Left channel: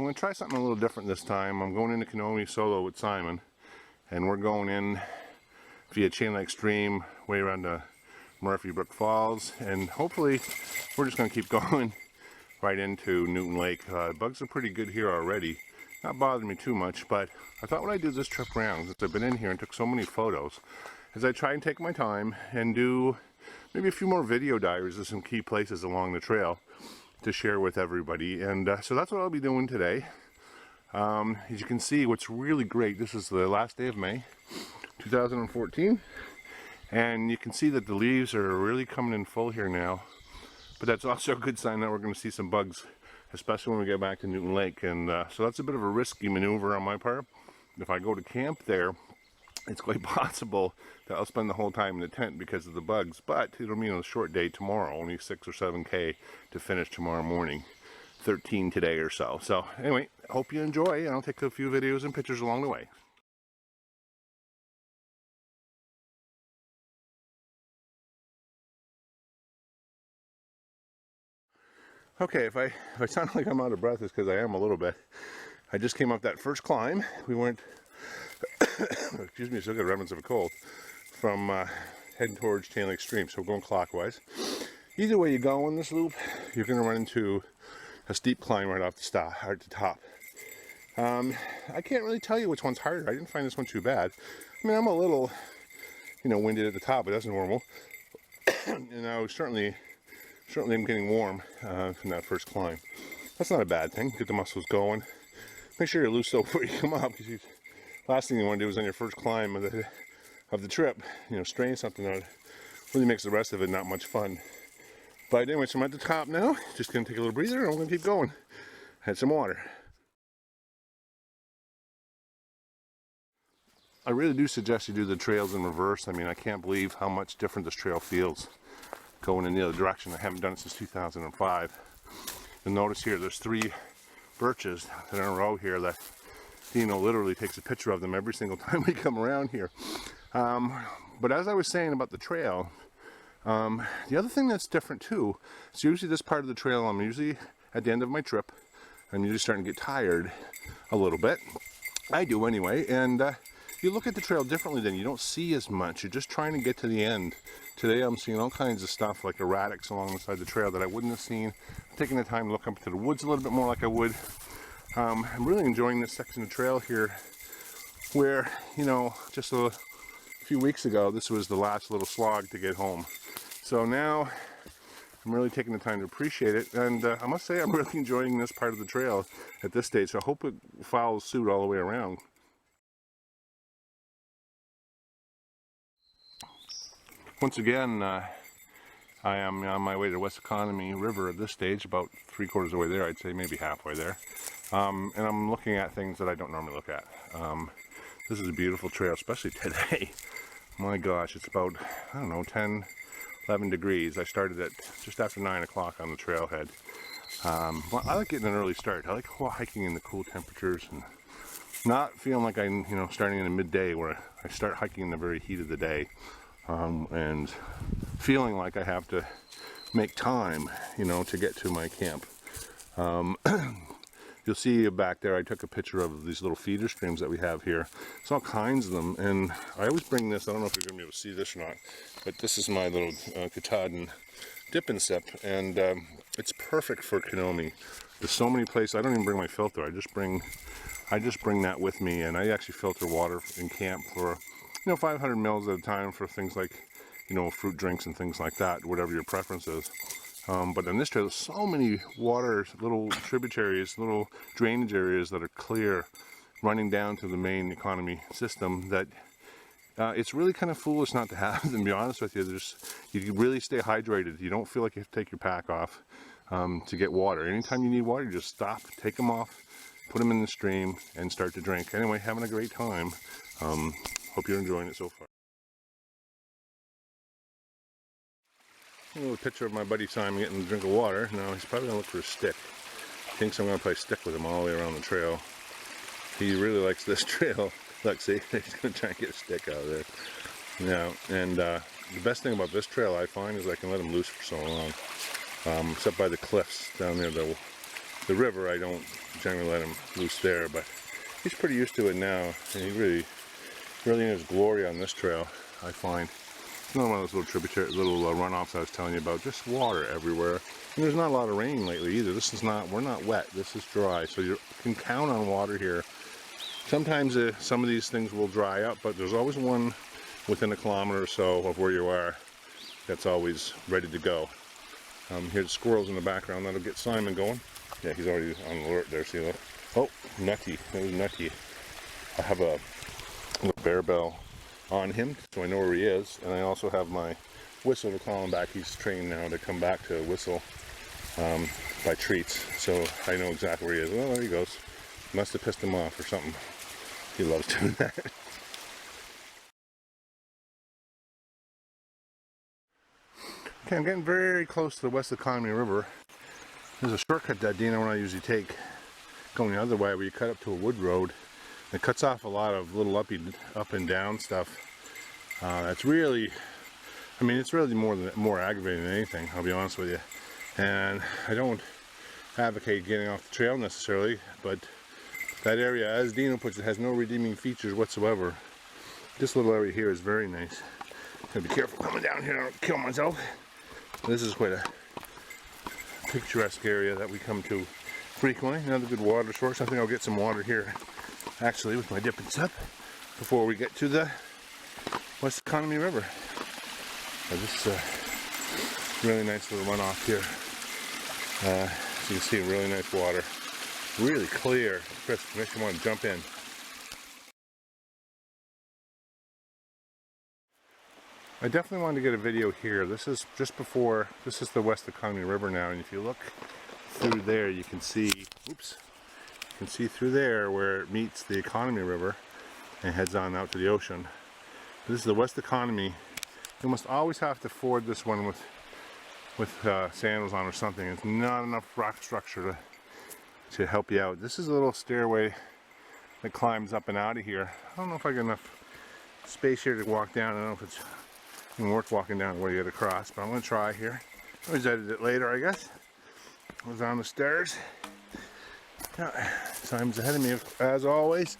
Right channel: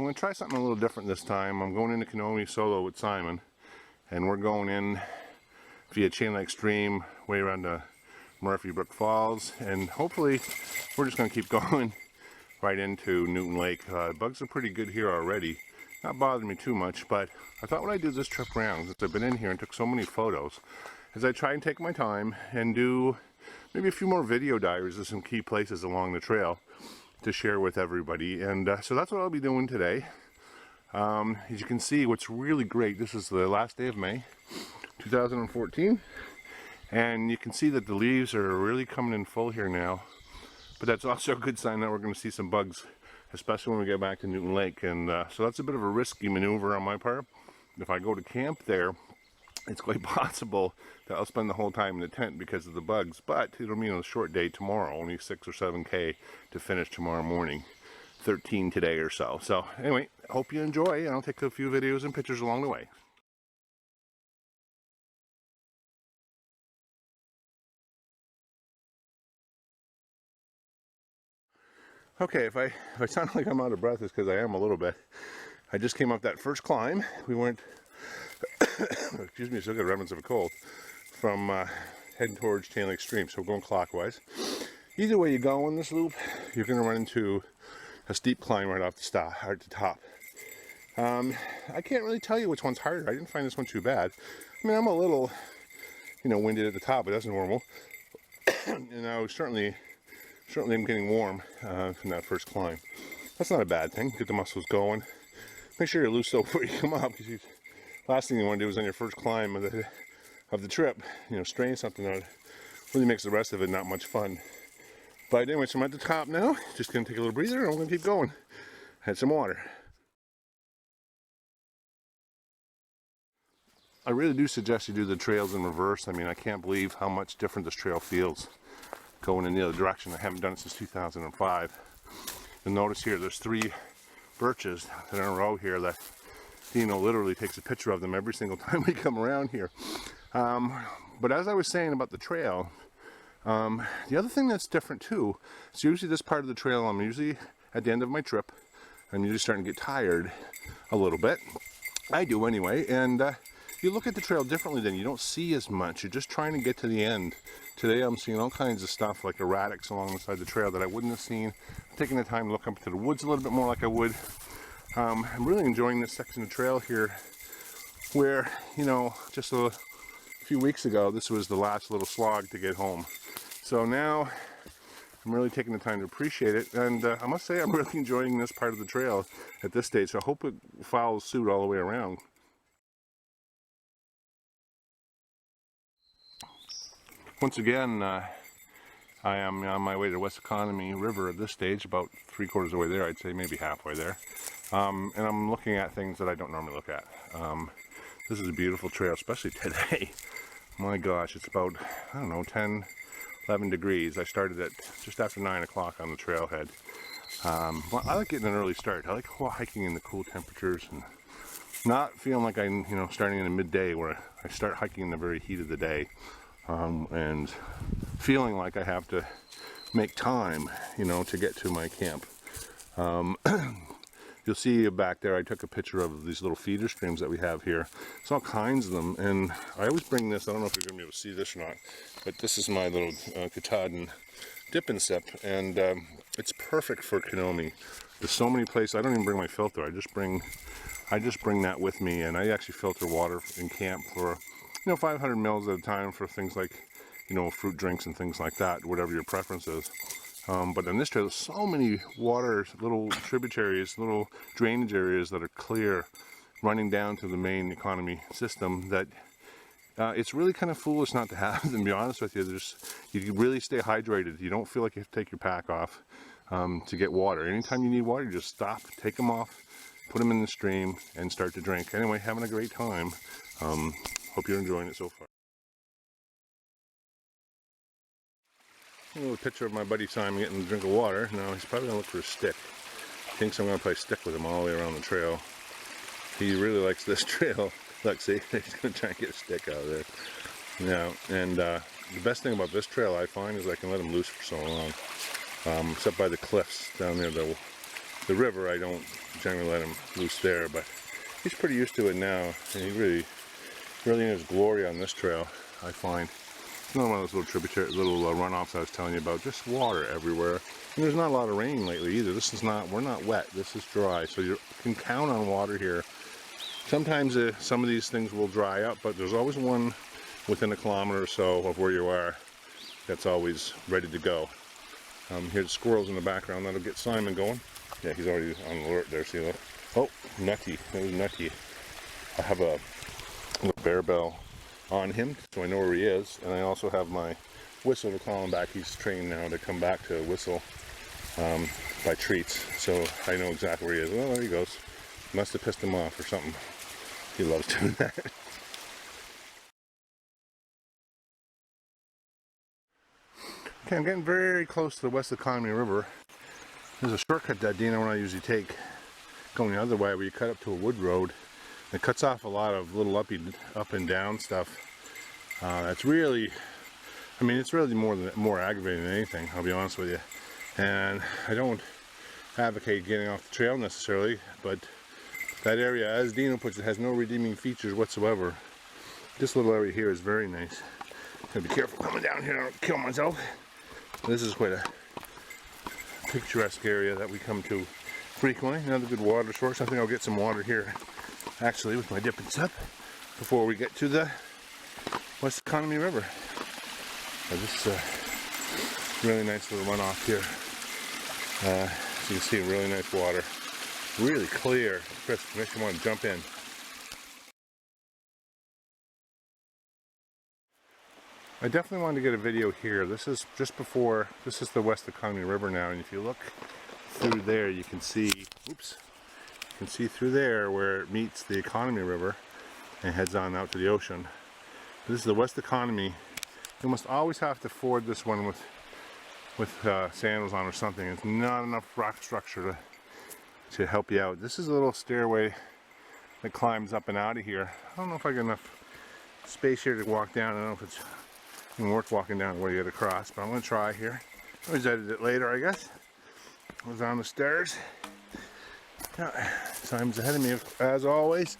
I'm going to try something a little different this time. I'm going into Kenomee solo with Simon, and we're going in via Chain Lake Stream way around to Murphy Brook Falls, and hopefully we're just going to keep going right into Newton Lake. Bugs are pretty good here already. Not bothering me too much, but I thought when I do this trip around, since I've been in here and took so many photos, is I try and take my time and do maybe a few more video diaries of some key places along the trail to share with everybody. And so that's what I'll be doing today. As you can see, what's really great, this is the last day of May 2014, and you can see that the leaves are really coming in full here now. But that's also a good sign that we're going to see some bugs, especially when we get back to Newton Lake. And so that's a bit of a risky maneuver on my part. If I go to camp there, it's quite possible that I'll spend the whole time in the tent because of the bugs, but it'll mean a short day tomorrow, only 6 or 7K to finish tomorrow morning, 13 today or so. So anyway, I hope you enjoy, and I'll take a few videos and pictures along the way. Okay, if I sound like I'm out of breath, it's because I am a little bit. I just came up that first climb. We went, excuse me, still got remnants of a cold, from heading towards Chain Lake Stream, so we're going clockwise. Either way you go on this loop, you're going to run into a steep climb right off the top. I can't really tell you which one's harder. I didn't find this one too bad. I mean, I'm a little, winded at the top, but that's normal. And I was certainly I'm getting warm from that first climb. That's not a bad thing. Get the muscles going. Make sure you're loose though before you come up, because last thing you want to do is on your first climb of the trip, strain something out. Really makes the rest of it not much fun. But anyway, so I'm at the top now. Just gonna take a little breather, and I'm gonna keep going. Had some water. I really do suggest you do the trails in reverse. I mean, I can't believe how much different this trail feels going in the other direction. I haven't done it since 2005. You'll notice here there's 3 birches that are in a row here that Dino literally takes a picture of them every single time we come around here. But as I was saying about the trail, the other thing that's different too is usually this part of the trail, I'm usually at the end of my trip, I'm usually starting to get tired a little bit. I do anyway, and you look at the trail differently then. You don't see as much. You're just trying to get to the end. Today I'm seeing all kinds of stuff like erratics along the side of the trail that I wouldn't have seen. I'm taking the time to look up to the woods a little bit more like I would. I'm really enjoying this section of trail here where, just a few weeks ago, this was the last little slog to get home. So now I'm really taking the time to appreciate it, and I must say I'm really enjoying this part of the trail at this stage. So I hope it follows suit all the way around. Once again, I am on my way to West Kenomee River at this stage, about 3/4 of the way there, I'd say, maybe halfway there. And I'm looking at things that I don't normally look at. This is a beautiful trail, especially today. My gosh, it's about, 10, 11 degrees. I started at just after 9 o'clock on the trailhead. Well, I like getting an early start. I like hiking in the cool temperatures and not feeling like I'm, starting in the midday where I start hiking in the very heat of the day. And feeling like I have to make time, to get to my camp. You'll see back there, I took a picture of these little feeder streams that we have here. There's all kinds of them, and I always bring this. I don't know if you're going to be able to see this or not, but this is my little Katahdin dip and sip, and it's perfect for Kenomee. There's so many places. I don't even bring my filter. I just bring that with me, and I actually filter water in camp for 500 mils at a time for things like, fruit drinks and things like that, whatever your preference is. But in this trail, there's so many water, little tributaries, little drainage areas that are clear, running down to the main economy system that it's really kind of foolish not to have them, to be honest with you. You really stay hydrated. You don't feel like you have to take your pack off to get water. Anytime you need water, you just stop, take them off, put them in the stream, and start to drink. Anyway, having a great time. Hope you're enjoying it so far. A little picture of my buddy Simon getting a drink of water. Now he's probably going to look for a stick. Thinks I'm going to play stick with him all the way around the trail. He really likes this trail. Look, see, he's going to try and get a stick out of there. Yeah, and the best thing about this trail I find is I can let him loose for so long. Except by the cliffs down there, the the river, I don't generally let him loose there, but he's pretty used to it now, and he really in his glory on this trail, I find. It's another one of those little tributary, runoffs I was telling you about, just water everywhere. And there's not a lot of rain lately either. This is not, we're not wet, this is dry, so you can count on water here. Sometimes some of these things will dry up, but there's always one within a kilometer or so of where you are that's always ready to go. Here's the squirrels in the background, that'll get Simon going. Yeah, he's already on alert there, see that? Oh, Nutty, that was Nutty. I have a little bear bell on him, so I know where he is, and I also have my whistle to call him back. He's trained now to come back to whistle by treats, so I know exactly where he is. Well, there he goes. Must have pissed him off or something. He loves doing that. Okay, I'm getting very close to the west of the Kenomee River. There's a shortcut that Dina and I usually take going the other way, where you cut up to a wood road. It cuts off a lot of little up and down stuff. That's really, I mean, it's really more aggravating than anything, I'll be honest with you. And I don't advocate getting off the trail necessarily, but that area, as Dino puts it, has no redeeming features whatsoever. This little area here is very nice. Gotta be careful coming down here, I don't kill myself. This is quite a picturesque area that we come to frequently. Another good water source. I think I'll get some water here actually with my dipping sip before we get to the West Kenomee River. This is a really nice little runoff here. As you can see, really nice water. Really clear. Chris, makes you want to jump in. I definitely wanted to get a video here. This is just before, this is the West Kenomee River now, and if you look through there, you can see, oops, you can see through there where it meets the Kenomee River and heads on out to the ocean. This is the West Kenomee. You must always have to ford this one with sandals on or something. It's not enough rock structure to help you out. This is a little stairway that climbs up and out of here. I don't know if I got enough space here to walk down. I don't know if it's even worth walking down the way you get across, but I'm going to try here. I'll always edit it later, I guess. I was on the stairs. Simon's ahead of me as always.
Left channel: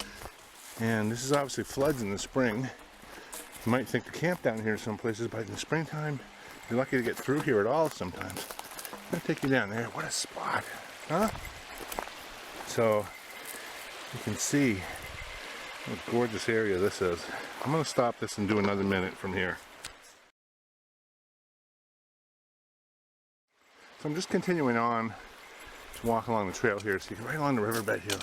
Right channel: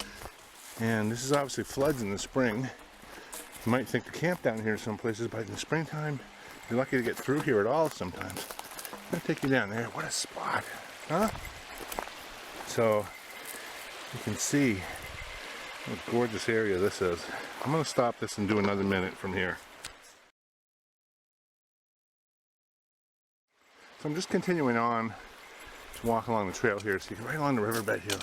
And this is obviously floods in the spring. You might think to camp down here some places, but in the springtime, you're lucky to get through here at all sometimes. I'm going to take you down there. What a spot, huh? So, you can see what a gorgeous area this is. I'm going to stop this and do another minute from here. So I'm just continuing on to walk along the trail here, so you can right along the riverbed here.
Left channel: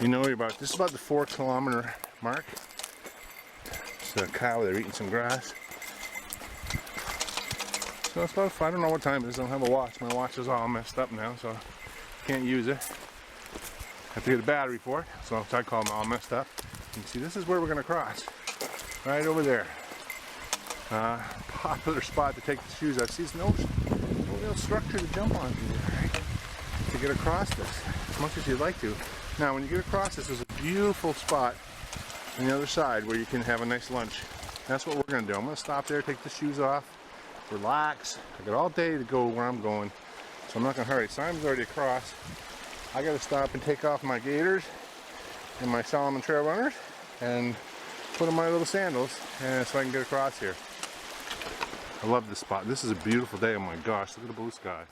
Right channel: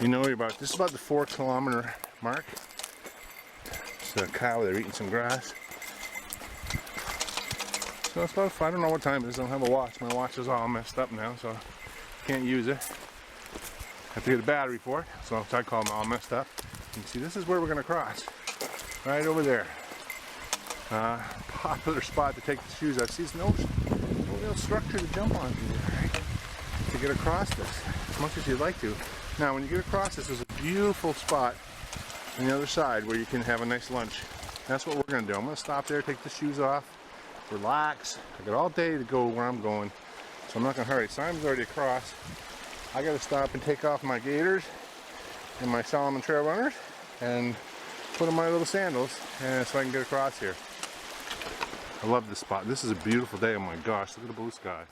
You know, this is about the 4 kilometer mark. It's a cow there eating some grass. So it's about, I don't know what time it is, I don't have a watch. My watch is all messed up now, so I can't use it. I have to get a battery for it, so I call them all messed up. You can see this is where we're going to cross. Right over there. Popular spot to take the shoes out. See, there's no real structure to jump onto there, right? To get across this, as much as you'd like to. Now, when you get across this, there's a beautiful spot on the other side where you can have a nice lunch. That's what we're going to do. I'm going to stop there, take the shoes off, relax. I got all day to go where I'm going, so I'm not going to hurry. Simon's already across. I got to stop and take off my gaiters and my Solomon Trail Runners and put on my little sandals so I can get across here. I love this spot. This is a beautiful day. Oh my gosh, look at the blue sky.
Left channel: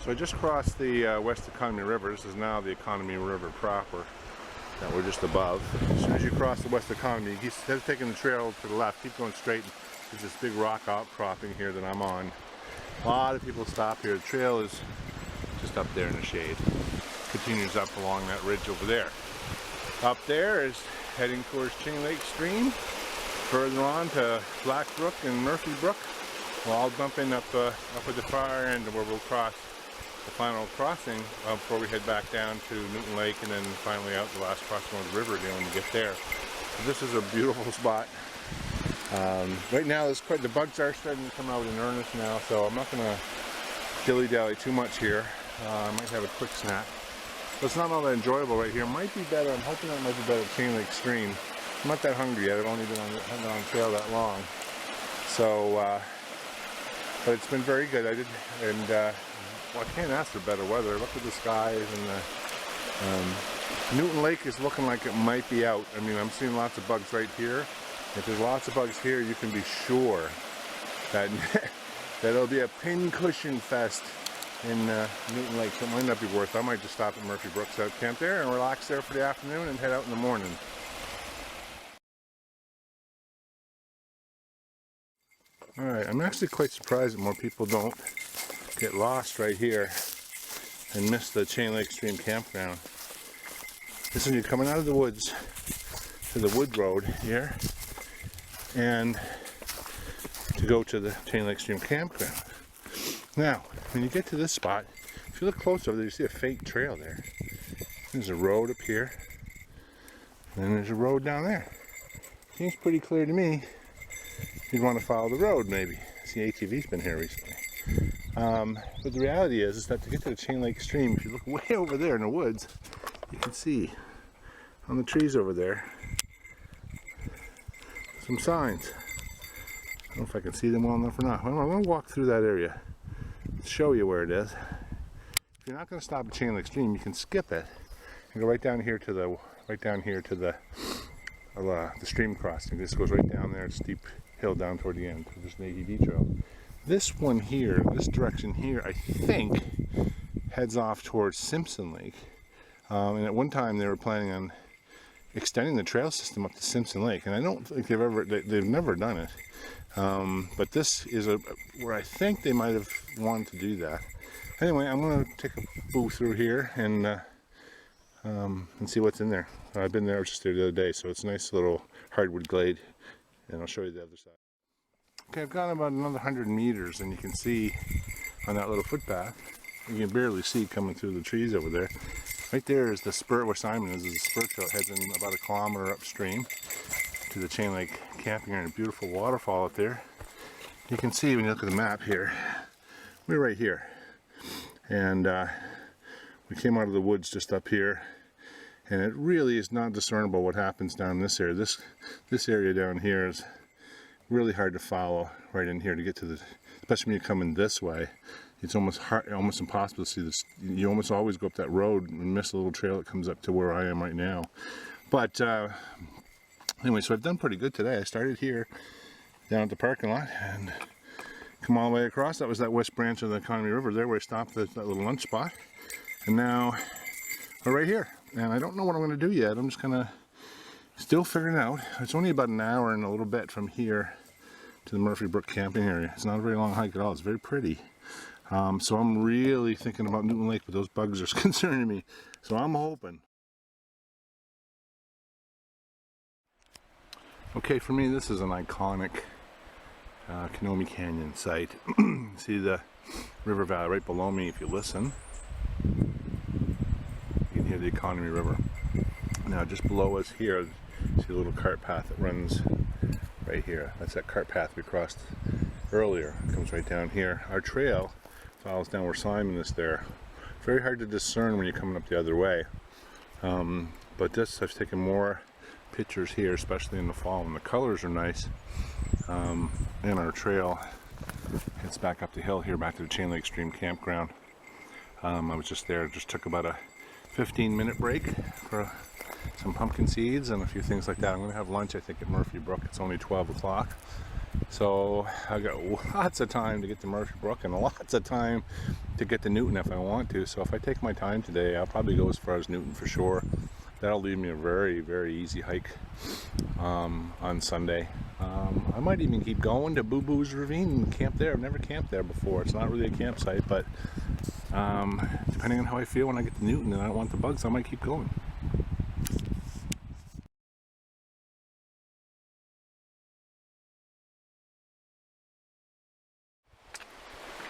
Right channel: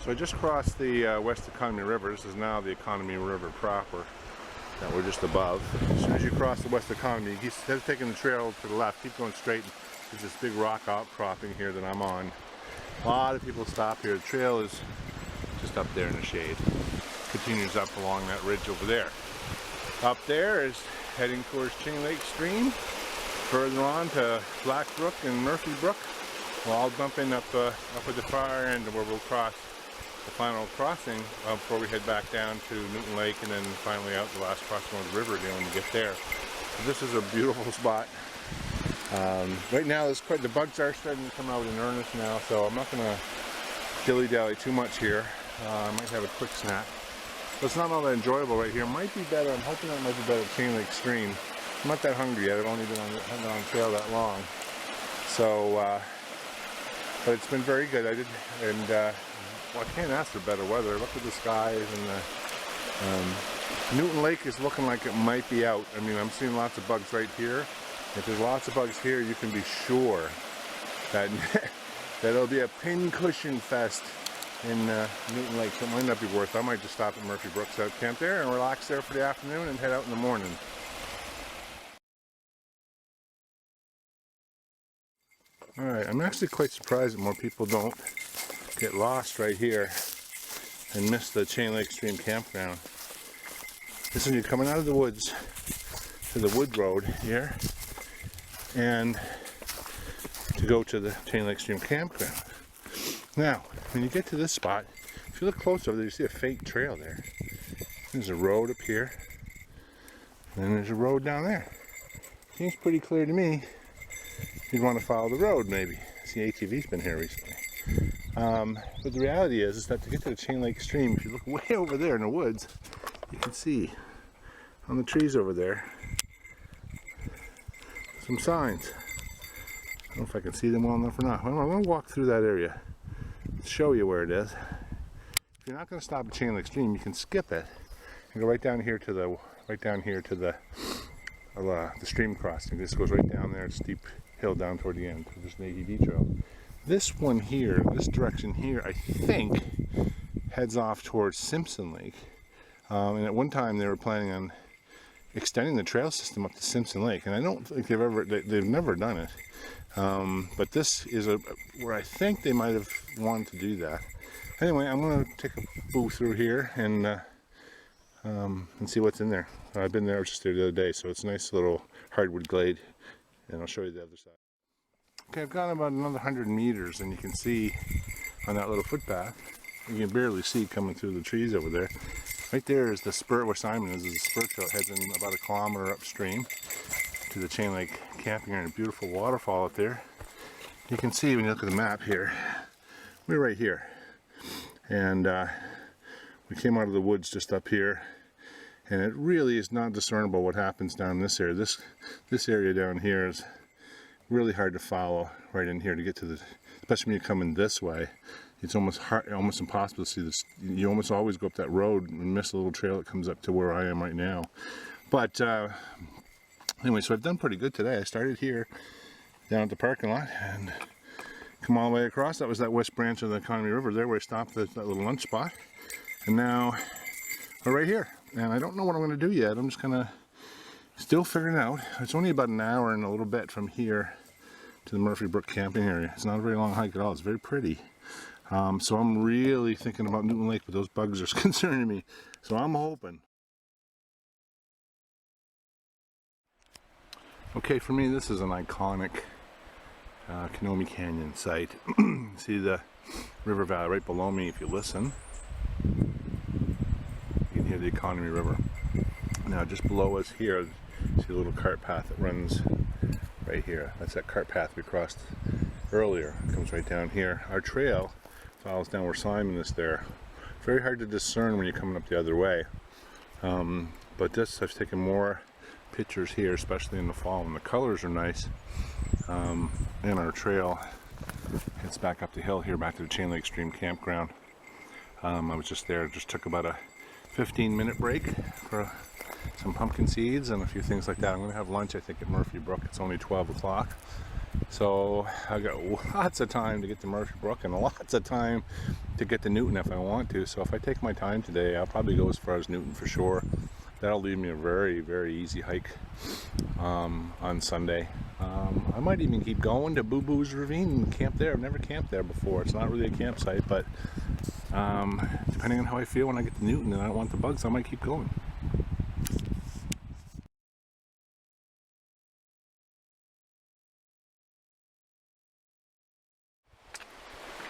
So I just crossed the West Kenomee River. This is now the Kenomee River proper that we're just above. As soon as you cross the West Kenomee, instead of taking the trail to the left, keep going straight. There's this big rock outcropping here that I'm on. A lot of people stop here. The trail is just up there in the shade. Continues up along that ridge over there. Up there is heading towards Chain Lake Stream. Further on to Black Brook and Murphy Brook. We'll all dump in up at the far end where we'll cross the final crossing before we head back down to Newton Lake and then finally out the last crossing of the river again when we get there. So this is a beautiful spot. Right now the bugs are starting to come out in earnest now, so I'm not going to dilly-dally too much here. I might have a quick snack. But it's not all that enjoyable right here. It might be better. I'm hoping that might be better at Chain Lake Stream. I'm not that hungry yet. I've only been on the trail that long. So, but it's been very good. Well, I can't ask for better weather. Look at the skies, and Newton Lake is looking like it might be out. I mean, I'm seeing lots of bugs right here. If there's lots of bugs here, you can be sure that that it'll be a pincushion fest in Newton Lake. So it might not be worth it. I might just stop at Murphy Brooks out camp there and relax there for the afternoon and head out in the morning. Alright, I'm actually quite surprised that more people don't get lost right here and miss the Chain Lake Stream campground. This is when you're coming out of the woods to the wood road here and to go to the Chain Lake Stream campground. Now, when you get to this spot, if you look close over there, you see a faint trail there. There's a road up here, and then there's a road down there. Seems pretty clear to me. You'd want to follow the road, maybe. See, ATV's been here recently. But the reality is that to get to the Chain Lake Stream, if you look way over there in the woods, you can see on the trees over there some signs. I don't know if I can see them well enough or not. Well, I'm going to walk through that area to show you where it is. If you're not going to stop at Chain Lake Stream, you can skip it and go right down here to the stream crossing. This goes right down there, a steep hill down toward the end. So there's an ATV trail. This one here, this direction here, I think heads off towards Simpson Lake. And at one time they were planning on extending the trail system up to Simpson Lake, and I don't think they've never done it. But this is where I think they might have wanted to do that. Anyway, I'm going to take a boo through here and see what's in there. I've been there just the other day, so it's a nice little hardwood glade, and I'll show you the other side. Okay, I've gone about another 100 meters, and you can see on that little footpath, you can barely see coming through the trees over there. Right there is the spur where Simon is. There's a spur trail. It heads in about a kilometer upstream to the Chain Lake camping area. A beautiful waterfall up there. You can see when you look at the map here, we're right here. And we came out of the woods just up here, and it really is not discernible what happens down this area. This area down here is really hard to follow right in here to get to the, especially when you're coming this way. It's almost impossible to see this. You almost always go up that road and miss a little trail that comes up to where I am right now. But anyway, so I've done pretty good today. I started here down at the parking lot and come all the way across. That was that west branch of the Kenomee River there where I stopped at that little lunch spot. And now we're right here. And I don't know what I'm going to do yet. I'm just going to still figuring it out. It's only about an hour and a little bit from here to the Murphy Brook camping area. It's not a very long hike at all. It's very pretty. So I'm really thinking about Newton Lake, but those bugs are concerning me. So I'm hoping. Okay, for me this is an iconic Kenomee Canyon site. See the river valley right below me. If you listen, you can hear the Kenomee River. Now just below us here, see a little cart path that runs right here. That's that cart path we crossed earlier. It comes right down here. Our trail follows down where Simon is there. Very hard to discern when you're coming up the other way. But this, I've taken more pictures here, especially in the fall, and the colors are nice. And our trail heads back up the hill here, back to the Chain Lake Stream campground. I was just there, just took about a 15-minute break for some pumpkin seeds and a few things like that. I'm going to have lunch, I think, at Murphy Brook. It's only 12 o'clock. So I've got lots of time to get to Murphy Brook and lots of time to get to Newton if I want to. So if I take my time today, I'll probably go as far as Newton for sure. That'll leave me a very, very easy hike on Sunday. I might even keep going to Boo Boo's Ravine and camp there. I've never camped there before. It's not really a campsite, but depending on how I feel when I get to Newton and I don't want the bugs, I might keep going.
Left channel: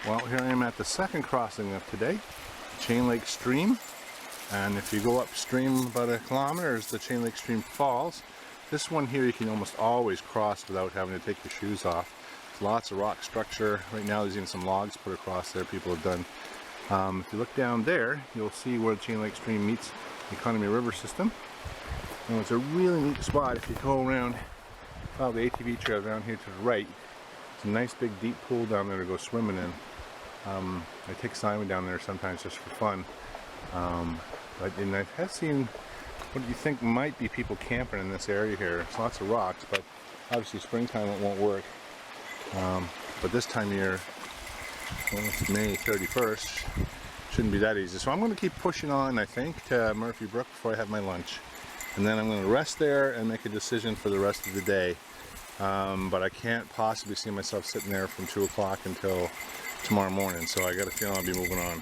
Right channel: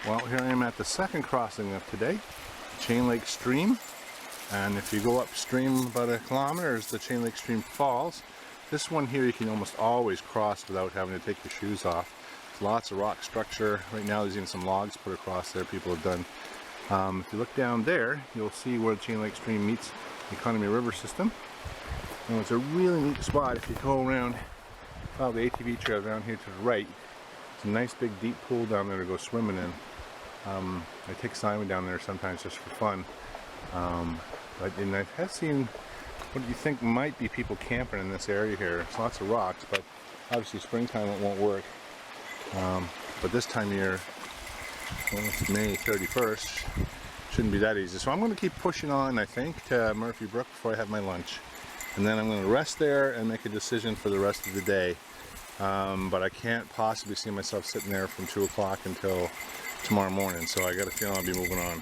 Well, here I am at the second crossing of today, Chain Lake Stream. And if you go upstream about a kilometer is the Chain Lake Stream Falls. This one here you can almost always cross without having to take your shoes off. There's lots of rock structure. Right now there's even some logs put across there people have done. If you look down there, you'll see where the Chain Lake Stream meets the Kenomee River system. And it's a really neat spot if you go around, follow the ATV trail down here to the right. It's a nice big deep pool down there to go swimming in. I take Simon down there sometimes just for fun. And I have seen what you think might be people camping in this area here. There's lots of rocks, but obviously springtime it won't work. But this time of year, well, it's May 31st, shouldn't be that easy. So I'm going to keep pushing on, I think, to Murphy Brook before I have my lunch. And then I'm going to rest there and make a decision for the rest of the day. But I can't possibly see myself sitting there from 2 o'clock until tomorrow morning, so I got a feeling I'll be moving on.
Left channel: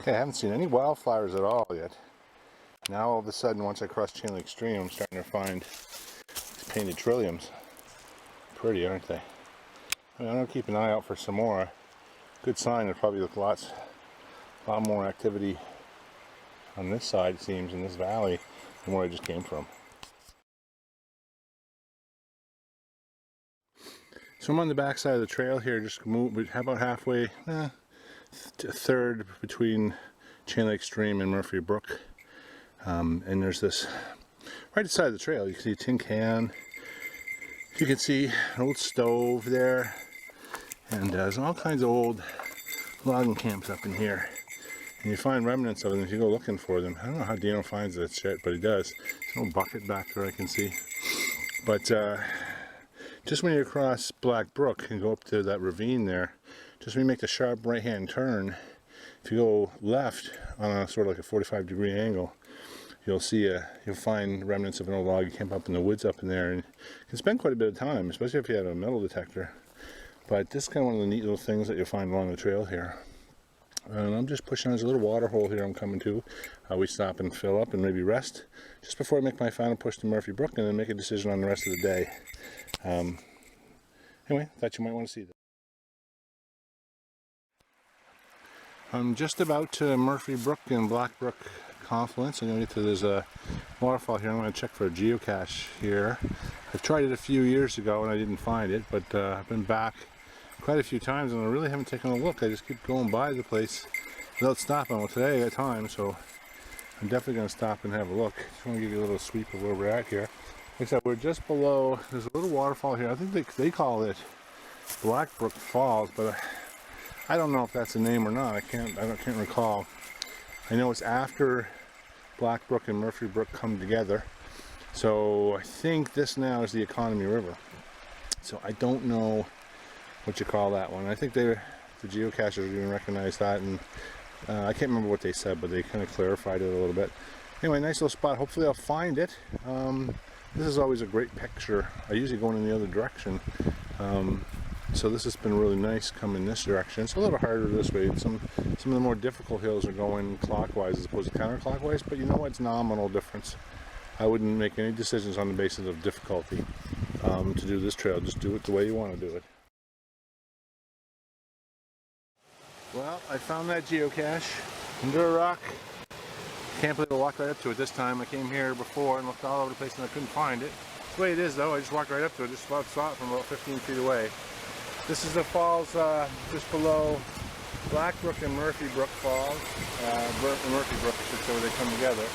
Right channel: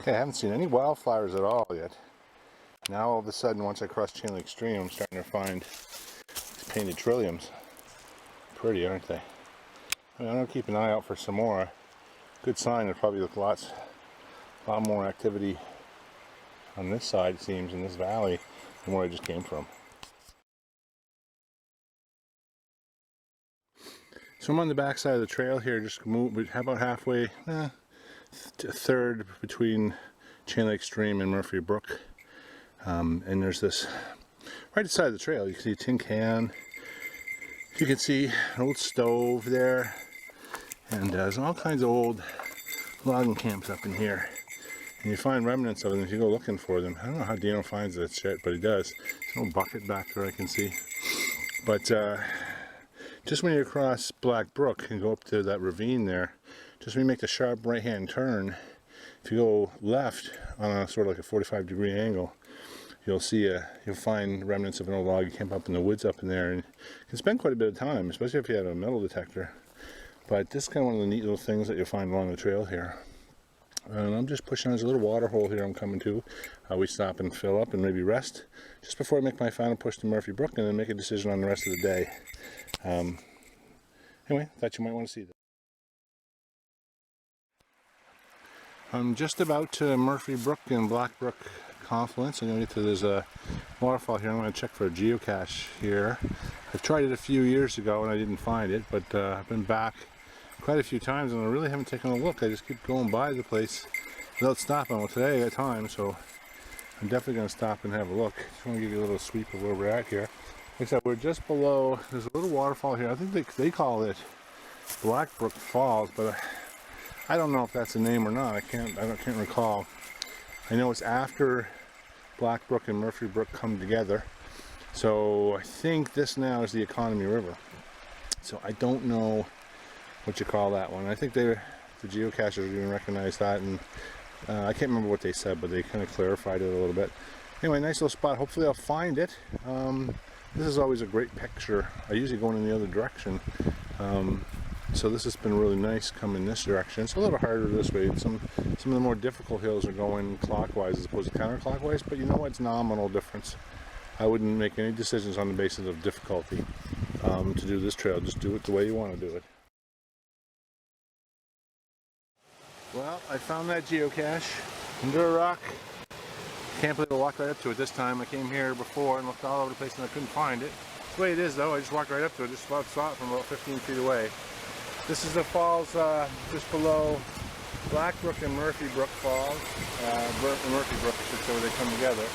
Okay, I haven't seen any wildflowers at all yet. Now all of a sudden, once I cross Chain Lake Stream, I'm starting to find these painted trilliums. Pretty, aren't they? I mean, I'm going to keep an eye out for some more. Good sign, there'll probably look a lot more activity on this side, it seems, in this valley than where I just came from. So I'm on the back side of the trail here, just about halfway, a third between Chain Lake Stream and Murphy Brook. And there's this, right beside the trail, you can see a tin can. You can see an old stove there. And there's all kinds of old logging camps up in here. And you find remnants of them if you go looking for them. I don't know how Dino finds that shit, but he does. There's no bucket back there I can see. But just when you cross Black Brook and go up to that ravine there, just when you make the sharp right-hand turn, if you go left on a sort of like a 45-degree angle, you'll find remnants of an old log camp up in the woods up in there, and you can spend quite a bit of time, especially if you had a metal detector. But this is kind of one of the neat little things that you'll find along the trail here. And I'm just pushing on. There's a little water hole here I'm coming to. We stop and fill up and maybe rest just before I make my final push to Murphy Brook and then make a decision on the rest of the day. Anyway, thought you might want to see that. I'm just about to Murphy Brook and Black Brook confluence. I'm going to get to this waterfall here. I'm going to check for a geocache here. I've tried it a few years ago and I didn't find it, but I've been back quite a few times and I really haven't taken a look. I just keep going by the place without stopping. Well, today I got time, so I'm definitely going to stop and have a look. Just want to give you a little sweep of where we're at here. Like I said, we're just below, there's a little waterfall here. I think they call it Black Brook Falls, but I don't know if that's the name or not. I can't recall. I know it's after Black Brook and Murphy Brook come together. So I think this now is the Economy River. So I don't know what you call that one. I think the geocachers even recognize that, and I can't remember what they said, but they kind of clarified it a little bit. Anyway, nice little spot. Hopefully I'll find it. This is always a great picture. I usually go in the other direction. So this has been really nice coming this direction. It's a little harder this way. Some of the more difficult hills are going clockwise as opposed to counterclockwise, but you know what? It's nominal difference. I wouldn't make any decisions on the basis of difficulty to do this trail. Just do it the way you want to do it. Well, I found that geocache under a rock. Can't believe I walked right up to it this time. I came here before and looked all over the place and I couldn't find it. That's the way it is though. I just walked right up to it. Just saw it from about 15 feet away. This is the falls just below Black Brook and Murphy Brook Falls. Murphy Brook, I should say, where they come together.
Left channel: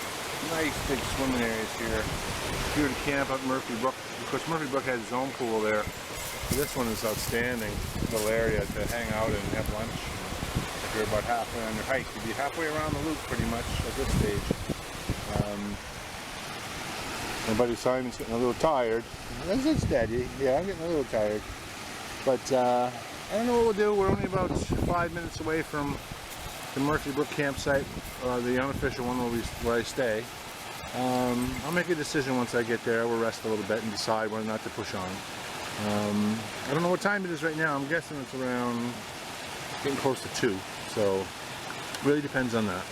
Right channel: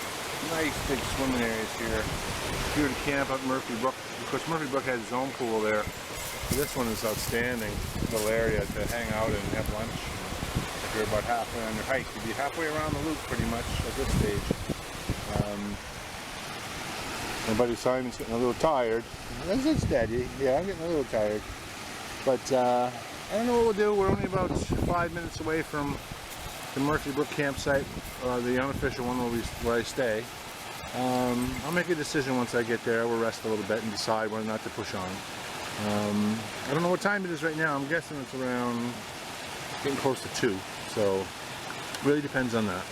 Nice big swimming areas here. If you were to camp up Murphy Brook, of course Murphy Brook has its own pool there. This one is outstanding. Little area to hang out and have lunch. If you're about halfway on your hike, you'd be halfway around the loop pretty much at this stage. My buddy Simon's getting a little tired. It's steady. Yeah, I'm getting a little tired. But I don't know what we'll do. We're only about 5 minutes away from the Murphy Brook campsite, the unofficial one where I stay. I'll make a decision once I get there. We'll rest a little bit and decide whether or not to push on. I don't know what time it is right now. I'm guessing it's around getting close to 2. So it really depends on that.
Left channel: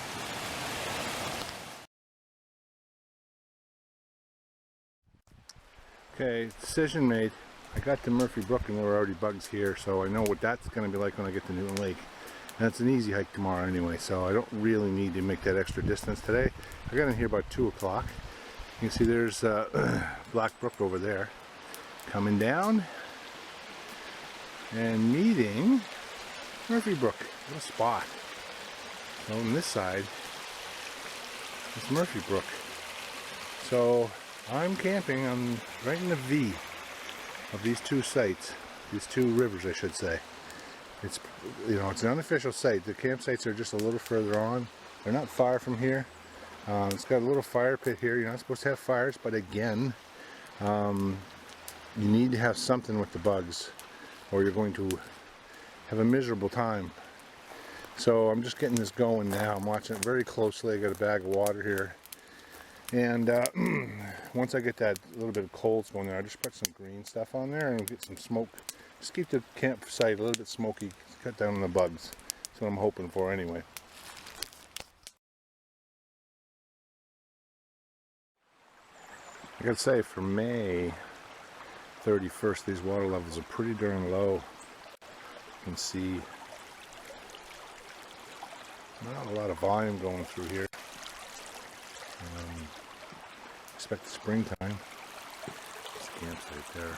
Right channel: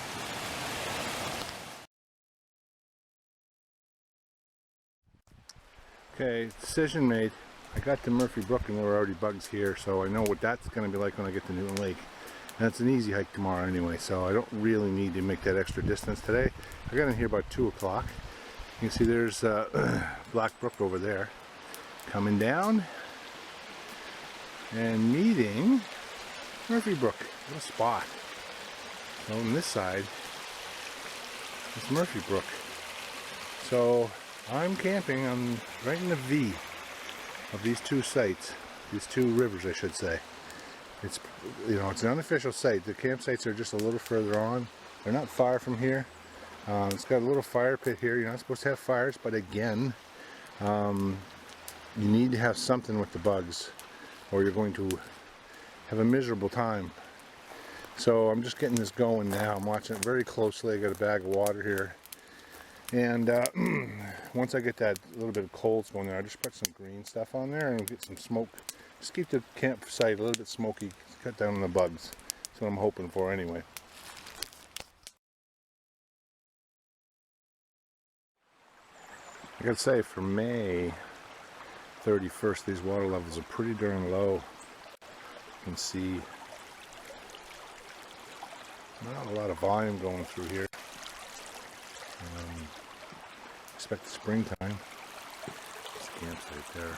Okay, decision made. I got to Murphy Brook and there were already bugs here, so I know what that's going to be like when I get to Newton Lake. And it's an easy hike tomorrow anyway, so I don't really need to make that extra distance today. I got in here about 2 o'clock. You can see there's Black Brook over there coming down and meeting Murphy Brook. What a spot. So on this side, it's Murphy Brook. So I'm camping. I'm right in the V. of these two sites, these two rivers I should say. It's, you know, it's an unofficial site. The campsites are just a little further on. They're not far from here. It's got a little fire pit here. You're not supposed to have fires, but again, you need to have something with the bugs or you're going to have a miserable time. So I'm just getting this going now. I'm watching it very closely. I got a bag of water here. And once I get that little bit of coals going there, I just put some green stuff on there and get some smoke. Just keep the campsite a little bit smoky, cut down on the bugs. That's what I'm hoping for anyway. I gotta say, for May 31st, these water levels are pretty darn low. You can see not a lot of volume going through here. Expect the springtime. This campsite there.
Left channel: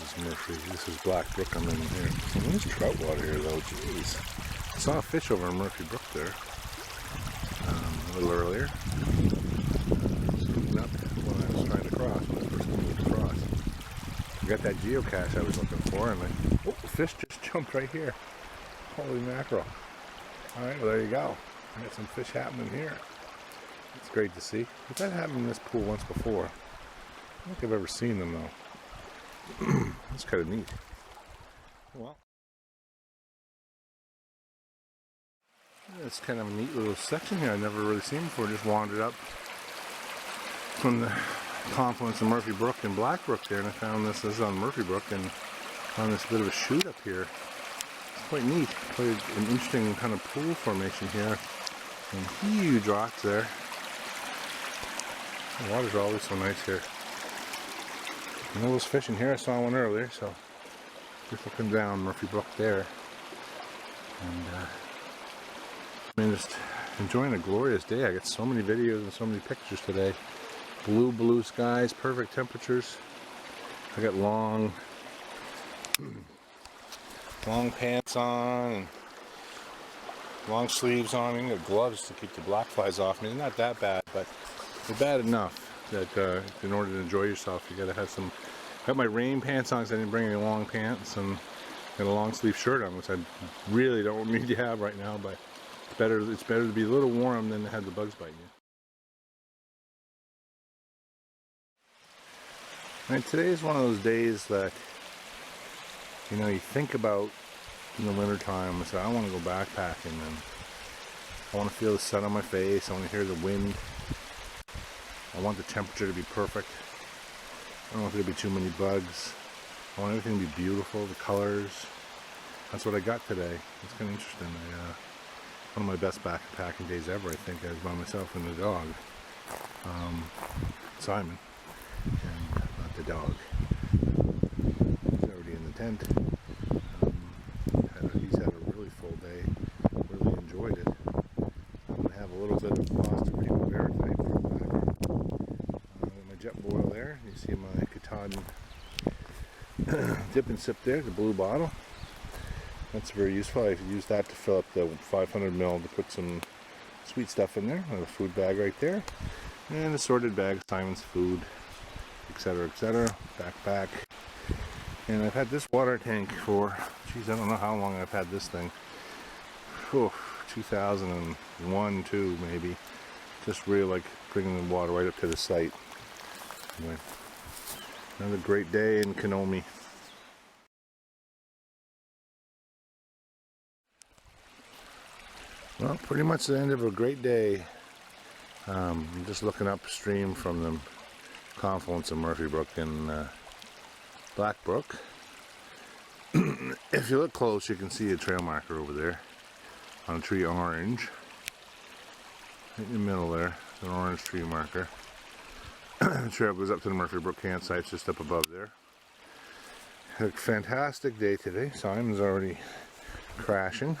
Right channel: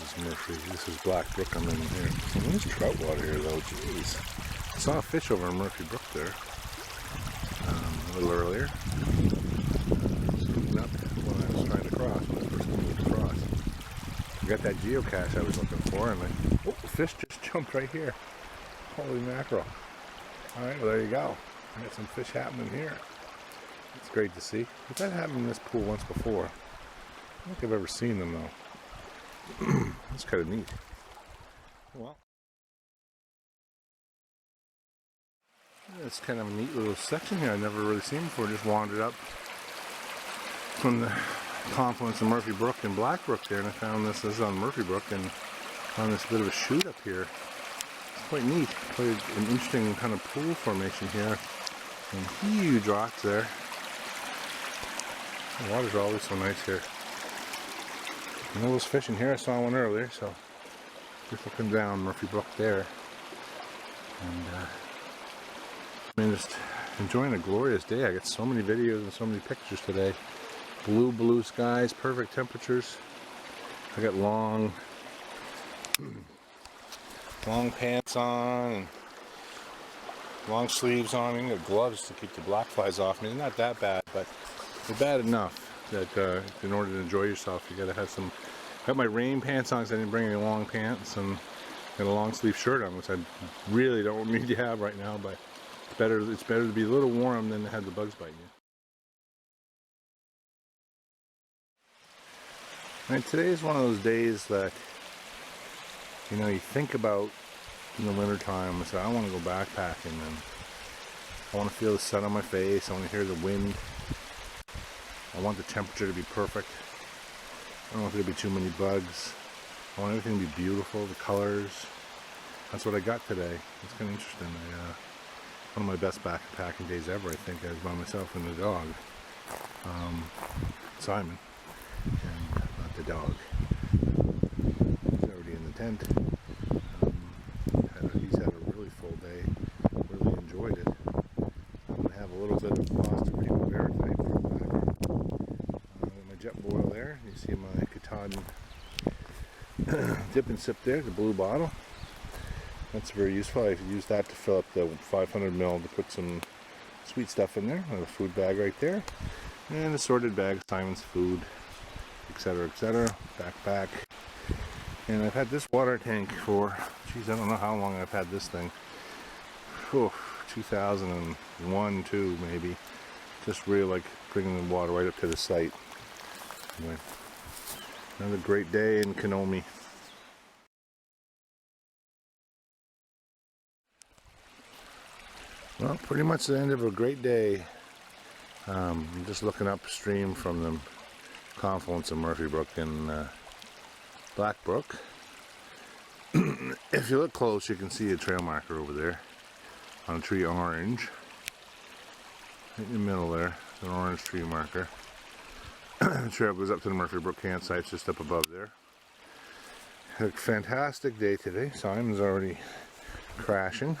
This is Murphy. This is Black Brook I'm in here. There's trout water here though, jeez. I saw a fish over in Murphy Brook there a little earlier. Up when I was trying to cross, when I first moved across. I got that geocache I was looking for, and oh, the fish just jumped right here. Holy mackerel. Alright, well there you go. I got some fish happening here. It's great to see. But that happened in this pool once before. I don't think I've ever seen them though. That's kind of neat. Well, it's kind of a neat little section here I've never really seen before. Just wandered up from the confluence of Murphy Brook and Black Brook there, and I found this is on Murphy Brook, and found this bit of a chute up here. It's quite neat, quite an interesting kind of pool formation here, and huge rocks there. The water's always so nice here. And all those fish in here, I saw one earlier, so just looking down Murphy Brook there, and just enjoying a glorious day. I got so many videos and so many pictures today. Blue skies, perfect temperatures. I got long pants on and long sleeves on, and got gloves to keep the black flies off me. They're not that bad, but they're bad enough that in order to enjoy yourself, you gotta have some. Got my rain pants on because I didn't bring any long pants, and got a long sleeve shirt on, which I really don't need to have right now. But it's better to be a little warm than to have the bugs biting you. And today is one of those days that, you know, you think about in the wintertime and say, I want to go backpacking, and I want to feel the sun on my face, I want to hear the wind, I want the temperature to be perfect, I don't want there to be too many bugs, I want everything to be beautiful, the colors. That's what I got today. It's kind of interesting. One of my best backpacking days ever, I think. I was by myself and the dog, Simon, and not the dog. He's already in the tent. He's had a really full day. Really enjoyed it. I'm going to have a little bit of pasta primavera tonight for a back. My jet boil there. You see my Katahdin dip and sip there, the blue bottle. That's very useful. I've used that to fill up the 500 ml to put some sweet stuff in there. I have a food bag right there. And assorted bags, Simon's food, etc., etc. Backpack. And I've had this water tank for, geez, I don't know how long I've had this thing. 2001, 2 maybe. Just really like bringing the water right up to the site. Anyway, another great day in Kenomee. Well, pretty much the end of a great day. I'm just looking upstream from the confluence of Murphy Brook and Black Brook. If you look close, you can see a trail marker over there on a tree orange. In the middle there, an orange tree marker. The trail goes up to the Murphy Brook campsite, just up above there. Had a fantastic day today. Simon's already crashing.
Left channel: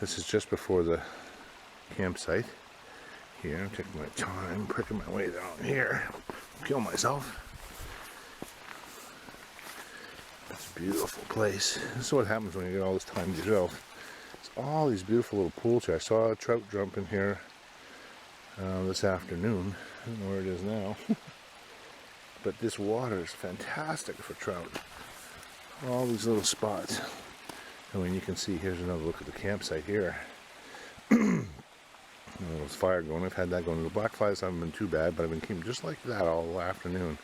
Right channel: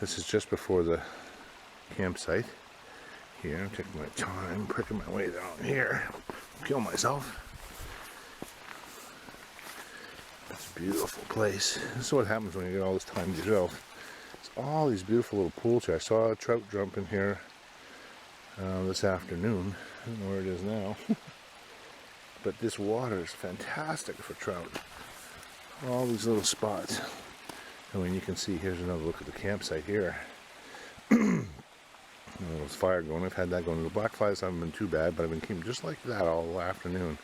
This is just before the campsite. Here, I'm taking my time, pricking my way down here. Kill myself. It's a beautiful place. This is what happens when you get all this time to yourself. It's all these beautiful little pools here. I saw a trout jump in here this afternoon. I don't know where it is now. but this water is fantastic for trout. All these little spots. And when you can see, here's another look at the campsite here. There's fire going. I've had that going. The black flies haven't been too bad, but I've been keeping just like that all afternoon.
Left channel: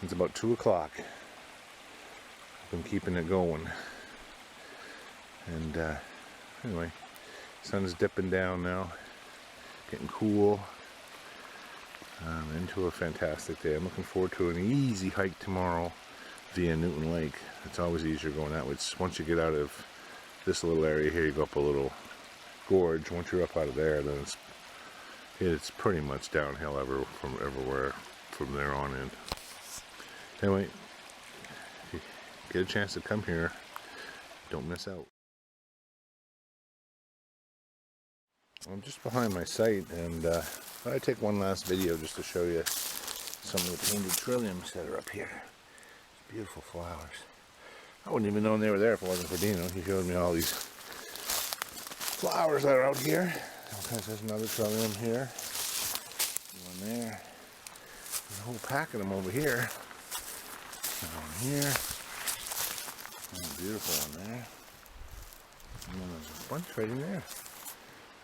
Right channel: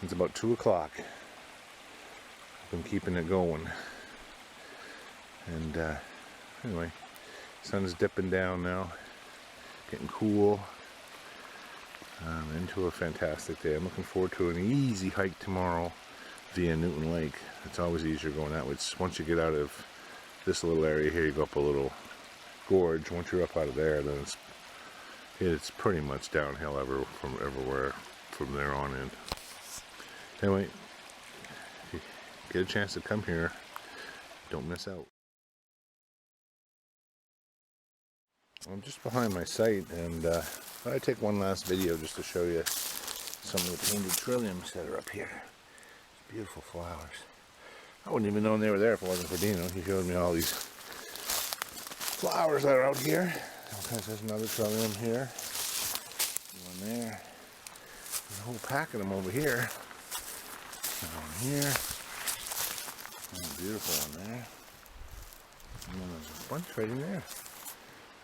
Since about 2 o'clock. I've been keeping it going. And anyway, sun's dipping down now. Getting cool. Into a fantastic day. I'm looking forward to an easy hike tomorrow via Newton Lake. It's always easier going that way. Once you get out of this little area here, you go up a little gorge. Once you're up out of there, then it's pretty much downhill from everywhere from there on in. Anyway, if you get a chance to come here, don't miss out. I'm just behind my site, and I thought I'd take one last video just to show you some of the painted trilliums that are up here. Beautiful flowers. I wouldn't even know they were there if it wasn't for Dino. He showed me all these flowers that are out here. Okay, there's another trillium here. One there. There's a whole pack of them over here. One here. Oh, beautiful one there. And then there's a bunch right in there.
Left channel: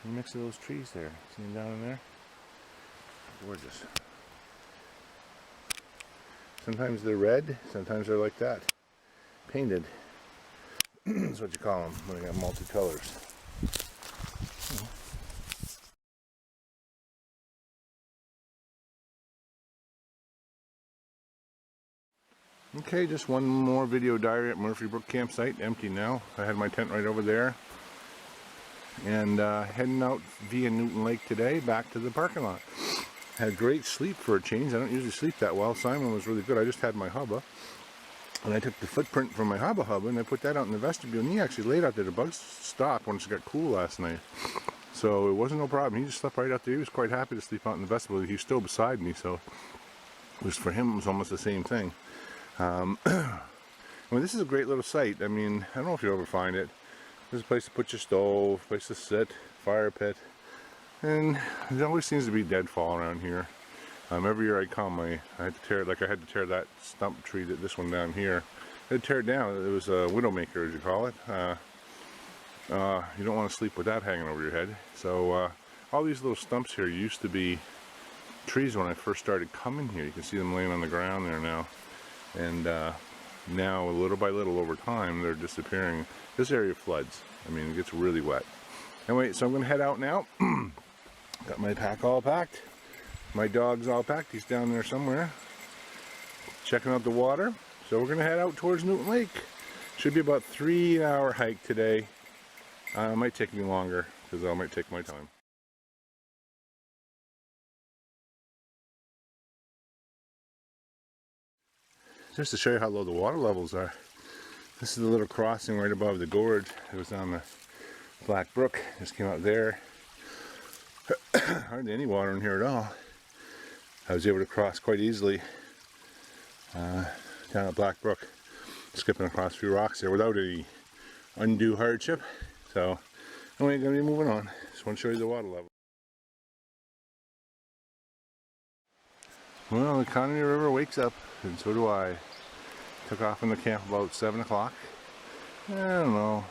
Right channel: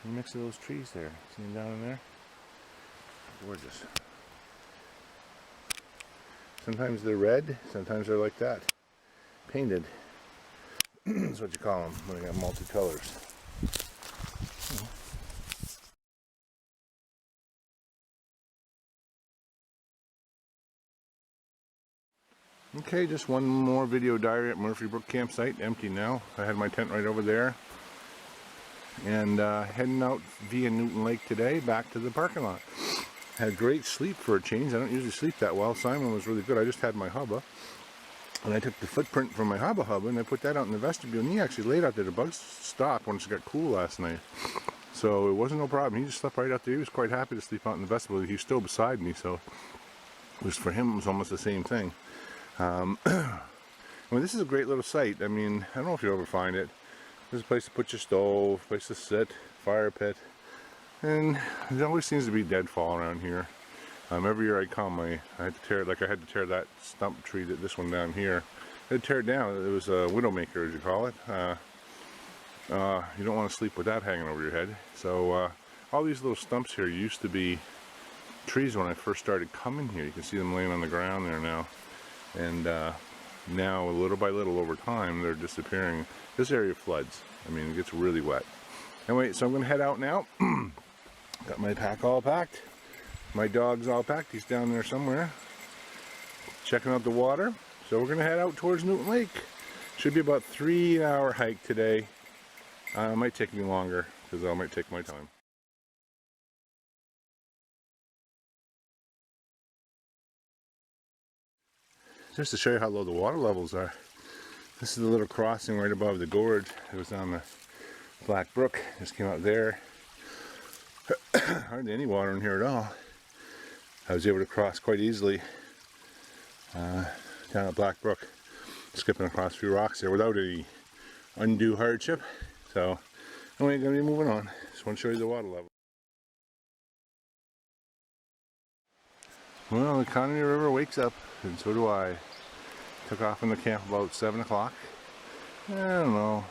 In the mix of those trees there. See them down in there? Gorgeous. Sometimes they're red, sometimes they're like that. Painted. That's what you call them when they got multicolors. Okay, just one more video diary at Murphy Brook campsite. Empty now. I had my tent right over there. And heading out via Newton Lake today, back to the parking lot. Had great sleep for a change. I don't usually sleep that well. Simon was really good. I just had my hubba. And I took the footprint from my hubba and I put that out in the vestibule. And he actually laid out there. The bugs stopped once it got cool last night. So it wasn't no problem. He just slept right out there. He was quite happy to sleep out in the vestibule. He was still beside me. So it was, for him, it was almost the same thing. I mean, this is a great little site. I mean, I don't know if you'll ever find it. There's a place to put your stove, place to sit, fire pit, and there always seems to be deadfall around here. Every year I come, I had to tear, like I had to tear that stump tree, this one down here. I had to tear it down. It was a widowmaker, as you call it. You don't want to sleep with that hanging over your head. So all these little stumps here used to be trees when I first started coming here. You can see them laying on the ground there now. And now, little by little, over time, they're disappearing. This area floods. I mean, it gets really wet. Anyway, so I'm going to head out now. Got my pack all packed. My dog's all packed. He's down there somewhere, checking out the water. So we're going to head out towards Newton Lake. Should be about 3-hour hike today. It might take me longer, because I might take my time. Just to show you how low the water levels are. This is the little crossing right above the gorge. It was on the Black Brook. Just came out there. Hardly any water in here at all. I was able to cross quite easily down at Black Brook, skipping across a few rocks there without any undue hardship. So anyway, I'm going to be moving on. Just want to show you the water level. Well, the Kenomee River wakes up, and so do I. Took off from the camp about 7 o'clock. I don't know,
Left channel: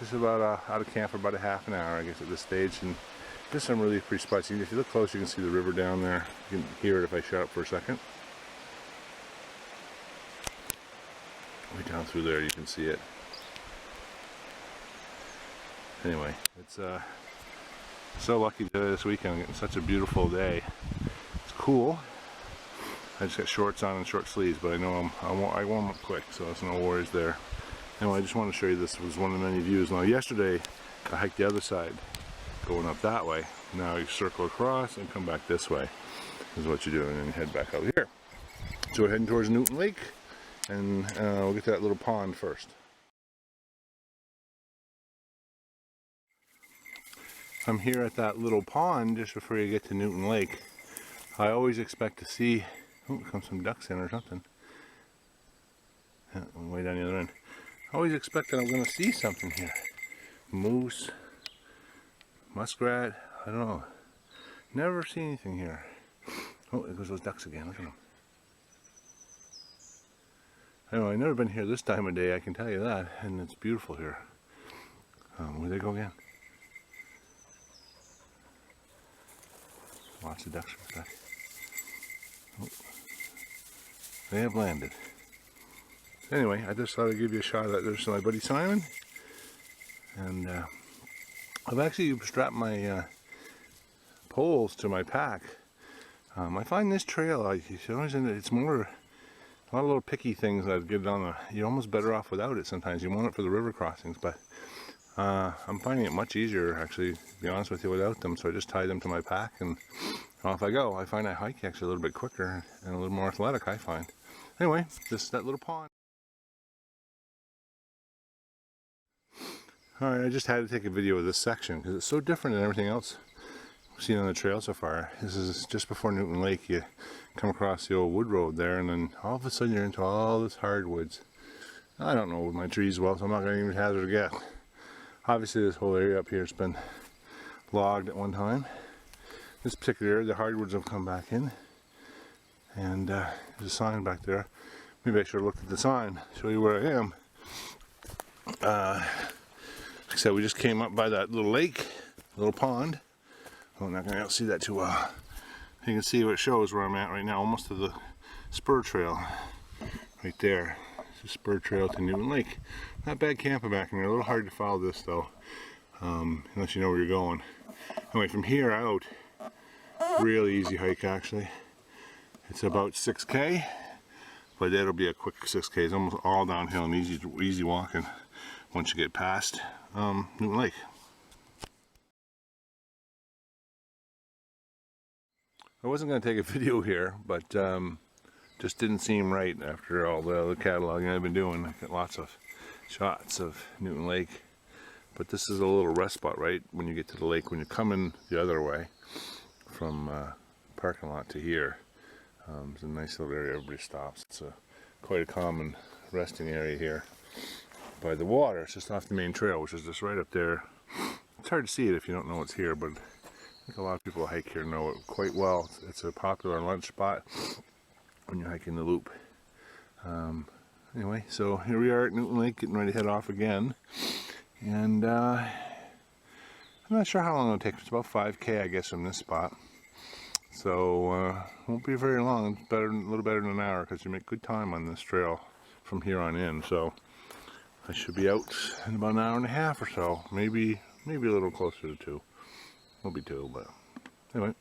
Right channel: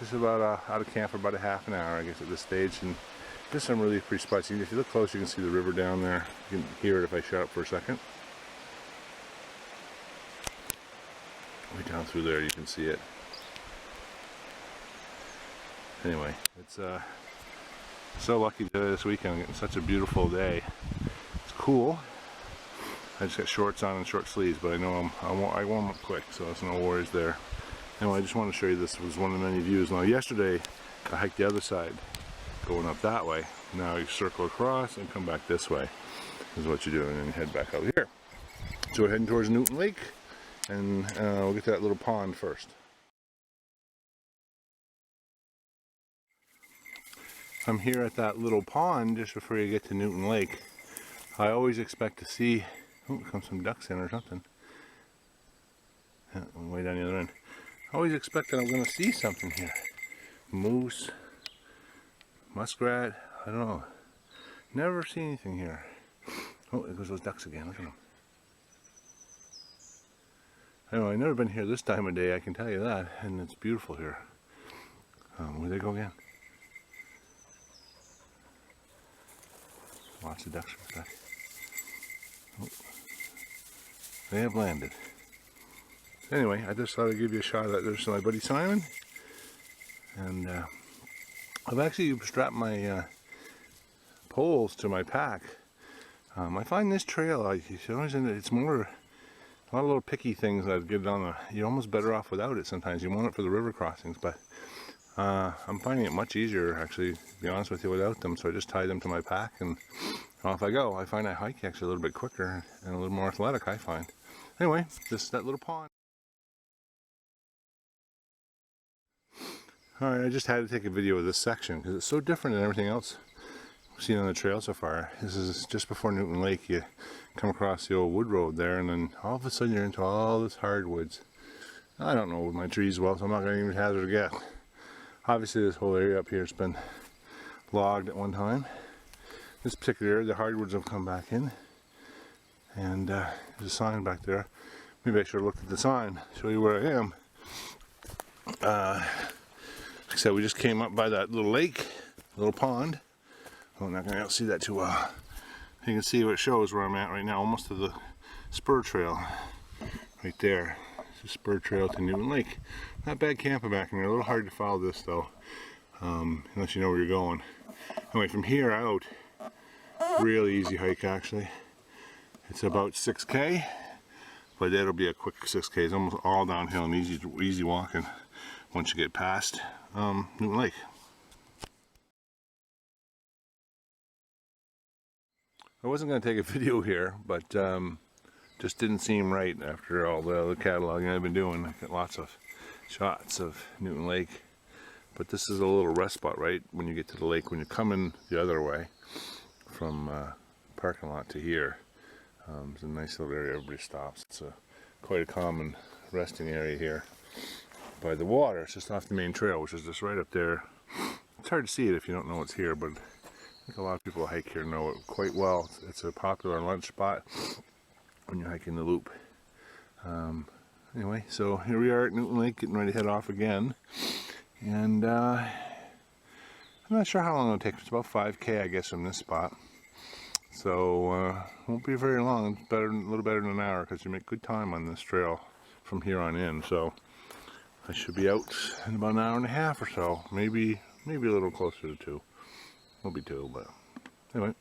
just about out of camp for about a half an hour, I guess, at this stage. And just some really pretty spots. If you look close, you can see the river down there. You can hear it if I shut up for a second. Way down through there, you can see it. Anyway, it's so lucky this weekend. I'm getting such a beautiful day. It's cool. I just got shorts on and short sleeves, but I know I warm up quick, so there's no worries there. Anyway, I just want to show you this. It was one of the many views. Now, yesterday I hiked the other side, going up that way. Now you circle across and come back this way. This is what you do, and then you head back out here. So we're heading towards Newton Lake, and we'll get to that little pond first. I'm here at that little pond just before you get to Newton Lake. I always expect to see, oh, comes some ducks in or something. Yeah, way down the other end. I always expect that I'm going to see something here. Moose, muskrat, I don't know. Never see anything here. Oh, there goes those ducks again, look at them. I know I've never been here this time of day, I can tell you that, and it's beautiful here. Where they go again? Lots of ducks back. Oh, they have landed. Anyway, I just thought I'd give you a shot of that. There's my buddy Simon, and I've actually strapped my poles to my pack. I find this trail, it's more a lot of little picky things that get on the. You're almost better off without it sometimes. You want it for the river crossings, but I'm finding it much easier, actually, to be honest with you, without them. So I just tie them to my pack, and off I go. I find I hike actually a little bit quicker and a little more athletic, I find. Anyway, just that little pond. Alright, I just had to take a video of this section because it's so different than everything else we've seen on the trail so far. This is just before Newton Lake. You come across the old wood road there, and then all of a sudden you're into all this hardwoods. I don't know my trees well, so I'm not going to even hazard a guess. Obviously this whole area up here has been logged at one time. This particular area, the hardwoods have come back in, and there's a sign back there. Maybe I should have looked at the sign, show you where I am. Like I said, we just came up by that little lake, little pond. Oh, I'm not going to see that too well. You can see what it shows where I'm at right now, almost to the spur trail. Right there. It's a spur trail to Newton Lake. Not bad camping back in there. A little hard to follow this though, unless you know where you're going. Anyway, from here out, really easy hike actually. It's about 6K, but that'll be a quick 6K. It's almost all downhill and easy walking once you get past Newton Lake. I wasn't going to take a video here, but just didn't seem right after all the other cataloging I've been doing. I got lots of shots of Newton Lake, but this is a little rest spot right when you get to the lake. When you're coming the other way from parking lot to here, it's a nice little area. Everybody stops. It's quite a common resting area here by the water. It's just off the main trail, which is just right up there. It's hard to see it if you don't know it's here, but I think a lot of people who hike here know it quite well. It's a popular lunch spot when you're hiking the loop. Anyway, so here we are at Newton Lake, getting ready to head off again. And I'm not sure how long it'll take. It's about 5K, I guess, from this spot. So won't be very long. It's better, a little better than an hour, because you make good time on this trail from here on in. So I should be out in about an hour and a half or so. Maybe a little closer to 2. Won't be 2, but anyway.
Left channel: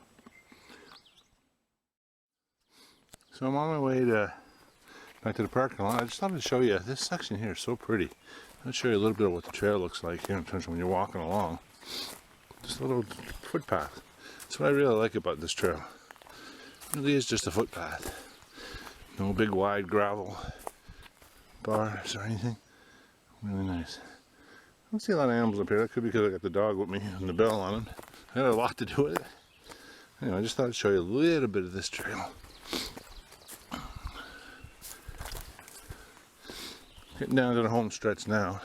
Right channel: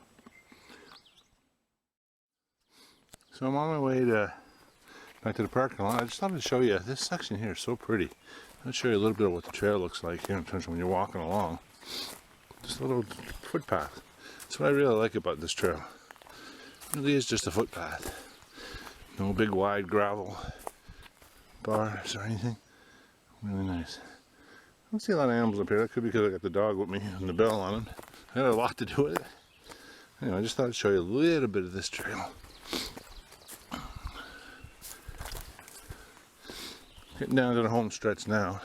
So I'm on my way back to the parking lot. I just thought I'd show you, this section here is so pretty. I'll show you a little bit of what the trail looks like here in terms of when you're walking along. Just a little footpath. That's what I really like about this trail. It really is just a footpath. No big wide gravel bars or anything. Really nice. I don't see a lot of animals up here. That could be because I got the dog with me and the bell on him. I had a lot to do with it. Anyway, I just thought I'd show you a little bit of this trail. Getting down to the home stretch now.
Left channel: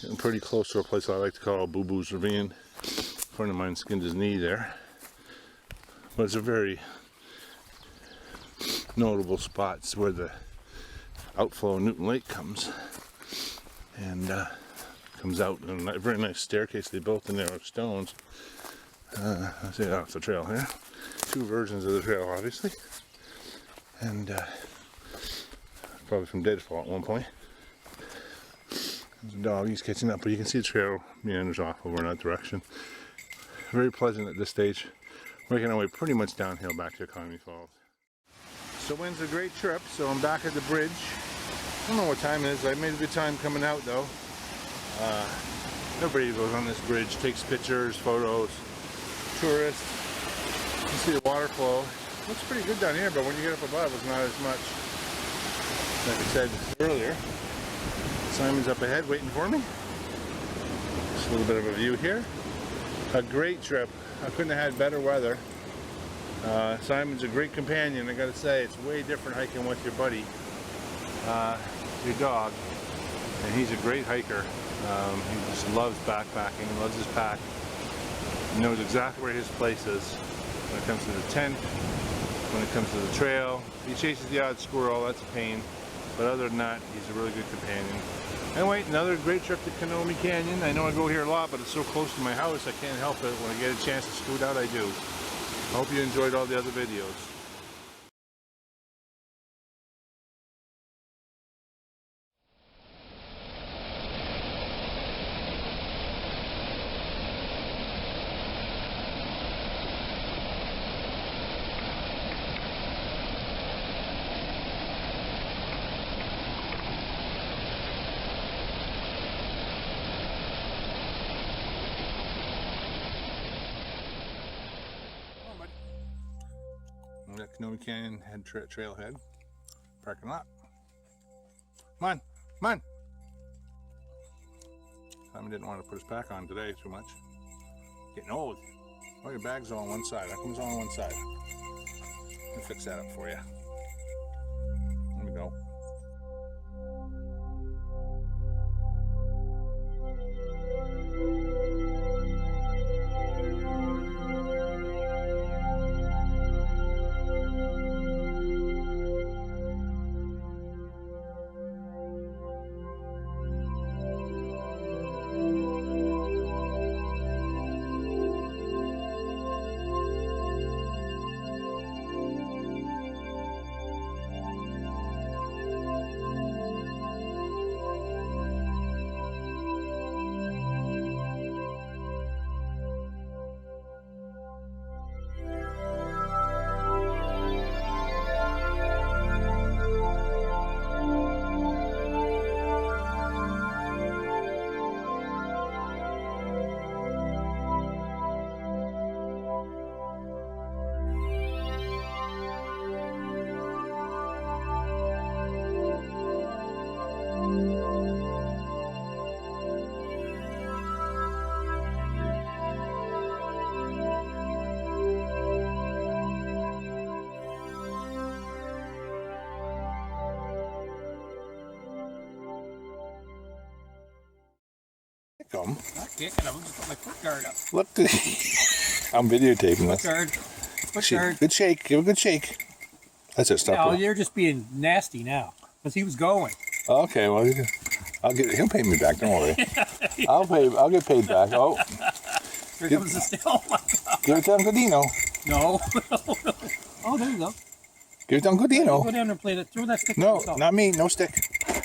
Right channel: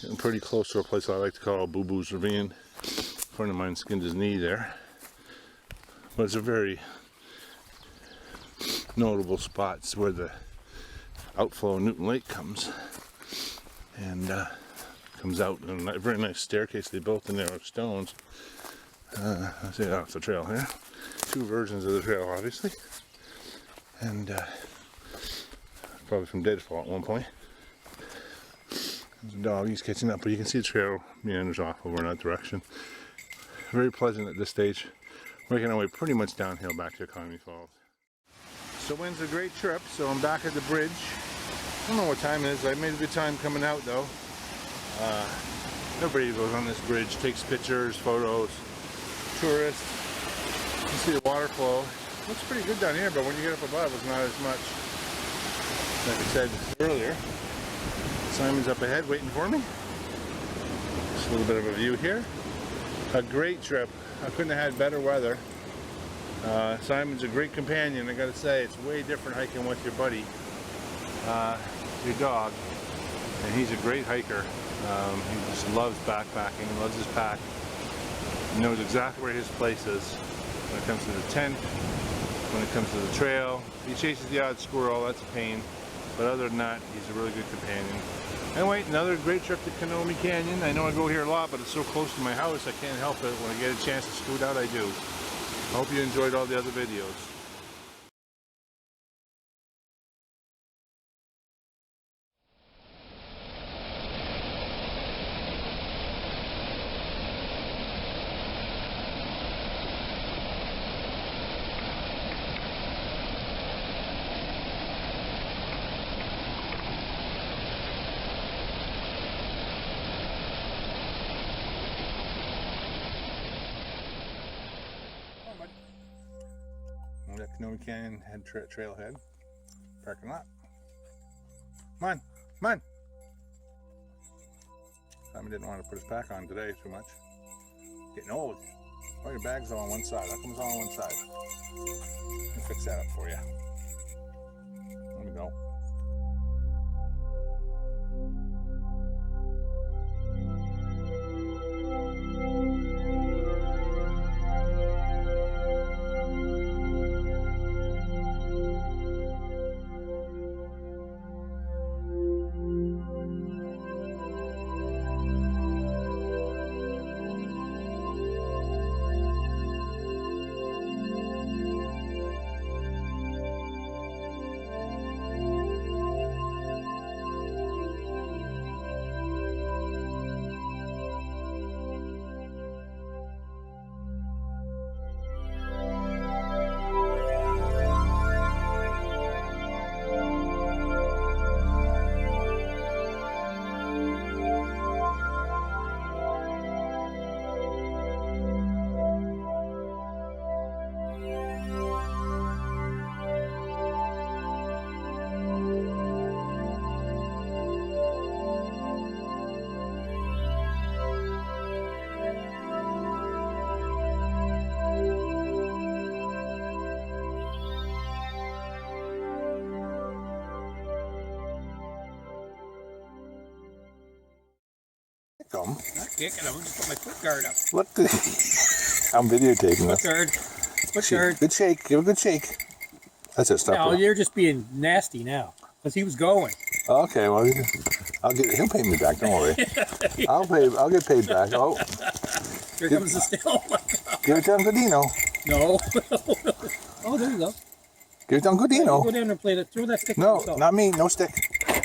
Getting pretty close to a place I like to call Boo Boo's Ravine. A friend of mine skinned his knee there. But it's a very notable spot. It's where the outflow of Newton Lake comes. And comes out in a very nice staircase they built in there of stones. I see off the trail here. 2 versions of the trail, obviously. And probably from deadfall at one point. There's a dog, he's catching up, but you can see the trail meanders off over in that direction. Very pleasant at this stage. Making our way pretty much downhill back to Kenomee Falls. So wind's a great trip, so I'm back at the bridge. I don't know what time it is. I made a good time coming out though. Everybody goes on this bridge, takes pictures, photos, tourists. You can see the water flow. Looks pretty good down here, but when you get up above, it's not as much. Like I said earlier, Simon's up ahead waiting for me. Just a little bit of a view here. A great trip. I couldn't have had better weather. Simon's a great companion. I gotta say, it's way different hiking with your buddy, your dog. And he's a great hiker. He just loves backpacking, loves his pack. He knows exactly where his place is when it comes to the tent, when it comes to the trail. He chases the odd squirrel, that's a pain. But other than that, he's a really good companion. Anyway, another great trip to Kenomee Canyon. I know I go here a lot, but it's so close to my house, I can't help it. When I get a chance to scoot out, I do. I hope you enjoyed all the other videos. That Kenomee Canyon trailhead parking lot. Come on, come on. Simon didn't want to put his pack on today too much. Getting old. Oh, your bag's all on one side. How come it's all on one side? Let me fix that up for you. Let me go. Come. Not kicking him, just put my foot guard up. Look, I'm videotaping this. Foot guard. Foot guard. Good shake. Give a good shake. That's it. Stop. No, you're just being nasty now because he was going. Okay, well, he'll pay me back. Don't worry. I'll get paid back. Oh, here comes the still. Oh my God. Give it to Uncle Dino. No. Oh, there you go. Give it to Uncle Dino. Go down and play that. Throw that stick. No, not me. No stick.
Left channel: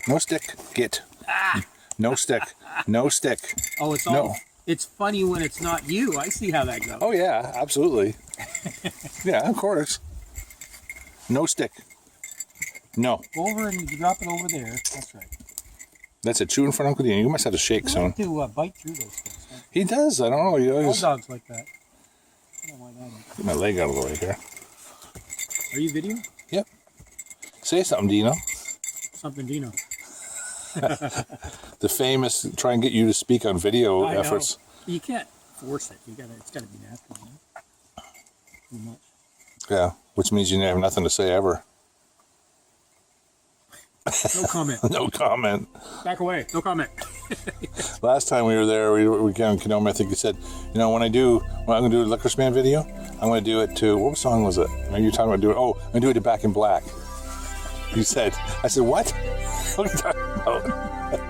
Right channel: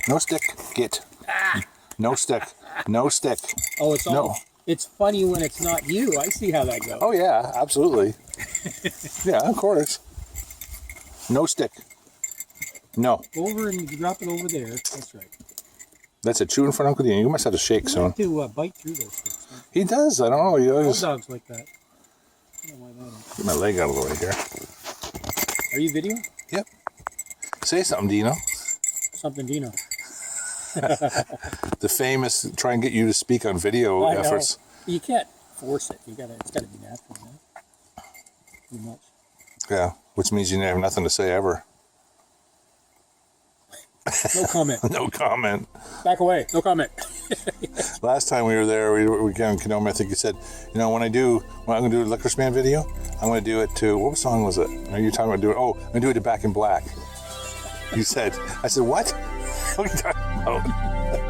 No stick. Get. Ah. No stick. No stick. Oh, it's all. No. It's funny when it's not you. I see how that goes. Oh yeah, absolutely. Yeah, of course. No stick. No. Go over and drop it over there. That's right. That's a chew in front of Uncle Dino. You must have to shake soon. Like to bite through those things. Huh? He does. I don't know. He always... All dogs like that. I don't know why that is. Get my leg out of the way here. Are you videoing? Yep. Say something, Dino. Something, Dino. The famous try and get you to speak on video efforts. You can't force it. It's gotta be natural, man. Too much. Yeah, which means you have nothing to say ever. No comment. No comment. Back away. No comment. Last time we were there, we came in Kenomee. I think you said, you know, when I'm going to do a Licorice Man video, I'm going to do it to, what song was it? Are you talking about doing? Oh, I'm going to do it to Back in Black. You said. I said, what? What are you talking about?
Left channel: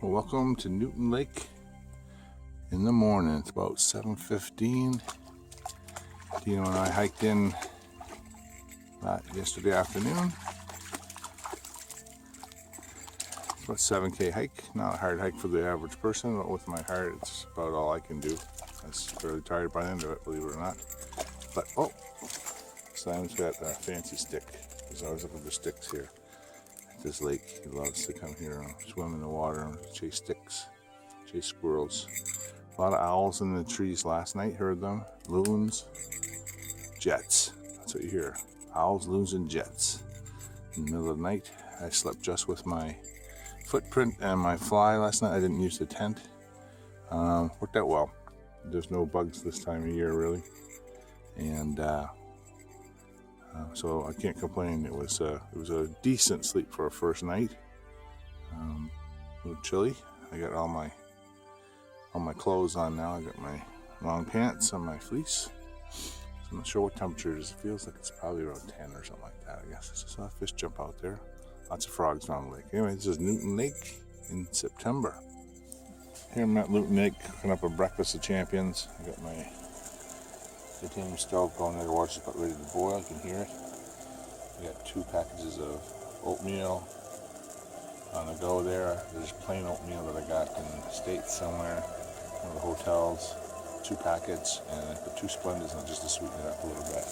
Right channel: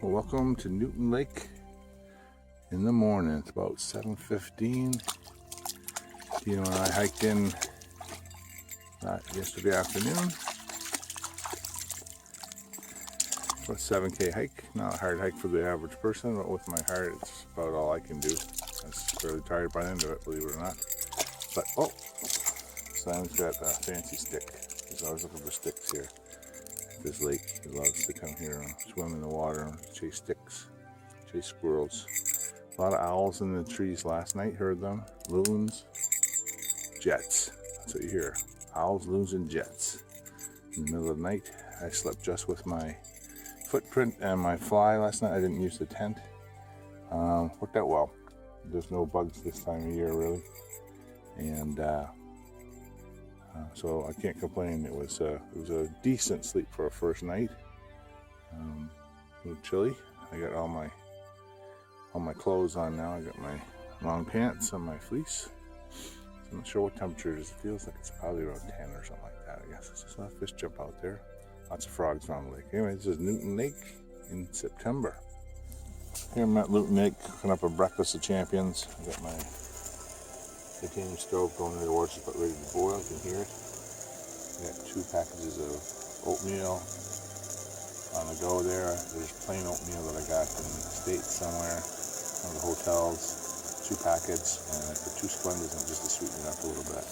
Well, welcome to Newton Lake in the morning. It's about 7:15. Dino and I hiked in yesterday afternoon. About 7K hike. Not a hard hike for the average person, but with my heart, it's about all I can do. I was fairly tired by the end of it, believe it or not. But oh, Simon's got a fancy stick. He's always looking for sticks here at this lake. He loves to come here and swim in the water and chase sticks, chase squirrels. A lot of owls in the trees last night, heard them. Loons, jets. That's what you hear. Owls, loons, and jets. In the middle of the night, I slept just with my footprint and my fly last night. I didn't use the tent. Worked out well. There's no bugs this time of year, really. And so I can't complain. It was a decent sleep for a first night. A little chilly. I got all my clothes on now. I got my long pants and my fleece. So I'm not sure what temperature it is. It feels like it's probably around 10 or something like that. I guess I just saw a fish jump out there. Lots of frogs around the lake. Anyway, this is Newton Lake in September. Here I'm at Newton Lake, cooking up a breakfast of champions. I got my titanium stove going there. The water's about ready to boil. You can hear it. I got 2 packages of oatmeal on the go there. There's plain oatmeal that I got in the States somewhere, one of the hotels. 2 packets, and I put 2 Splendas in just to sweeten it up a little bit.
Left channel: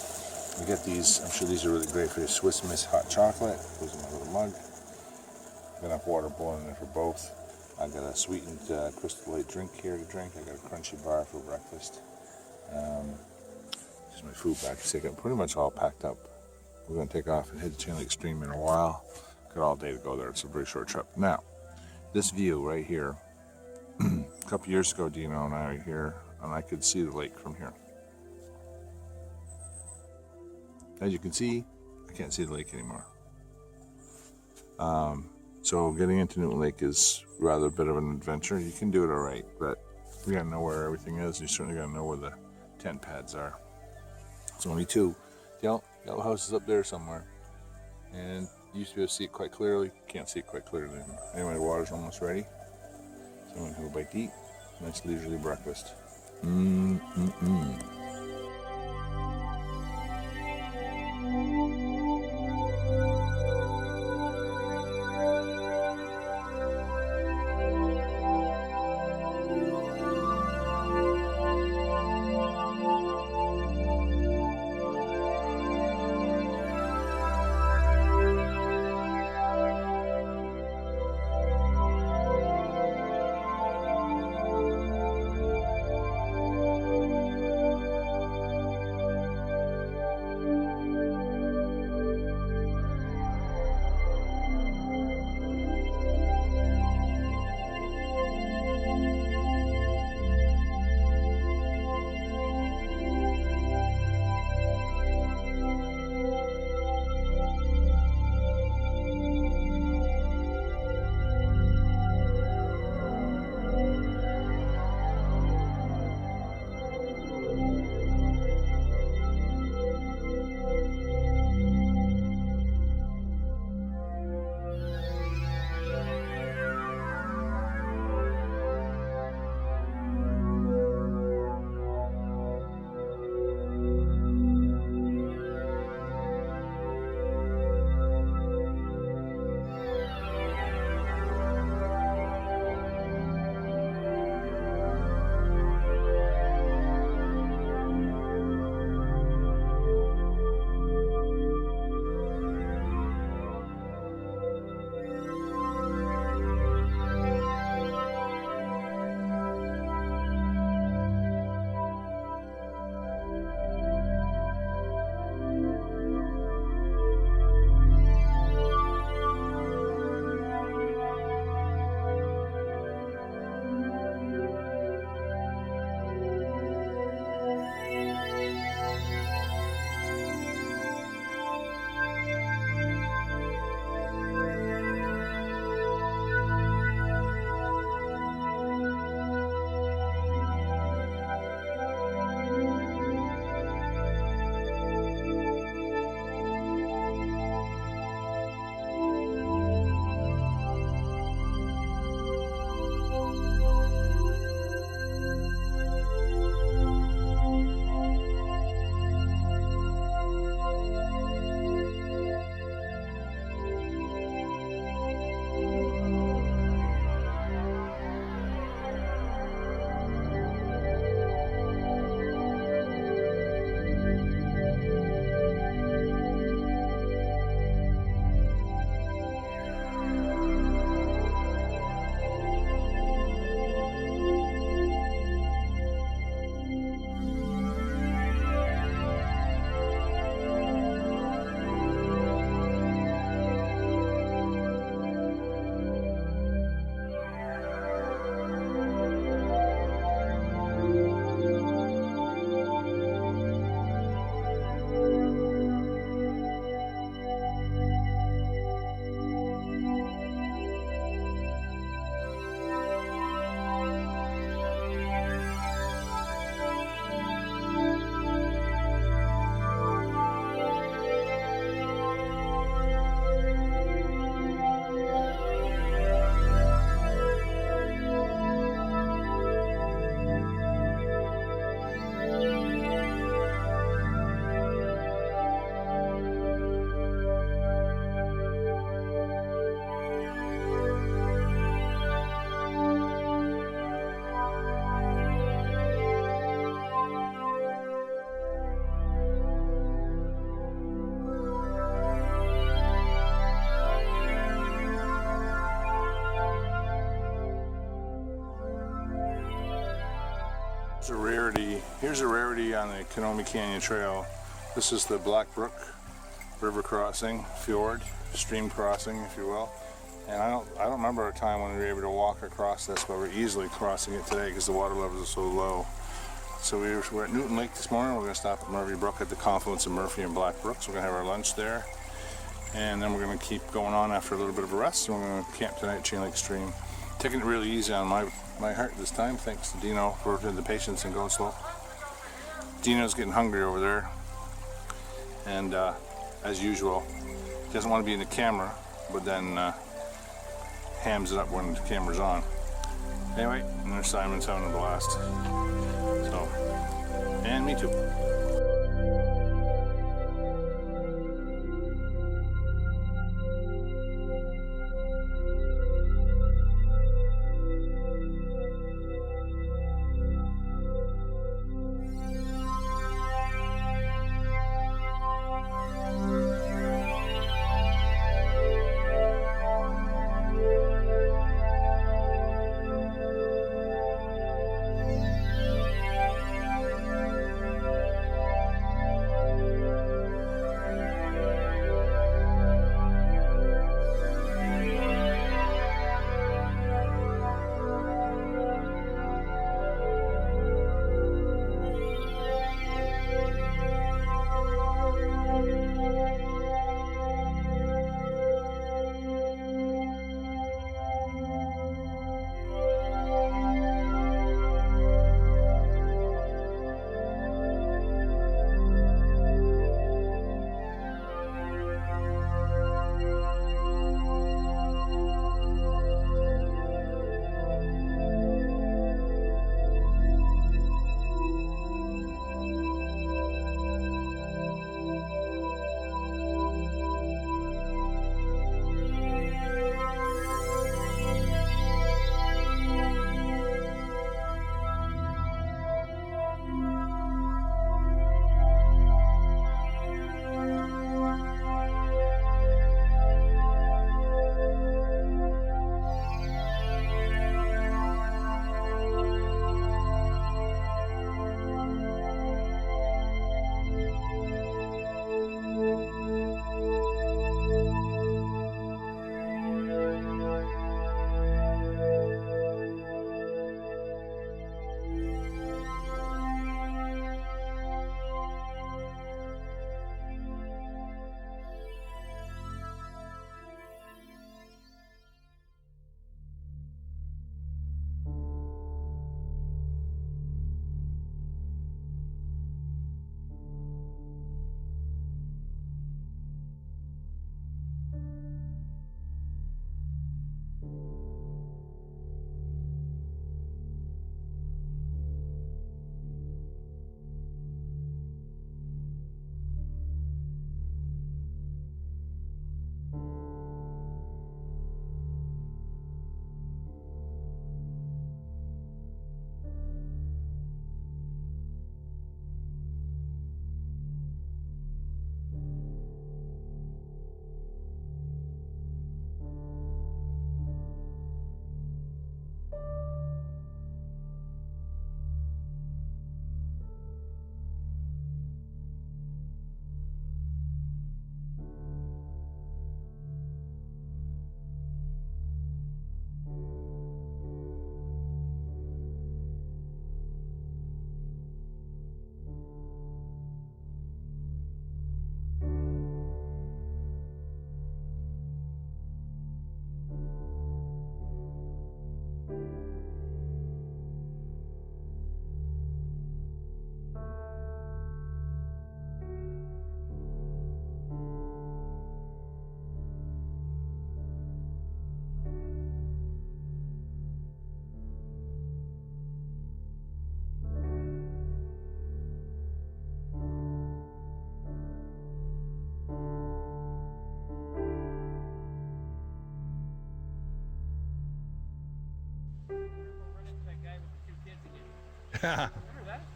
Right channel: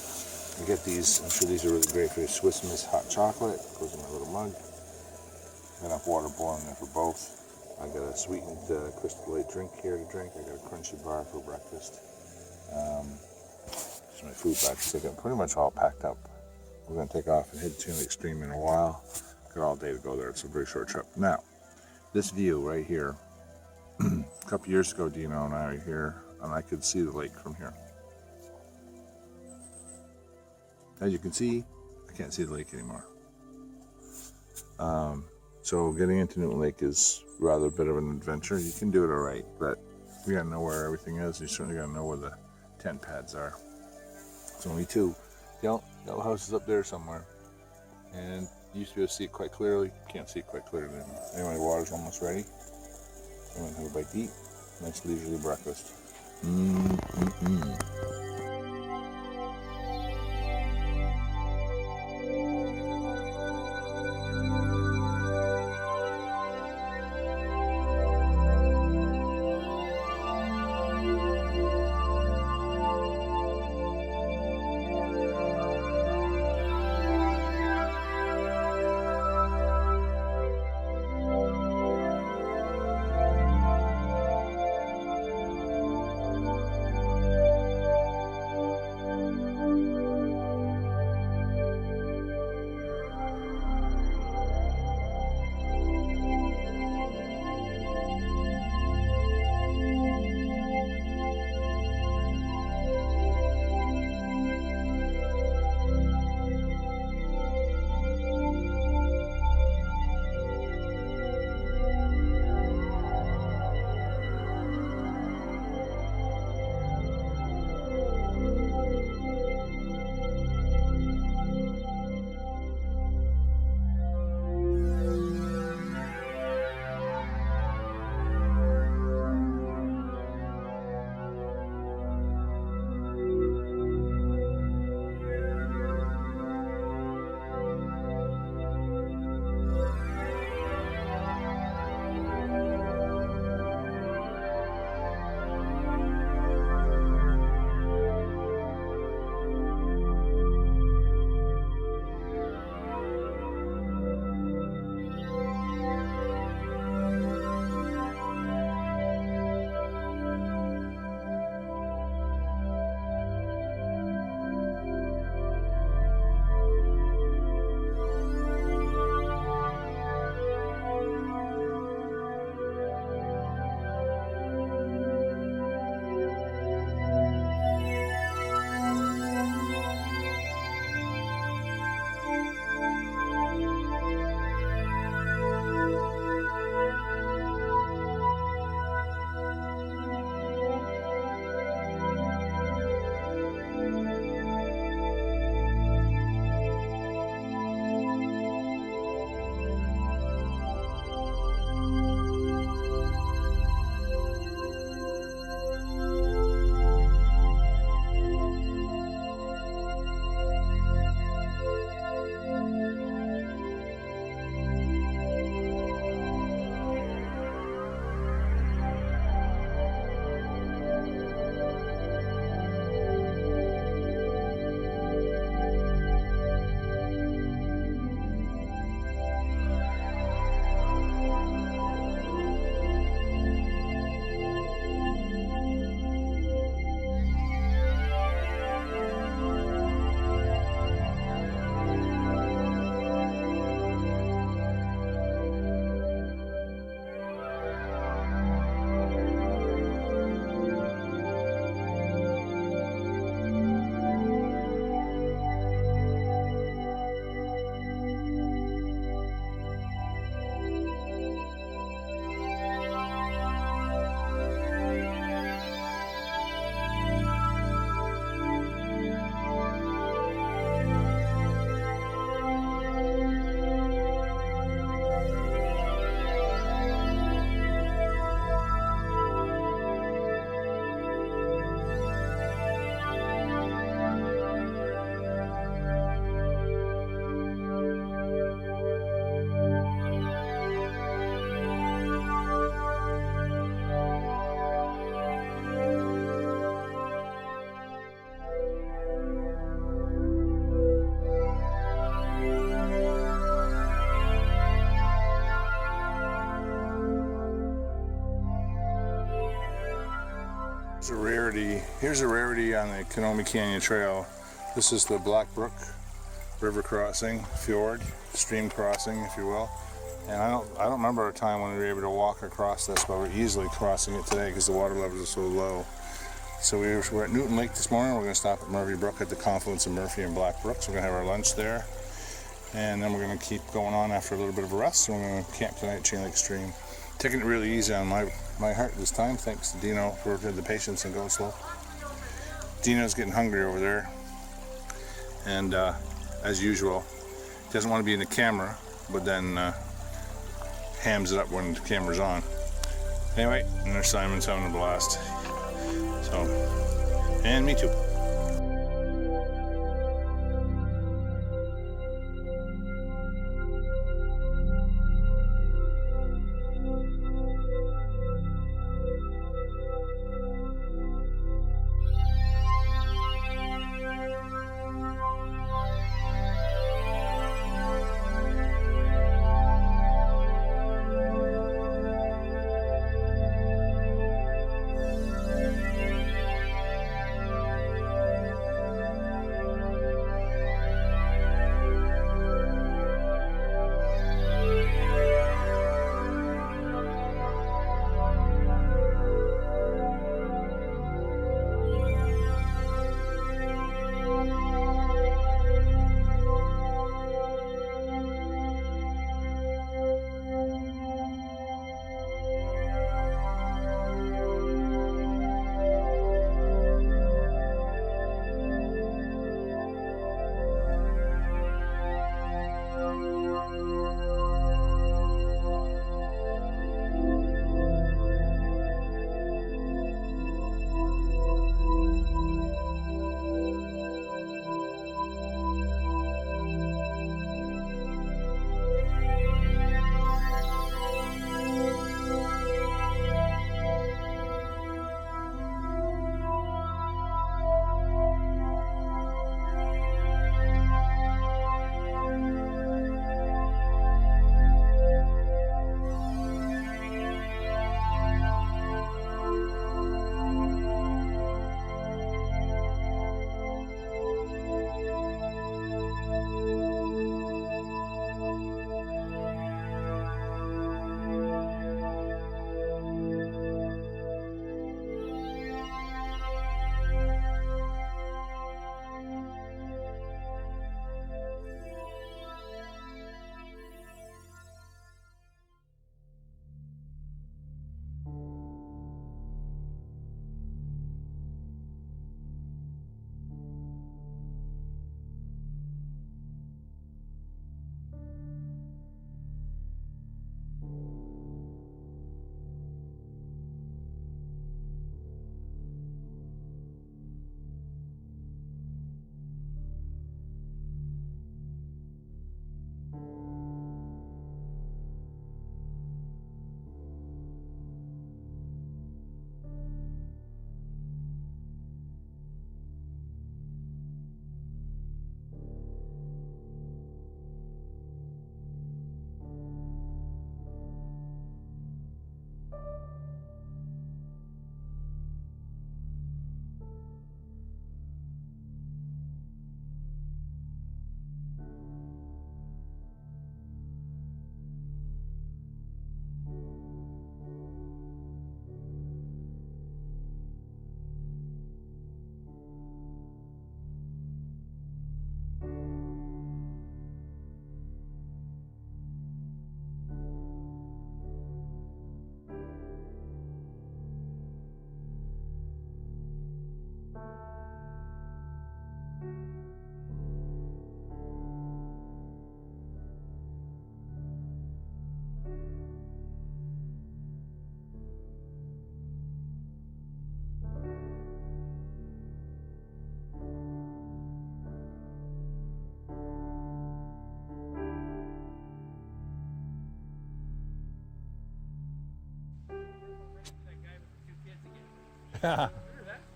I get these, I'm sure these are really great for your Swiss Miss hot chocolate. Goes in my little mug. Got enough water boiling there for both. I got a sweetened Crystal Light drink here to drink. I got a crunchy bar for breakfast. Here's my food bag. So I got pretty much all packed up. We're going to take off and head to Chain Lake Stream in a while. Got all day to go there. It's a very short trip. Now, this view right here. A couple years ago, Dino and I were here, and I could see the lake from here. As you can see, I can't see the lake anymore. So getting into Newton Lake is rather a bit of an adventure. You can do it all right, but you gotta know where everything is. You certainly gotta know where the tent pads are. There's only 2. Yellow house is up there somewhere, and you used to be able to see it quite clearly. Can't see it quite clearly anymore. Anyway, the water's almost ready. So I'm gonna have a bite to eat. Nice leisurely breakfast. Here's a rarity. Here's a rarity on the Kenomee Canyon Trail. This is the Black Brook river crossing, fjord, stream crossing, if you will. And I don't remember a time when we were able to walk across this, but we're easily crossing it today because the water levels are so low. So we're at Newton Lake this morning. We're going to stop at Murphy Brook at the confluence of Murphy and Black Brook. So we're going to have our lunch there. And then we're going to keep going on after a little bit of a rest. So we're going to camp tonight at Chain Lake Stream. Taking it really easy on my heart this time, thanks to Dino for the patience and go slow. Dino's getting hungry over there. And as usual, he doesn't want to be in the camera, but then hams it up when the camera's on. Anyway, and there's Simon's having a blast. So, and me too.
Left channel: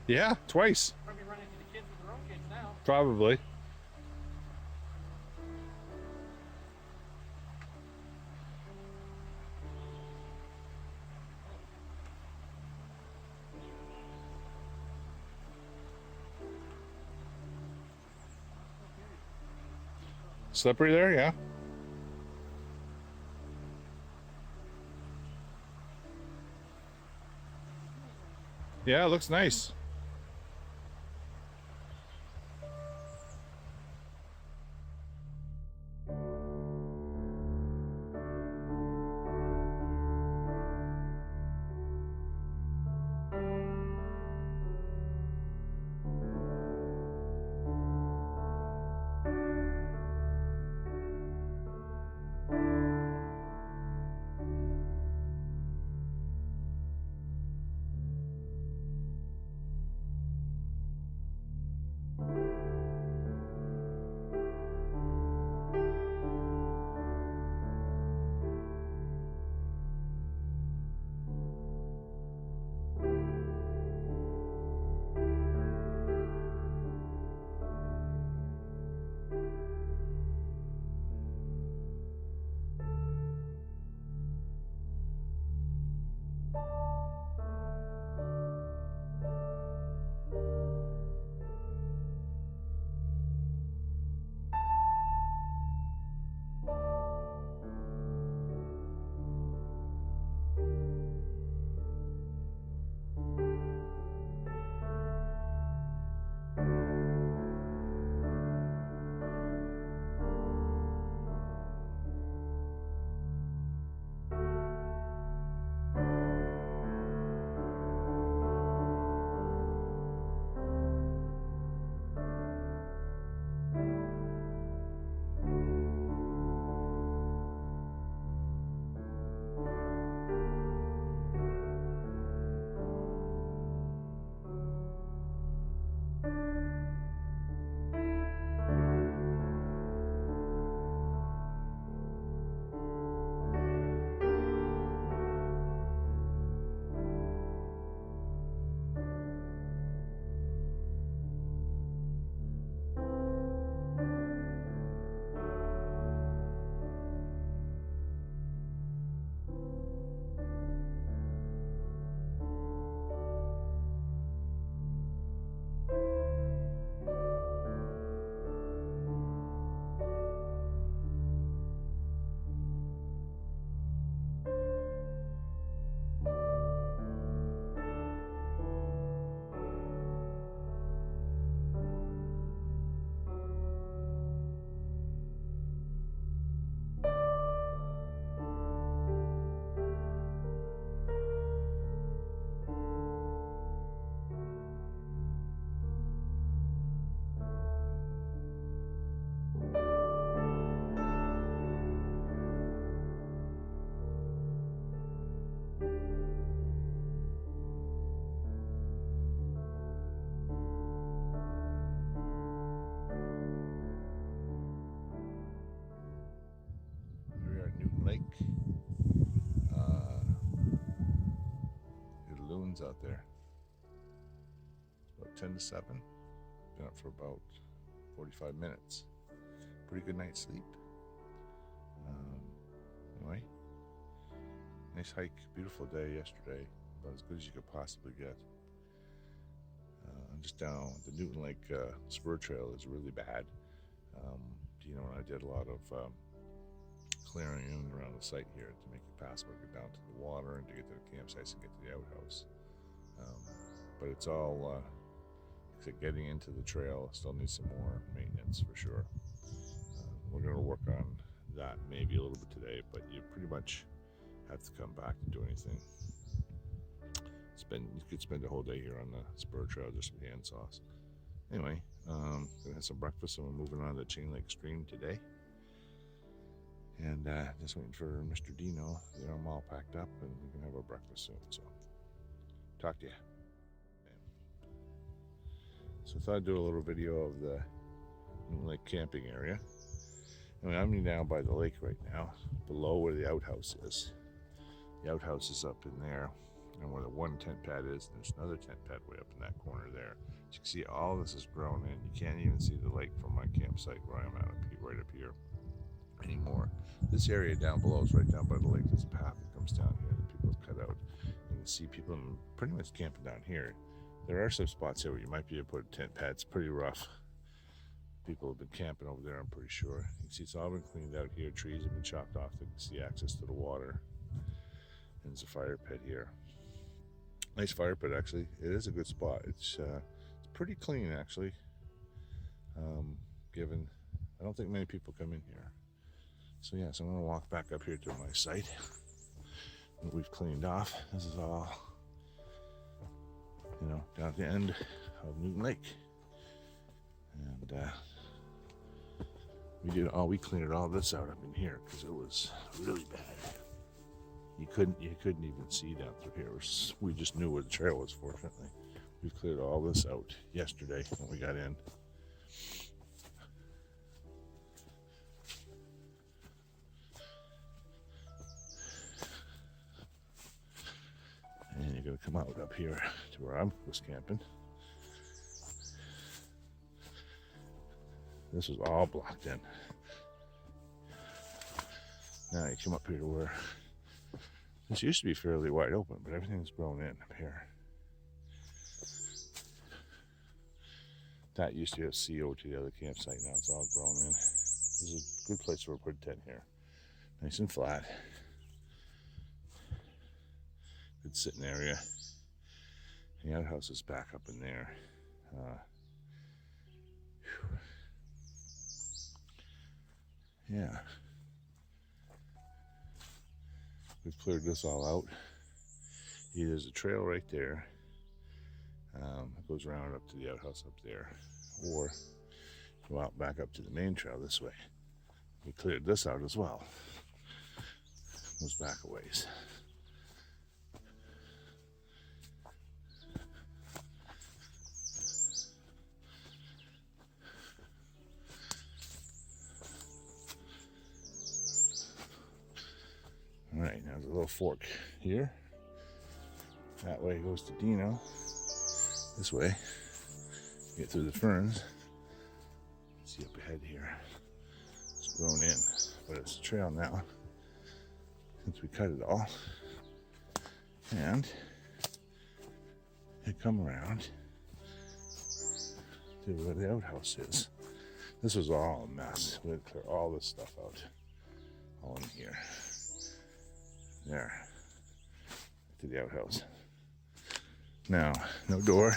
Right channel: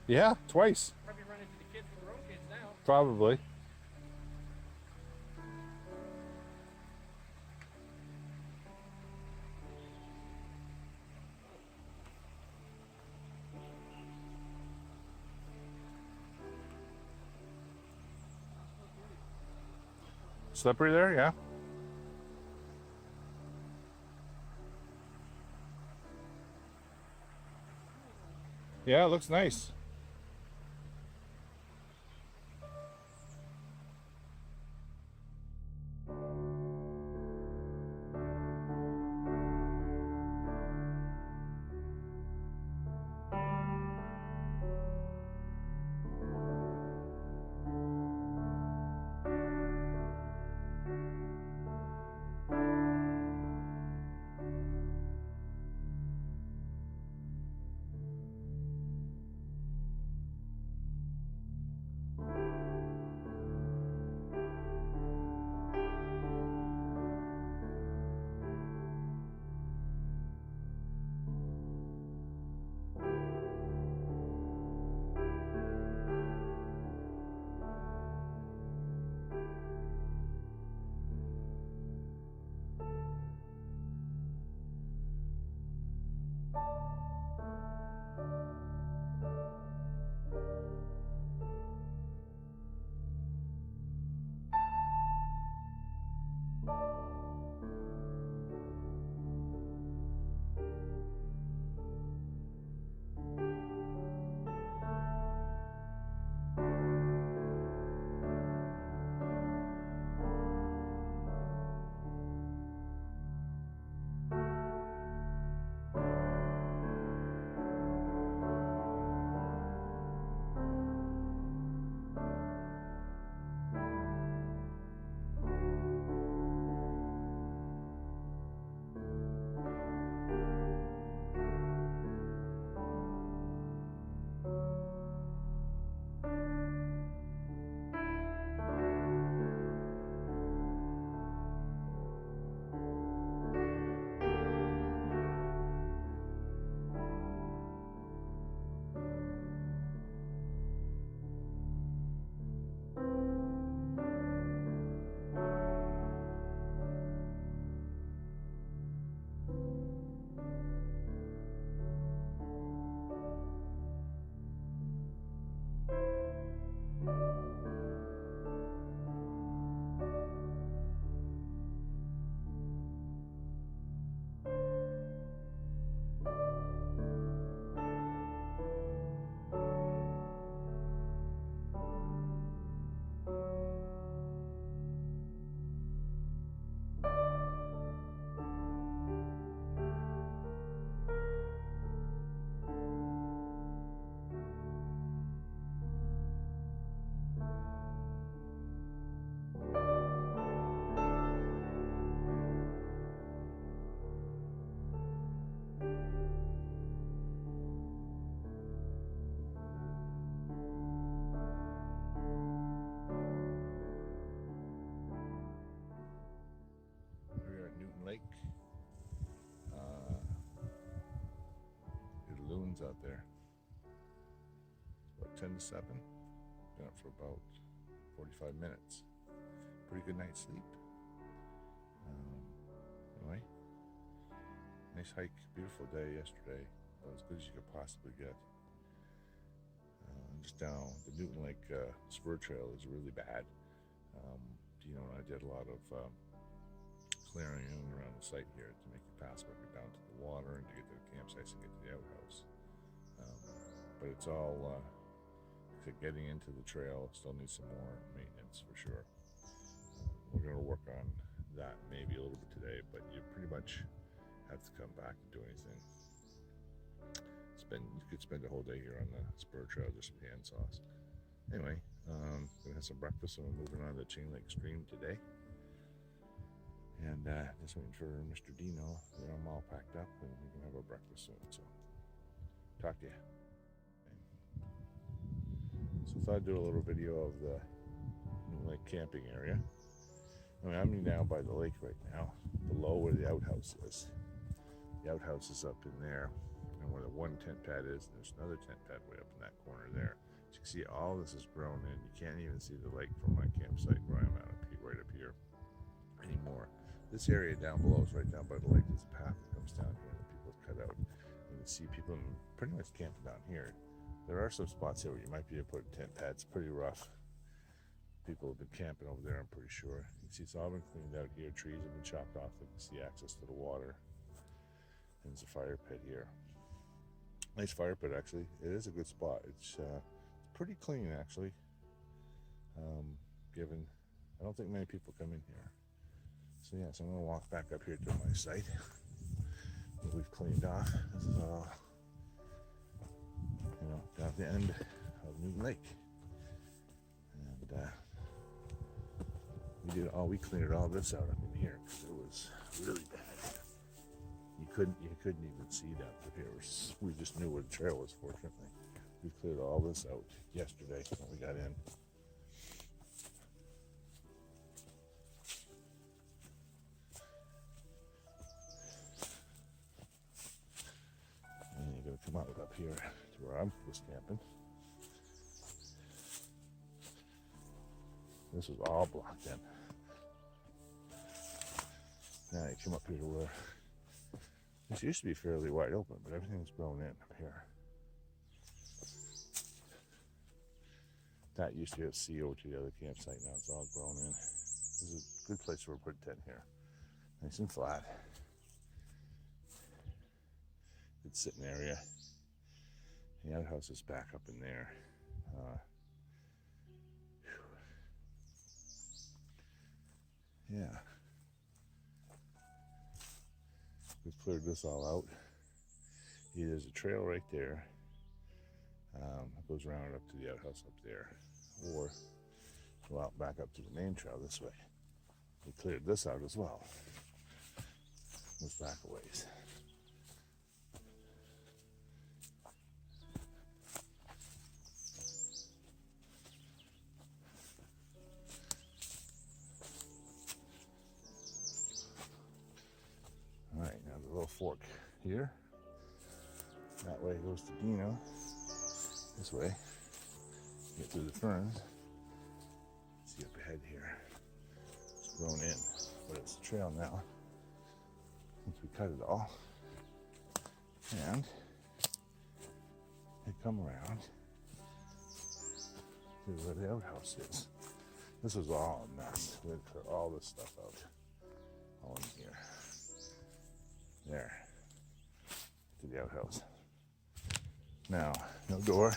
Yeah, twice. Probably run into the kids with their own kids now. Probably. Slippery there, yeah. Yeah, it looks nice. Here we are at Newton Lake. The loons out there. It's about 10 to 7. Been up for about 45 minutes. Pretty good night's sleep. Anyway, nice hike. Beautiful day yesterday. About as good as you could possibly get. Just down the Newton Lake spur trail is really bad. Dino and I did a lot of clearing in and around the site here to make it passable, get down to the water and to get to the campsites and get to the outhouse. But it's all getting into the trail still needs some more maintenance for sure. We're going to work on that maybe a little bit today, but you pretty much have to come back and do anything. You could spend the whole day here on the spur trail just with hand saws. Anyway, gonna have some breakfast and we're moving on to Chain Lake Stream today. And just waiting for Mr. Dino. I'm all packed up and we can have our breakfast soon. So, talk to you. So I thought I'd do a little video of the Lake camping area. I'm down by the lake right now, below where the outhouse is. The outhouse is up in there, and where the one tent pad is, there's another tent pad way up in that corner there. As you can see, all this is grown in. You can't even see the lake from my campsite where I'm at right up here anymore. This area down below is right down by the lake. There's a path that comes down here that people have cut out. You can see people pretty much camping down here. There are some spots here where you might be able to put a tent pad. It's pretty rough. People have been camping over there, I'm pretty sure. You can see it's all been cleaned out here. Trees have been chopped off. You can see access to the water. And there's a fire pit here. Nice fire pit, actually. It is a good spot. It's pretty clean, actually. Given, I don't think many people come in here. So yeah, so I'm gonna walk back up here to my site. What we've cleaned off. This is all, down at the end of Newton Lake. And we cleared all this out up in here because it was really bad. You couldn't even see down through here. We just knew where the trail was, fortunately. We cleared all this out yesterday when we got in. And you're gonna come out up here to where I was camping. This was all blocked in. Now you come up here to where this used to be fairly wide open, but everything's grown in up here. That used to be a CO to the other campsite. Now it's all grown in. This is a good place for a put tent here. Nice and flat. Good sitting area. The outhouse is back up in there. Yeah. We've cleared this all out. There's a trail right there. It goes around up to the outhouse up there. Or go out back up to the main trail this way. We cleared this out as well. Goes back a ways. All right, now there's a little fork here. That way goes to Dino. This way, get through the ferns. See up ahead here, it's grown in, but it's a trail now since we cut it all. And you come around to where the outhouse is. This was all a mess. We had to clear all this stuff out, all in here. There, to the outhouse. Now, no door.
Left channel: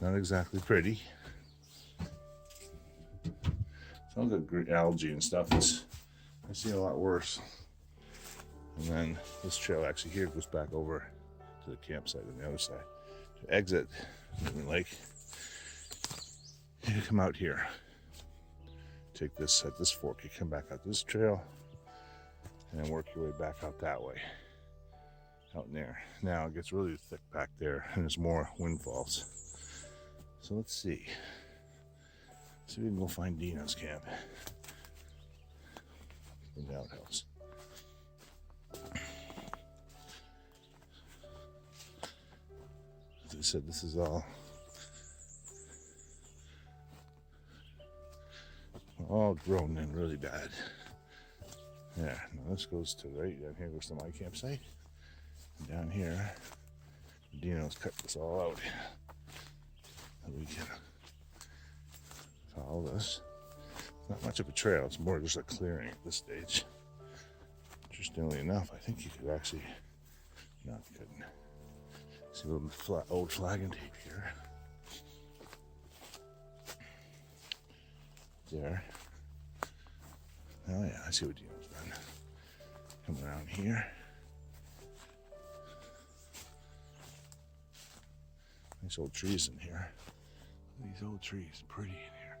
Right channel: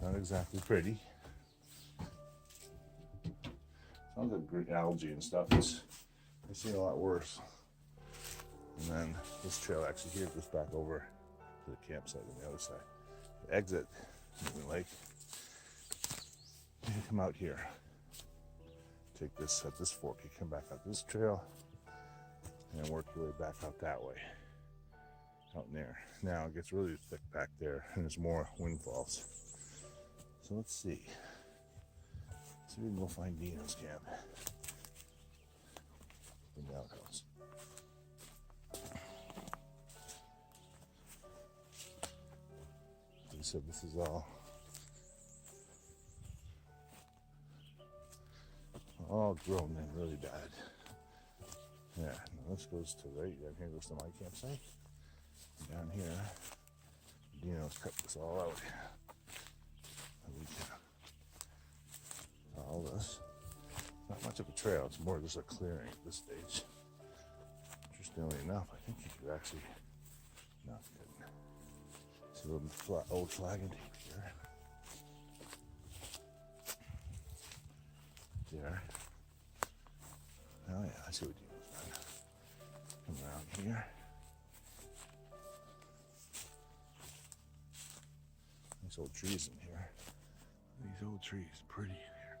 Not exactly pretty. It's all good algae and stuff. I've seen a lot worse. And then this trail actually here goes back over to the campsite on the other side. To exit Newton Lake, you come out here. Take this at this fork. You come back out this trail, and then work your way back out that way. Out in there. Now it gets really thick back there, and there's more windfalls. So let's see. See if we can go find Dino's camp in the outhouse. As I said, this is all grown in really bad. Yeah, now this goes to right down here, goes to my campsite. And down here, Dino's cut this all out. So we can follow this. It's not much of a trail, it's more just a clearing at this stage. Interestingly enough, I think you could actually, no, you couldn't. See a little old flag and tape here. There. Oh yeah, I see what Dino's done. Come around here. Nice old trees in here. Look at these old trees, pretty in here.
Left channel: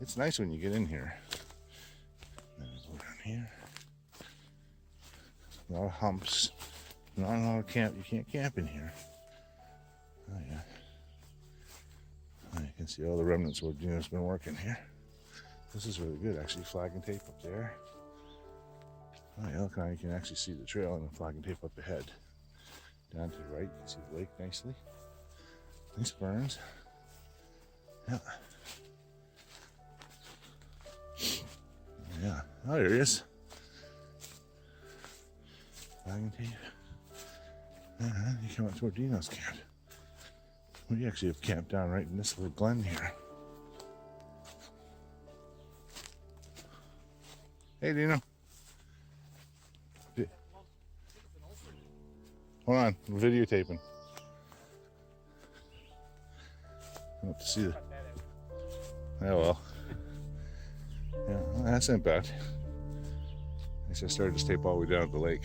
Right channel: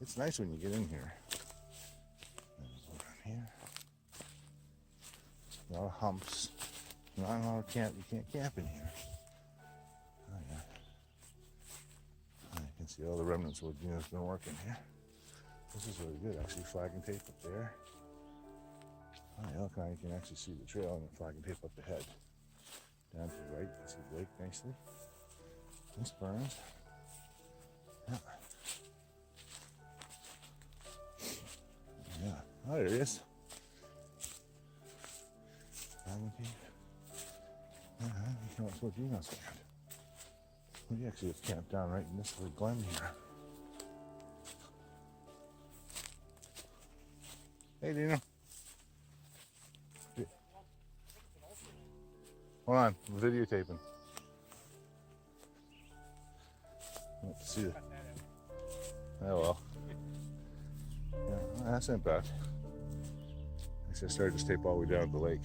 It's nice when you get in here. Then we go down here. A lot of humps. Not a lot of camp. You can't camp in here. Oh yeah. You can see all the remnants of what Dino's been working here. This is really good, actually. Flag and tape up there. Oh yeah, look how you can actually see the trail and the flag and tape up ahead. Down to the right, you can see the lake nicely. Nice ferns. Yeah. Yeah. Oh, there he is. Flag and tape. You come up to Dino's camp. We actually have camped down right in this little glen here. Hey, Dino. Hold on, I'm videotaping. I have to see the. Oh well. Yeah, well, that's not bad. I guess I started this tape all the way down at the lake.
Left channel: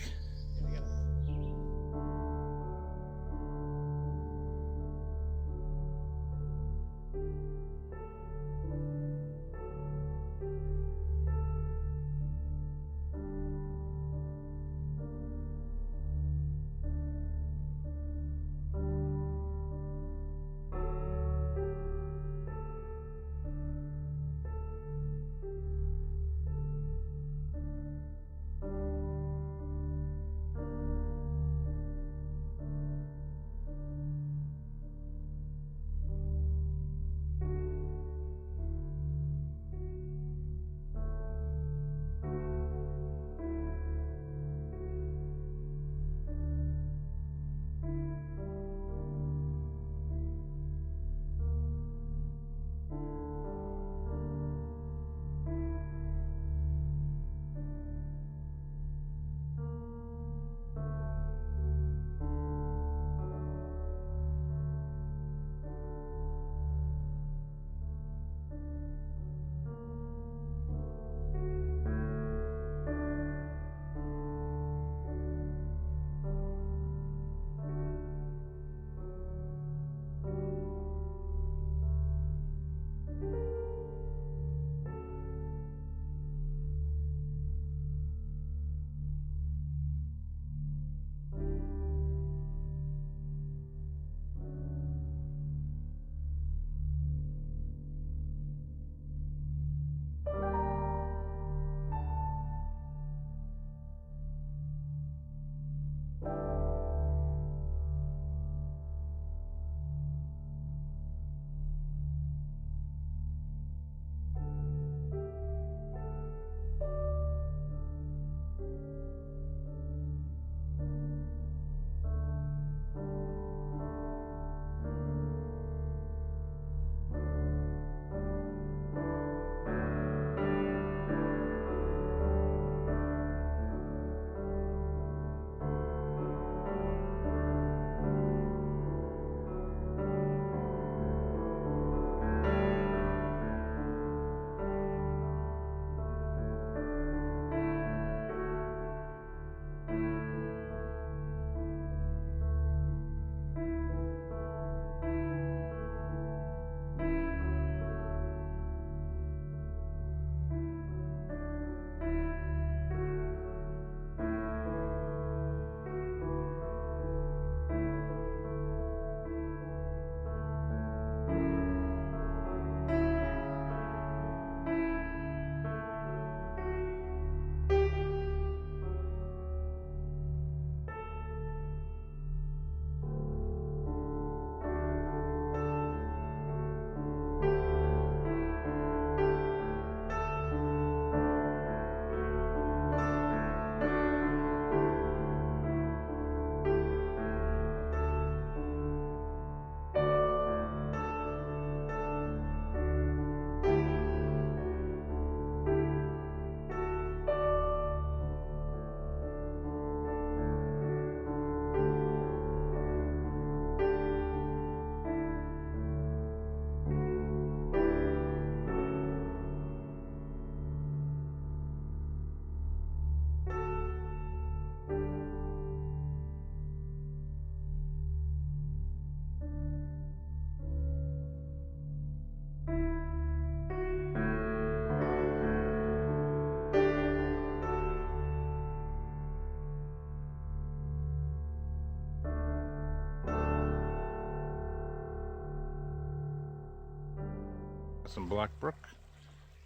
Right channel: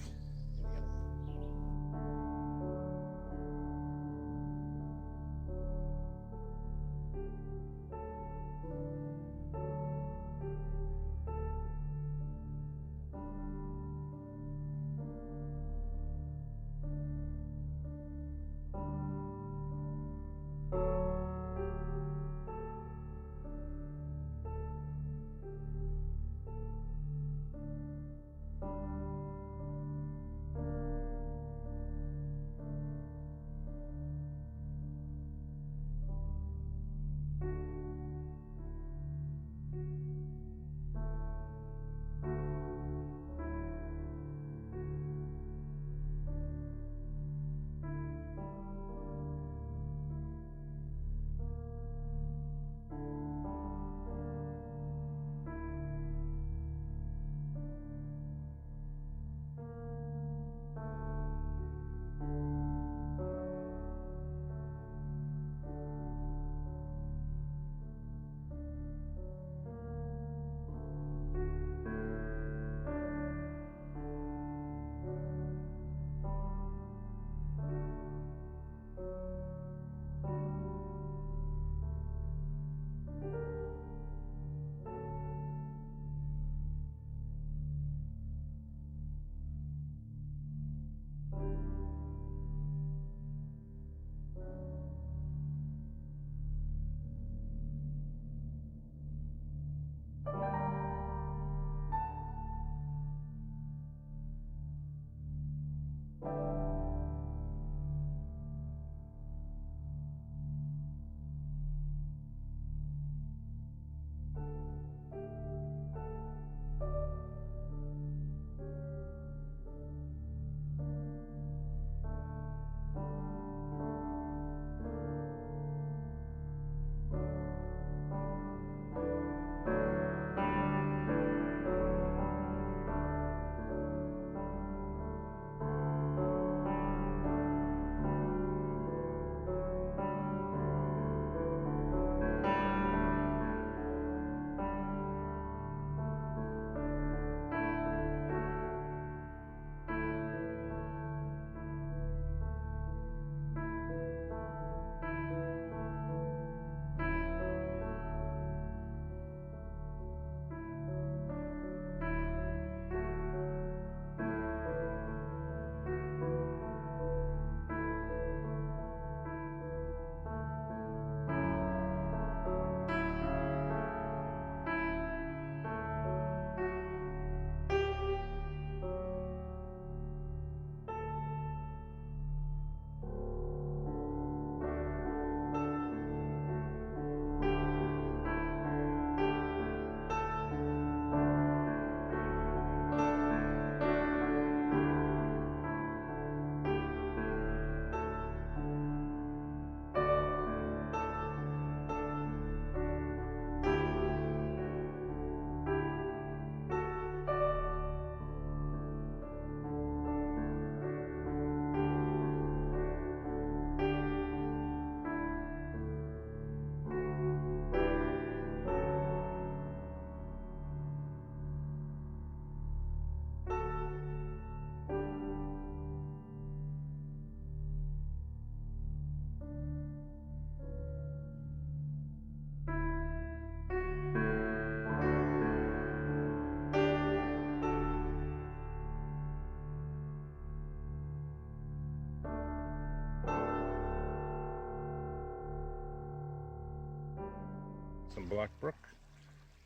Some black brook.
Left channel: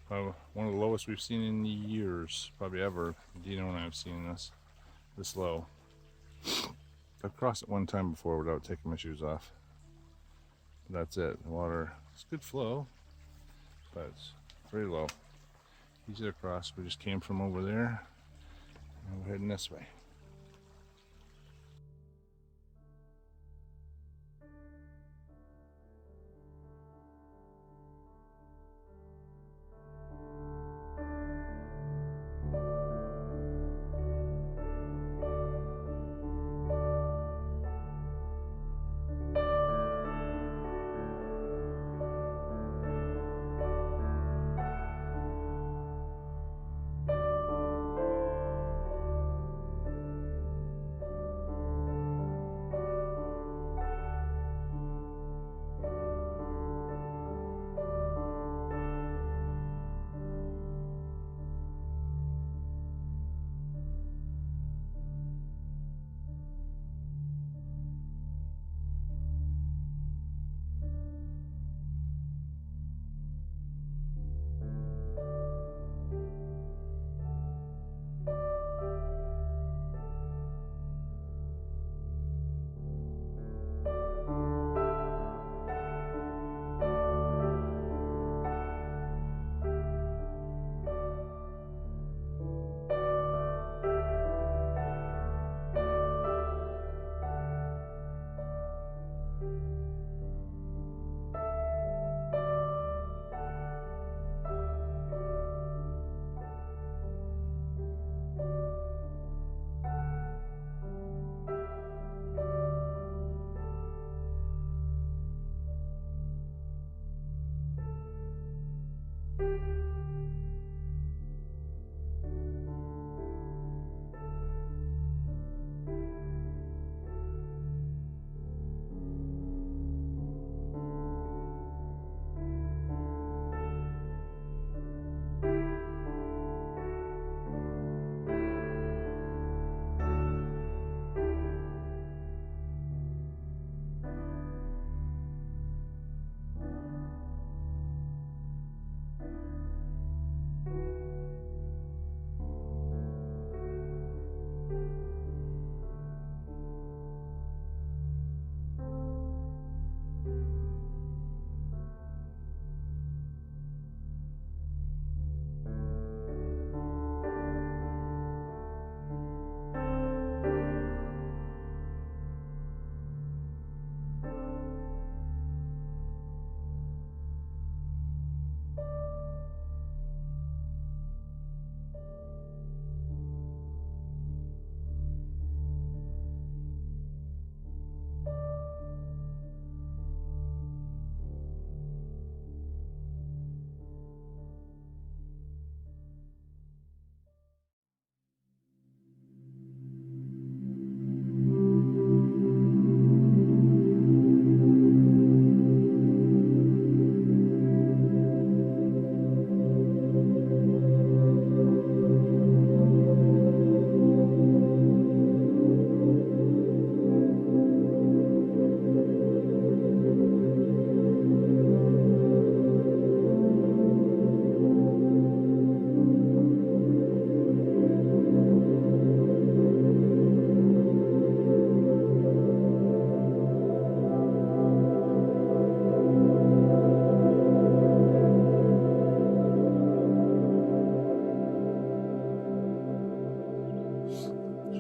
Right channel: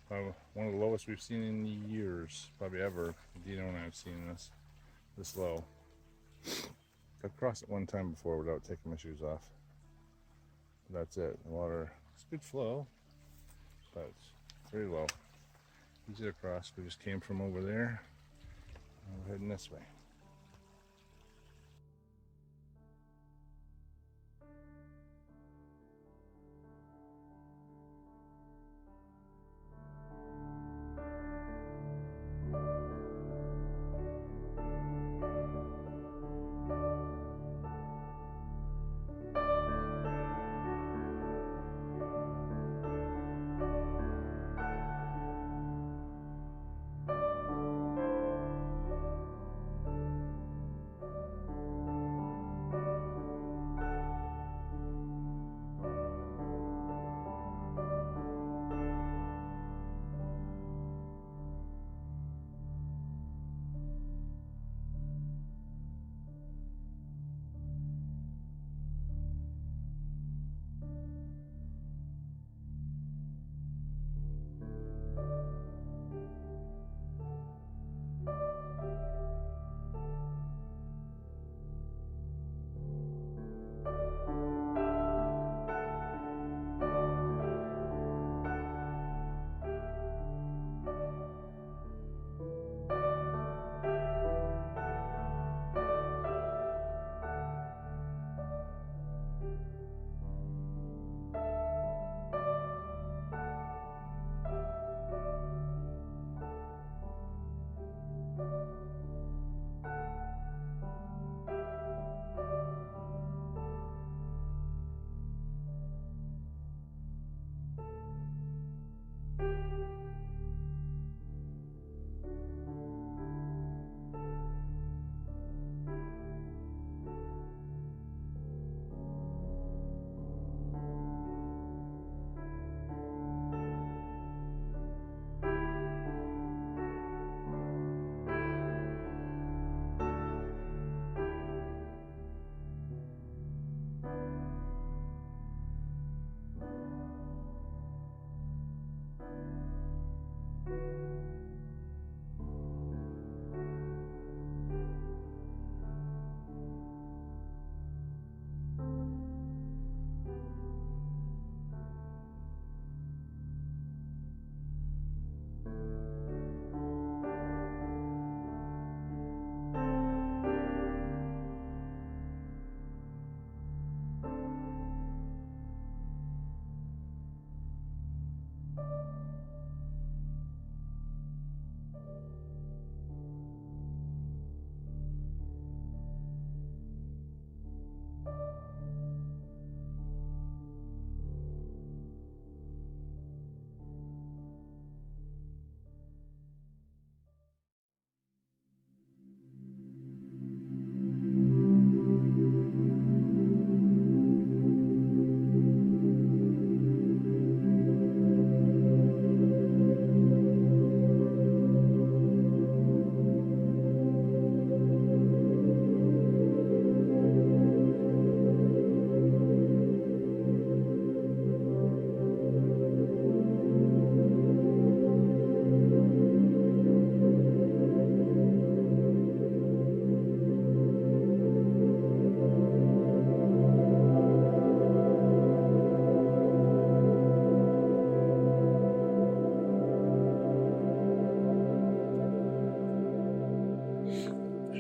One of the lowest we've seen in years, probably ever. Dino and I have seen this low. I've crossed it one time before without taking my shoes off. But that's it. The water, it's good flow, but it's very low. Easy to cross. We just came from over there, and we're heading this way.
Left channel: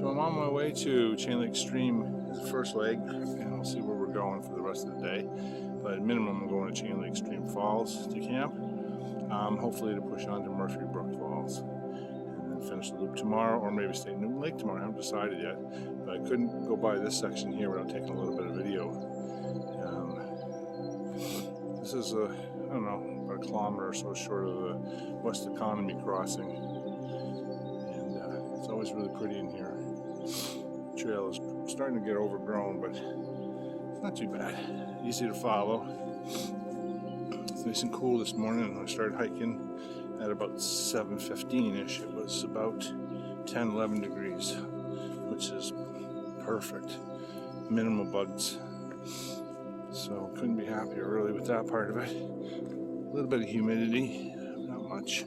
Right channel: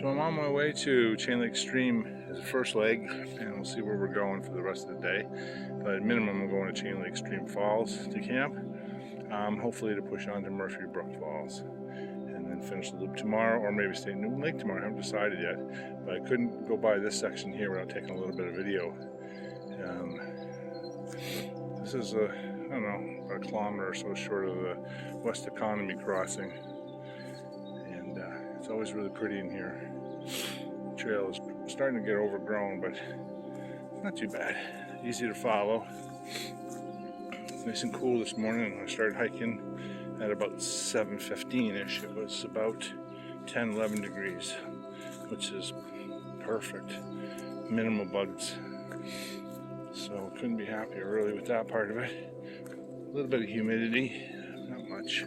So I'm on my way to Chain Lake Stream as the first leg, and we'll see where we're going for the rest of the day. But at minimum, I'm going to Chain Lake Stream Falls to camp, hopefully to push on to Murphy Brook Falls, and then finish the loop tomorrow, or maybe stay in Newton Lake tomorrow. I haven't decided yet, but I couldn't go by this section here without taking a little bit of video. This is I don't know, about a kilometer or so short of the West Kenomee crossing, and it's always really pretty in here. The trail is starting to get overgrown, but it's not too bad. Easy to follow. It's nice and cool this morning. I started hiking at about 7:15-ish. It was about 10-11 degrees, which is perfect. Minimal bugs. So couldn't be happier really with that part of it. A little bit of humidity, not much.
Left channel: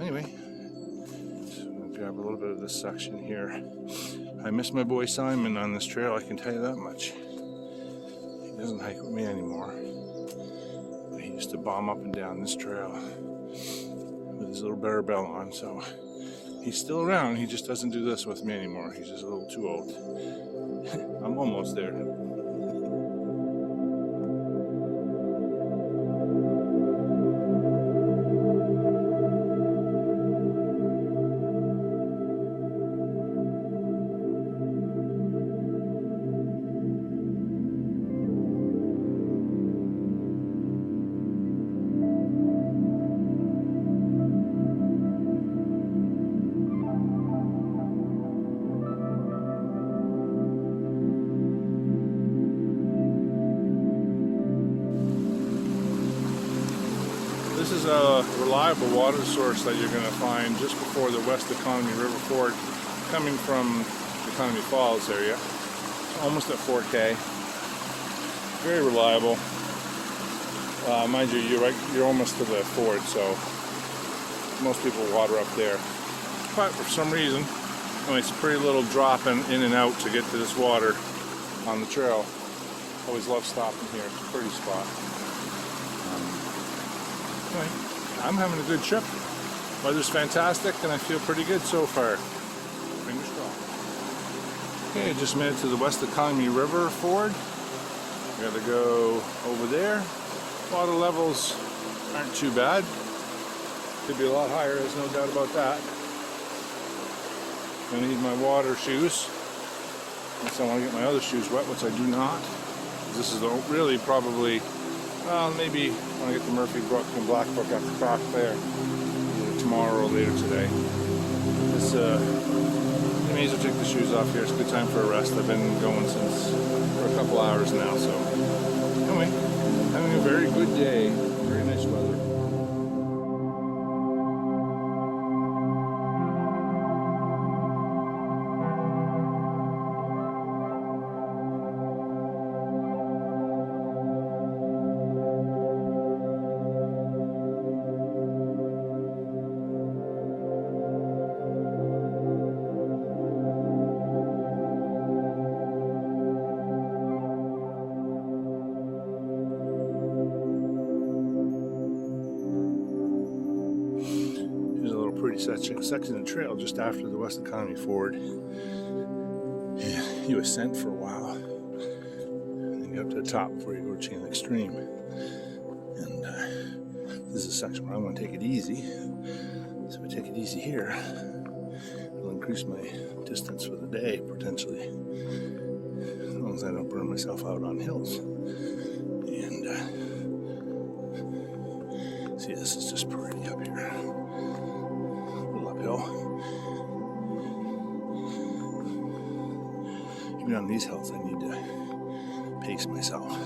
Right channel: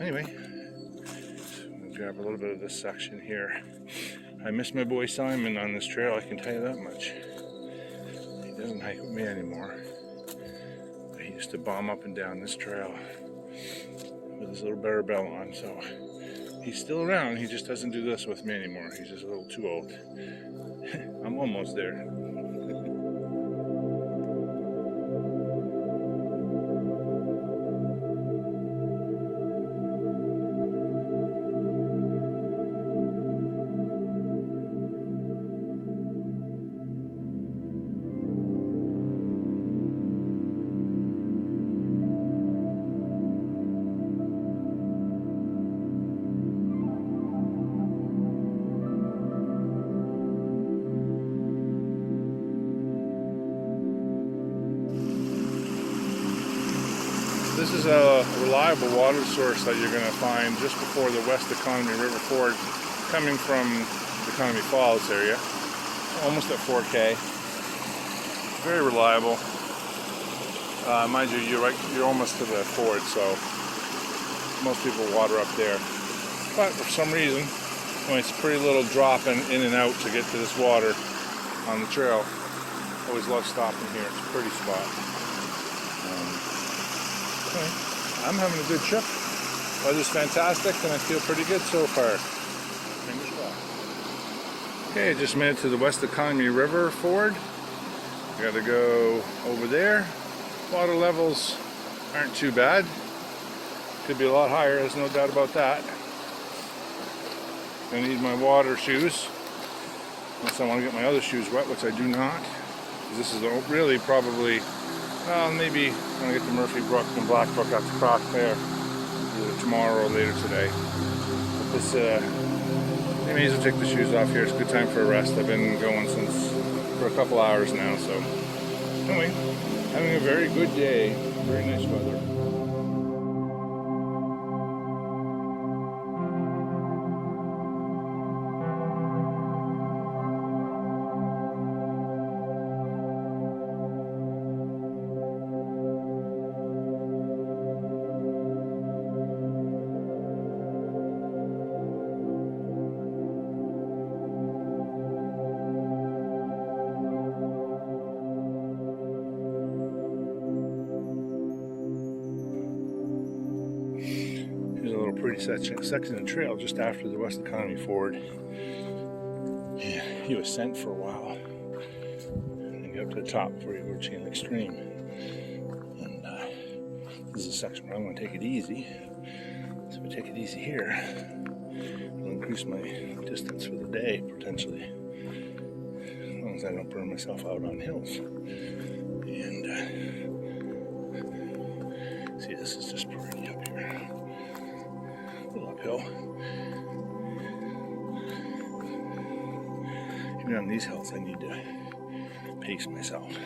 Anyway, so I'm gonna grab a little bit of this section here. I miss my boy Simon on this trail, I can tell you that much. He doesn't hike with me anymore. But he used to bomb up and down this trail with his little bear bell on, so he's still around. He just doesn't do this with me anymore. He's just a little too old. I'm almost there. This is a reliable water source that you're going to find just before the West Kenomee River Ford, coming from the Kenomee Falls area, almost at 4K. Very reliable. Mind you, you're almost to the ford, so most people water up there. But for some reason, it's a pretty little drop in and out to get to this water on the trail. Always love stopping here. It's a pretty spot. Anyway, I'm having a good trip. Weather's fantastic, and I feel pretty good so far. Fingers crossed. Okay, I just made it to the West Kenomee River Ford. I gotta go over there. Water levels aren't too bad. Could be a lot higher, there's no doubt about that. I need my water shoes, unless I want to get my other shoes wet, which I do not. This is really probably, maybe I'm going to get to Murphy Brook and Black Brook at the croc there either tomorrow or later today. This, I may as well take the shoes off here. It's a good time for a rest. I've been going for a couple hours now, so anyway, having a very good day. Very nice weather. Section of the trail just after the West Kenomee Ford. Yeah, he was sent for a while. And then you go up to the top before you go to Chain Lake Stream. And this is a section where I'm going to take it easy. So if I take it easy here, it'll increase my distance for the day, potentially. As long as I don't burn myself out on hills. And see, this is just pretty up here. Uphill. Even on these hills, I need to pace myself.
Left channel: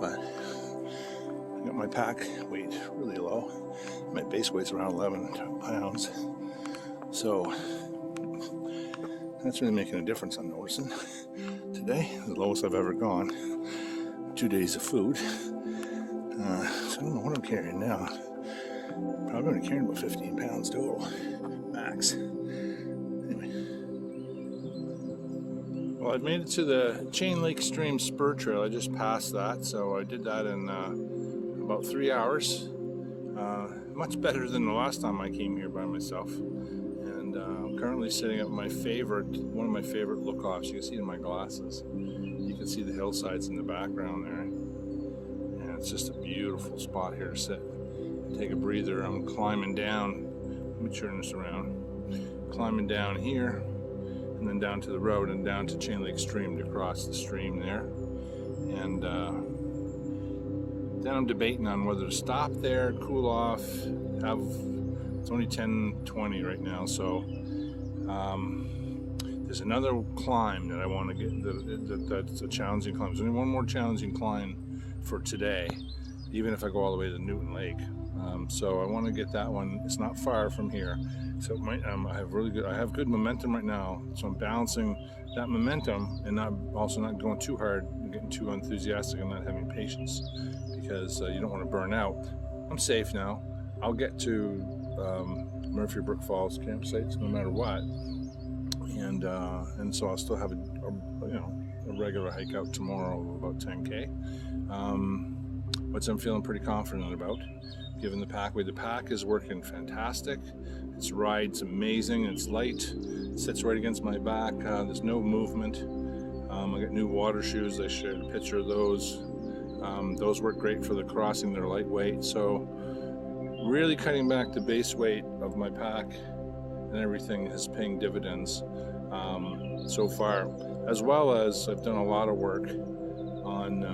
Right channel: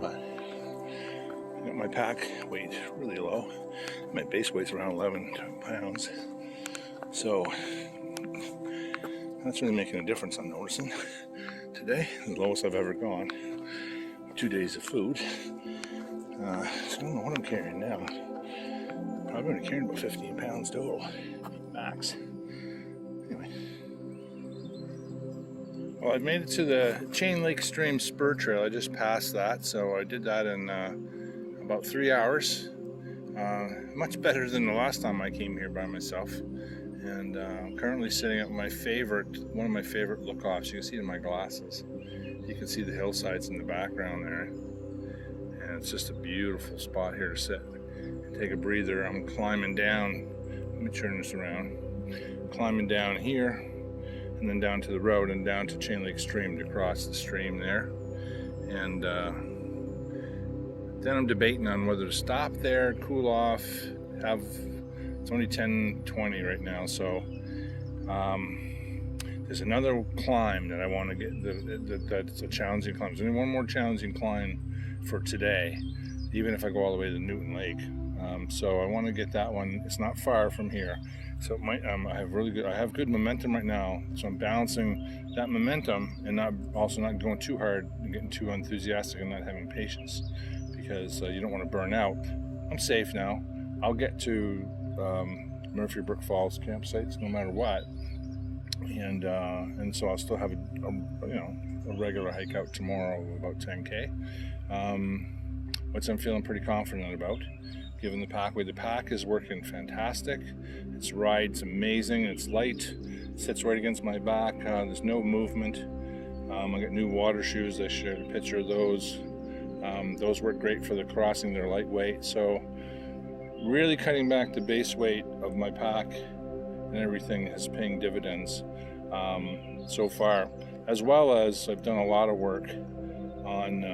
But I got my pack weight really low. My base weight's around 11 pounds. So that's really making a difference, I'm noticing. Today, the lowest I've ever gone. 2 days of food. So I don't know what I'm carrying now. Probably only carrying about 15 pounds total, max. Anyway. Well, I've made it to the Chain Lake Stream Spur Trail. I just passed that, so I did that in about 3 hours. Much better than the last time I came here by myself. And I'm currently sitting at one of my favorite look-offs. You can see it in my glasses. You can see the hillsides in the background there. And it's just a beautiful spot here to sit and take a breather. I'm climbing down. Let me turn this around. Climbing down here, and then down to the road and down to Chain Lake Stream to cross the stream there. And then I'm debating on whether to stop there, cool off, it's only 10:20 right now, so there's another climb that I want to get, that's a challenging climb. There's only one more challenging climb for today, even if I go all the way to Newton Lake. So I want to get that one. It's not far from here. So it might, I have good momentum right now, so I'm balancing that momentum and also not going too hard and getting too enthusiastic and not having patience, because you don't want to burn out. I'm safe now. I'll get to Murphy Brook Falls campsites no matter what, and so I'll still have a regular hike out tomorrow of about 10K, which I'm feeling pretty confident about. Given the pack weight, the pack is working fantastic. Its ride's amazing. It's light. It sits right against my back. There's no movement. I got new water shoes. I shared a picture of those. Those work great for the crossing. They're lightweight. So really cutting back the base weight of my pack and everything is paying dividends so far. As well as I've done a lot of work on,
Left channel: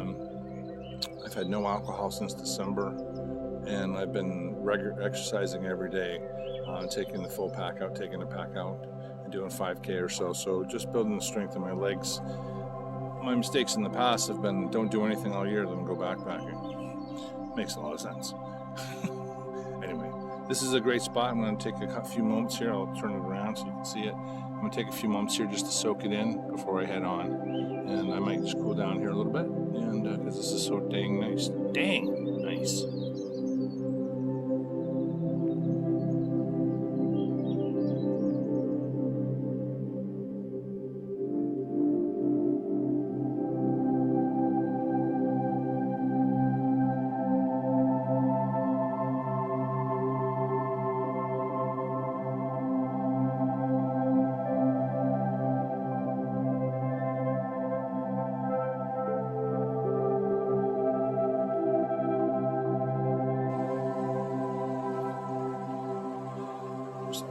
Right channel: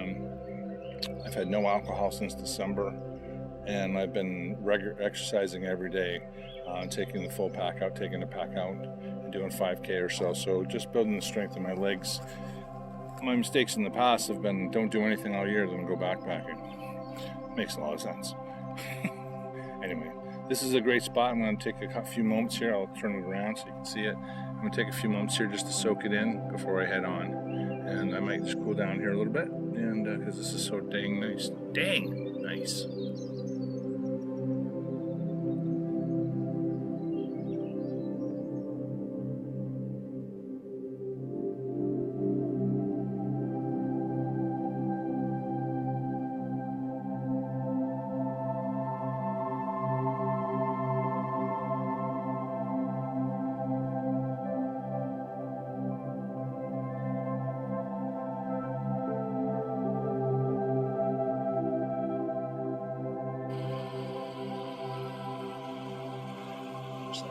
I've had no alcohol since December. And I've been exercising every day, taking the full pack out, taking the pack out, and doing 5K or so. So just building the strength in my legs. My mistakes in the past have been don't do anything all year, then go backpacking. Makes a lot of sense. Anyway, this is a great spot. I'm going to take a few moments here. I'll turn it around so you can see it. I'm going to take a few moments here just to soak it in before I head on. And I might just cool down here a little bit, and because this is so dang nice. Dang nice.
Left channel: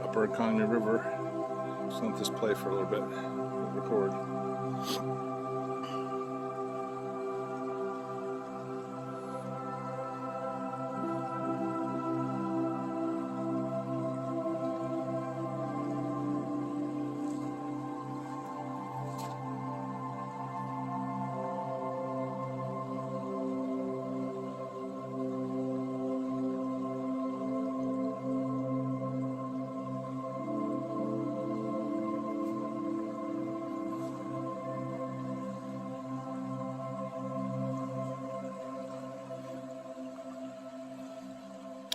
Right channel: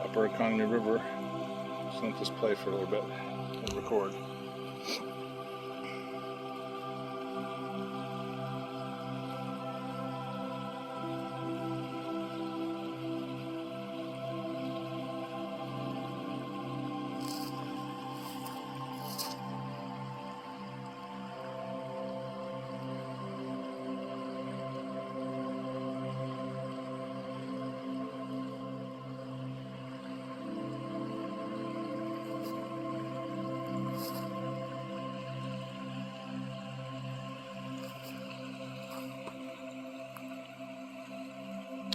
Upper Kenomee River. Just let this play for a little bit. I'll record.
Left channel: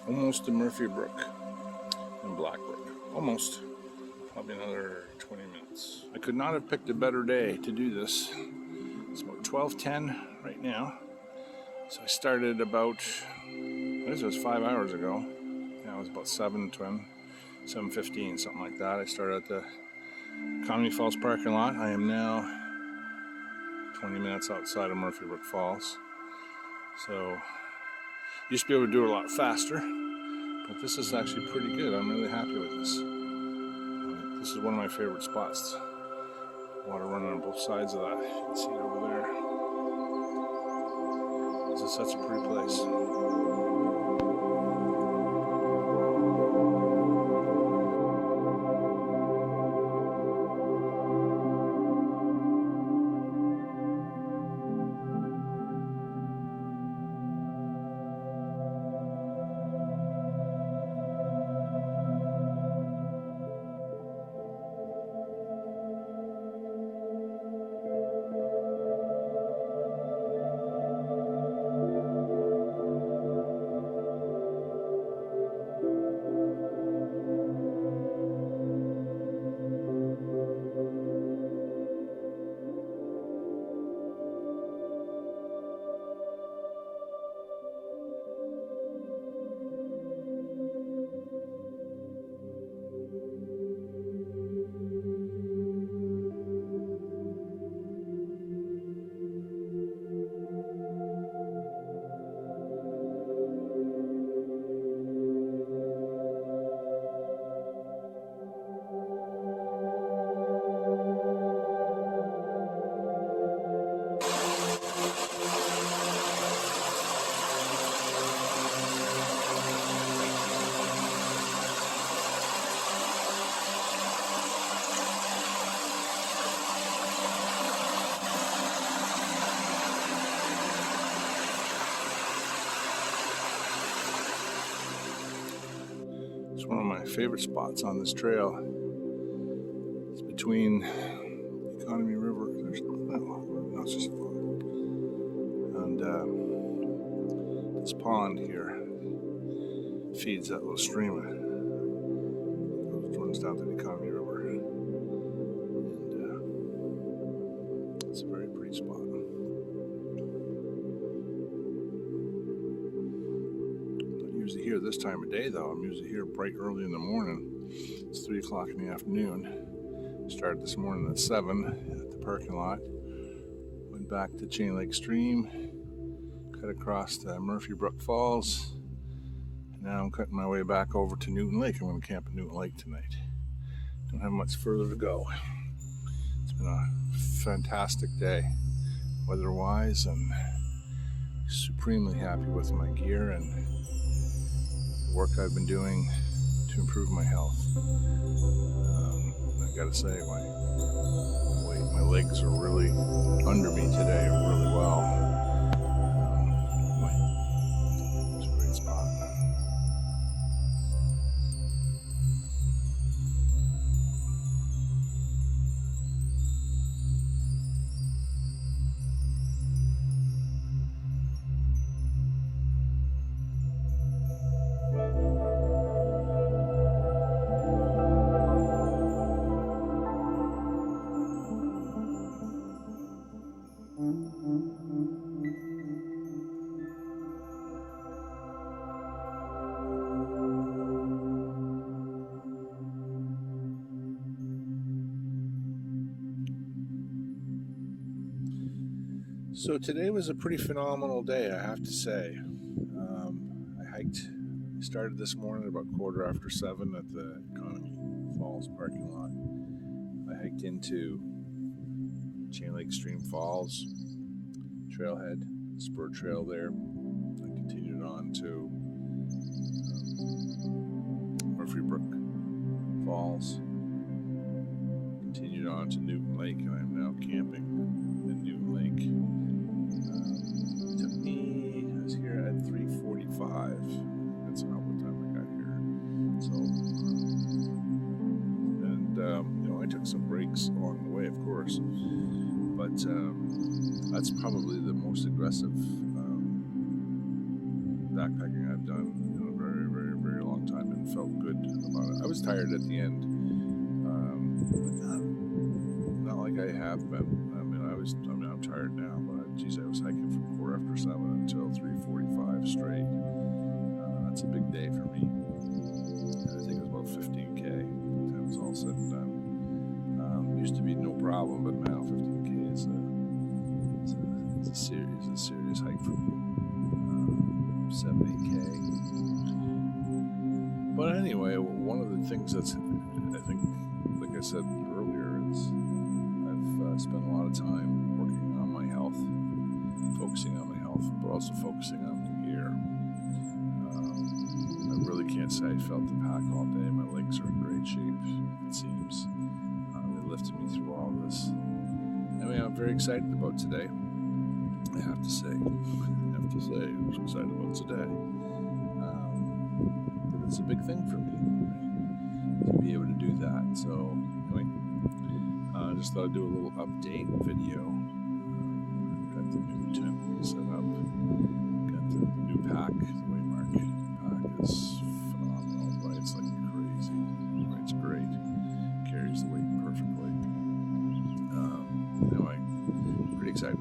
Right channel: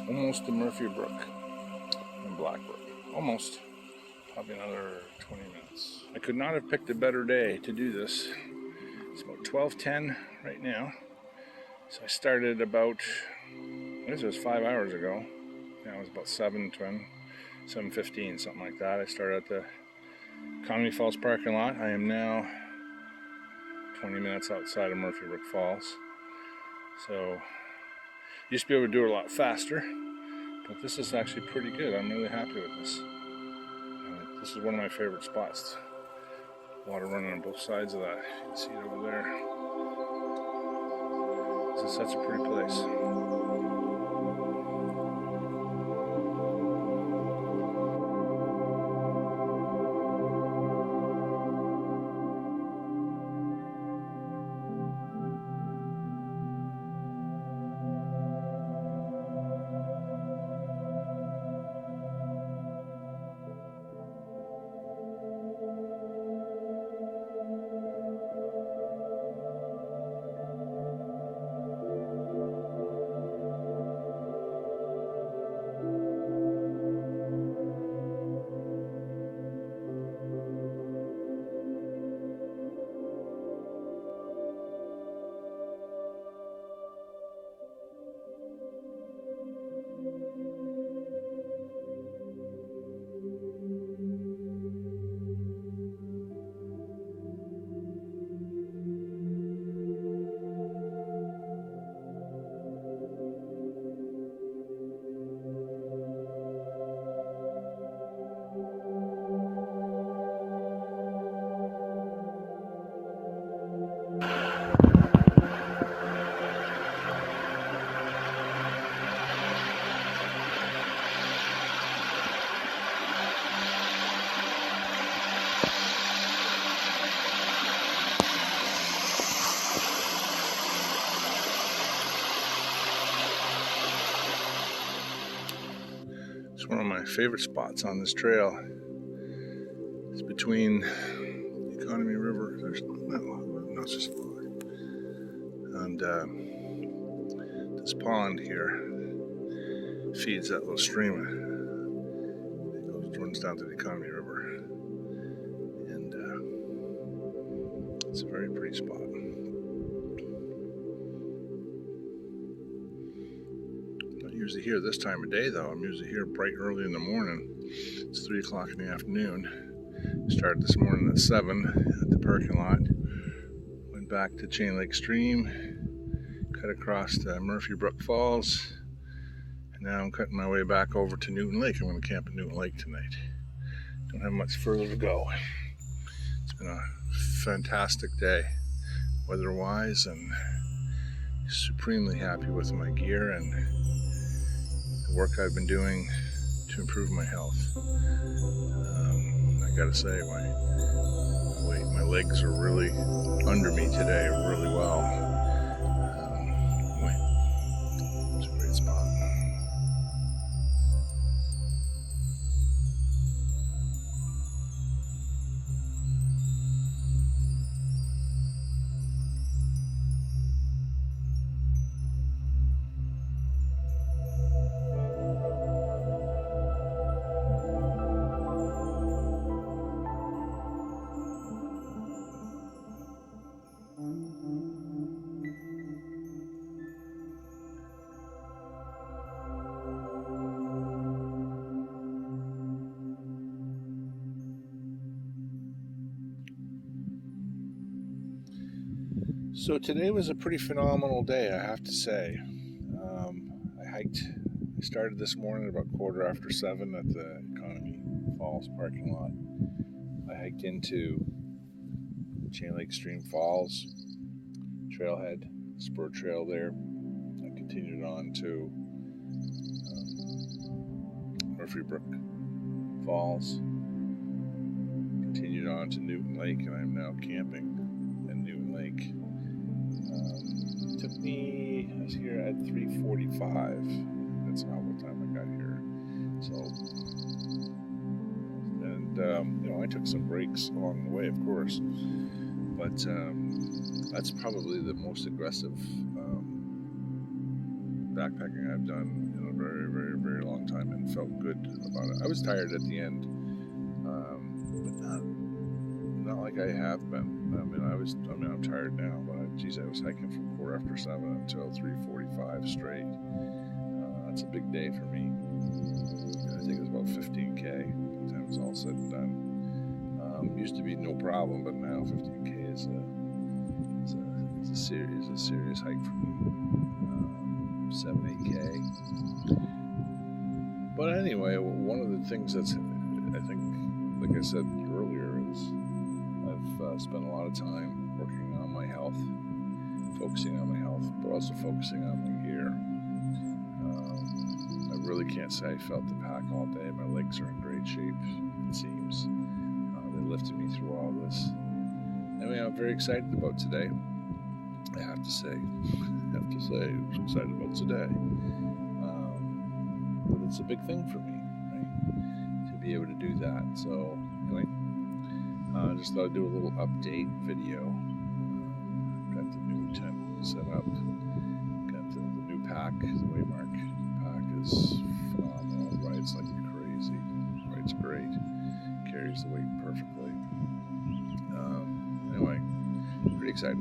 Almost to Murphy Brook and Blackbrook. Almost. Probably another 20 minutes. I could not have picked a better day to do this. It's about 12:10 right now. So I started about, I guess it was 5 hours ago. Yeah, it was about 7:15, something like that. I started at the Kenomee Falls parking lot. I am now 20 minutes outside of Murphy Brook Falls. So used to be able to do it a lot faster, but this is actually pretty good. I'm really happy with this. This is one of my favorite spots. Water running on both sides of that. You can see it over there. This is such a pretty place. favorite spots on this trail. It's between the Economy River. There's not just and this pond here feeds that little stream. It runs down to the Economy River, and it's a very pretty spot. Not usually here this time of day, though. I'm usually here bright early in the morning. It's 3 o'clock in the afternoon. Started this morning at 7 at the parking lot. Went back to Chain Lake Stream, cut across to Murphy Brook Falls, and now I'm cutting my way back over to Newton Lake. I'm going to camp at Newton Lake tonight. Don't have much further to go. It's been a fantastic day, weather-wise, and supremely happy with my gear and the work I've been doing to improve my health. I gotta say, my legs are really under me today, really well. It's a great spot. So today was a pretty phenomenal day, I have to say. I started this morning about 7:15 at the Economy Falls parking lot. I hiked into Chain Lake Stream Falls trailhead, spur trail there. I continued on to Murphy Brook Falls, continued on to Newton Lake, and I'm now camping in Newton Lake. I was here at 3:45. That's not what time I got here. So, and I took some breaks along the way, of course. But that's probably the most aggressive backpacking I've done in a very, very, very long time, and felt good about it. I was tired at the end, but not like I have been. I'm tired now, but geez, I was hiking from 7:15 until 3:45 straight. That's a big day for me. I think it was about 15K. By the time it's all said and done. Used to be no problem, but now 15K is a serious hike for me. 7-8K. But anyway, one of the things that's, I think, like I said earlier, is I've spent a lot of time working on my health, focusing on my health, but also focusing on my gear. I really can't say I felt the pack all day. My legs are in great shape, it seems. They lifted me through all this. Anyway, I'm very excited about today. I have to say, I'm excited about today. But it's a big thing for me, right? To be able to do that. So anyway, I just thought I'd do a little update video. Got the new tent set up. Got the new pack. The Waymark pack is phenomenal, right? It's like crazy. Right? It's great. Carries the weight perfectly. Anyway, pretty excited.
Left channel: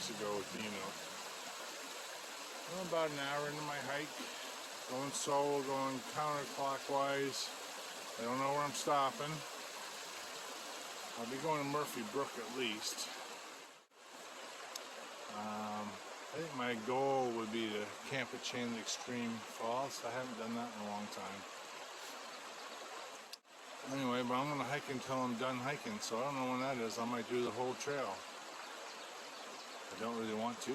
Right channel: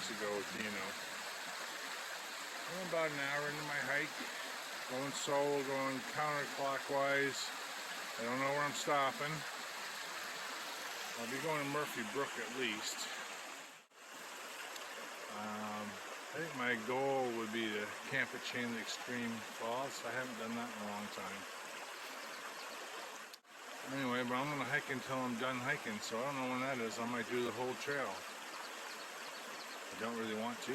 weeks ago with Dino. I'm about an hour into my hike, going solo, going counterclockwise. I don't know where I'm stopping. I'll be going to Murphy Brook at least. I think my goal would be to camp at Chain Lake Extreme Falls. I haven't done that in a long time. Anyway, but I'm going to hike until I'm done hiking, so I don't know when that is. I might do the whole trail. I don't really want to.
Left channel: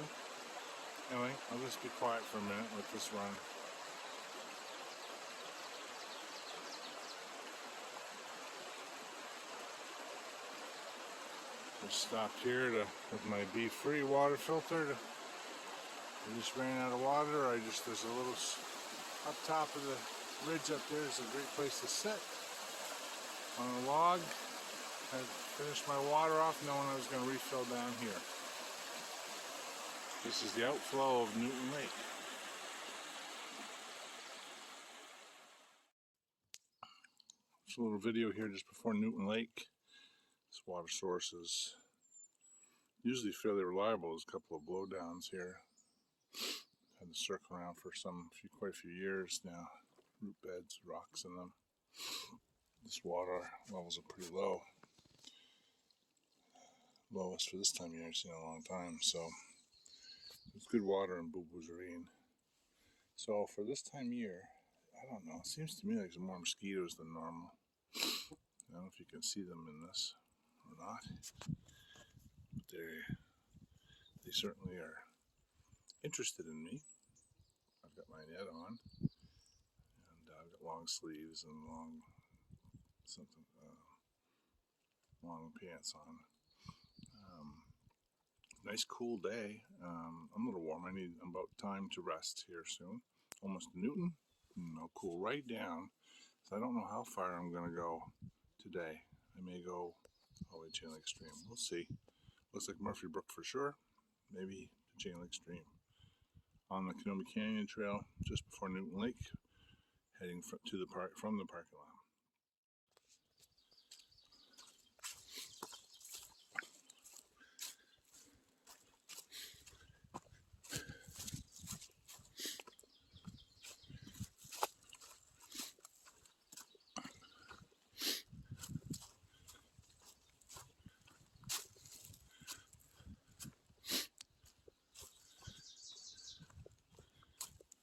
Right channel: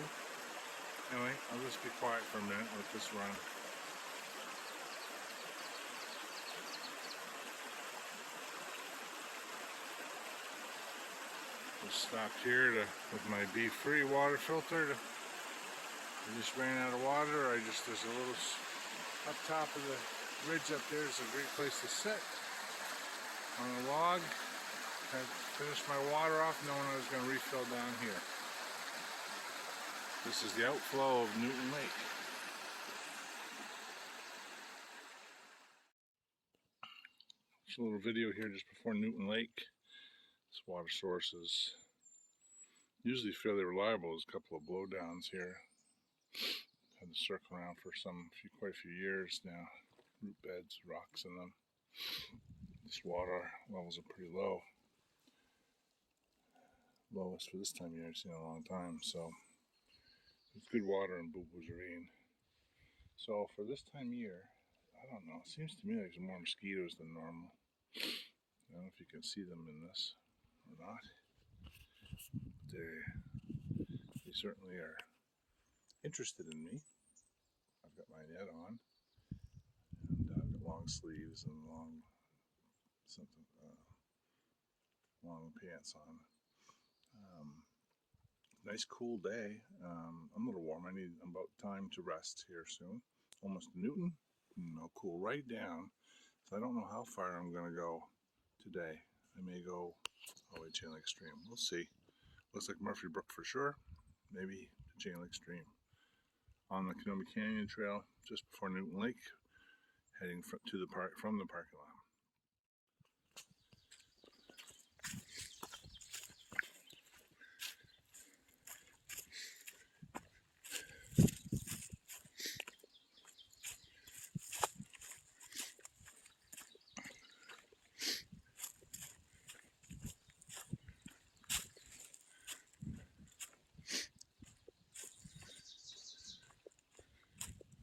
Anyway, I'll just be quiet for a minute with this run. Just stopped here with my Be-Free water filter. I just ran out of water. There's a little up top of the ridge up there. It's a great place to sit on a log. I finished my water off knowing I was going to refill down here. This is the outflow of Newton Lake. Just a little video here just before Newton Lake. This water source is usually fairly reliable. There's a couple of blowdowns here. Had to circle around for quite a few years now. Root beds, rocks in them. This water levels are pretty low. Lowest for this time of year I've seen in a long time. So it's good water in Boo-Boo's Ravine. So for this time of year, I don't know. It seems to me like there's more mosquitoes than normal. I don't know if you can see them in this or not. But they certainly are interested in me. I've got my net on, and I've got long sleeves and long pants on. Nice cool day. I'm a little warm. I'm about time to rest here soon. Almost Newton. I'll cool right down. So I don't know how far I'm going to go today. I may go all the way to Chain Lake Extreme. We'll see. Looks like Murphy Brook for sure. Maybe to Chain Lake Extreme. On the Kenomee Canyon Trail just before Newton Lake, heading from the parking lot.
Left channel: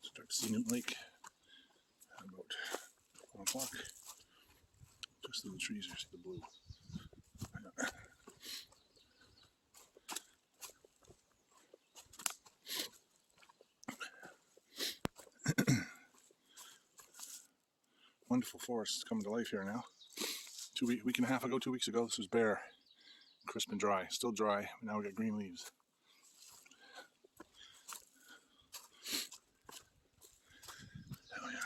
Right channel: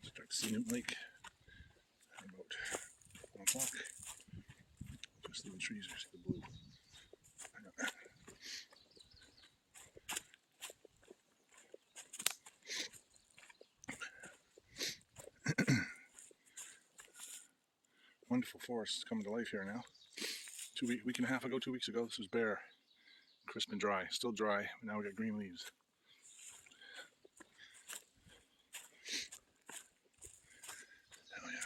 Start to see Newton Lake at about 1 o'clock. Just the trees are the blue. Wonderful forest is coming to life here now. Week and a half ago, 2 weeks ago, this was bare, crisp and dry. Still dry, but now we got green leaves. Oh yeah.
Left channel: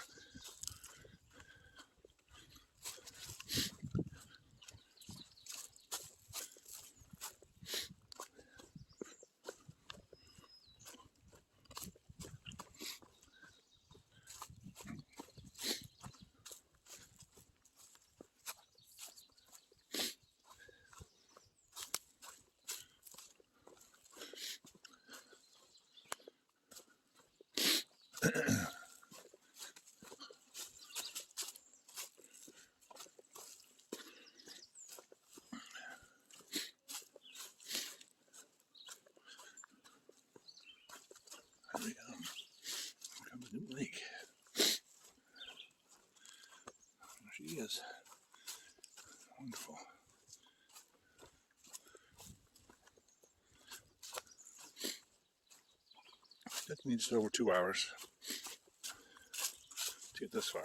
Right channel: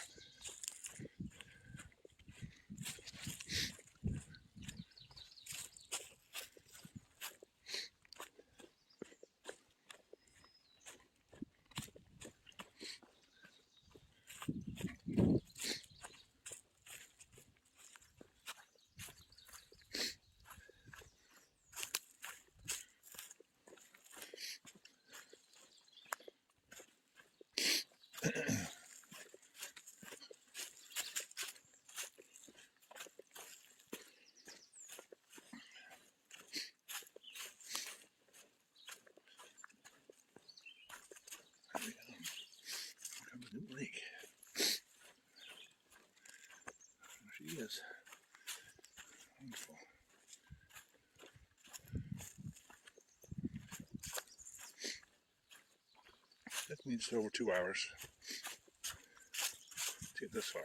Come to Newton Lake. There she is. Wonderful. Took me just over 2 hours to get this far.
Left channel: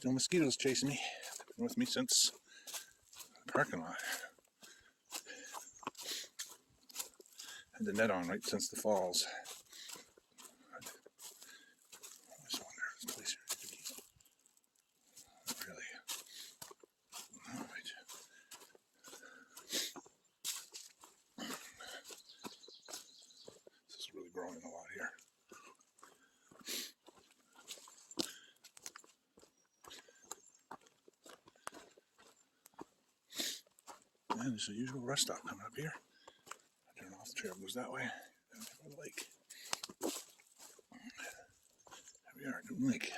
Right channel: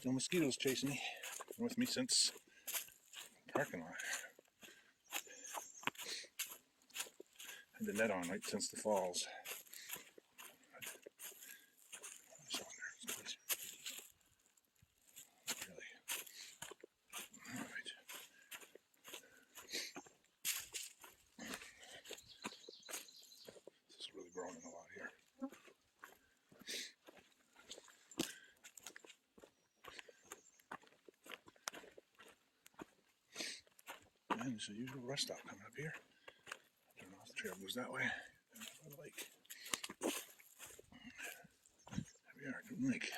Still mosquitoes chasing me. Been with me since the parking lot. Had the net on right since the falls. So there's place here. Not really. Alright. This is really growing a lot here. And there's a usual rest stop coming up here. I turn off the trail, goes that way. Down by the lake. There we are, Dune Lake.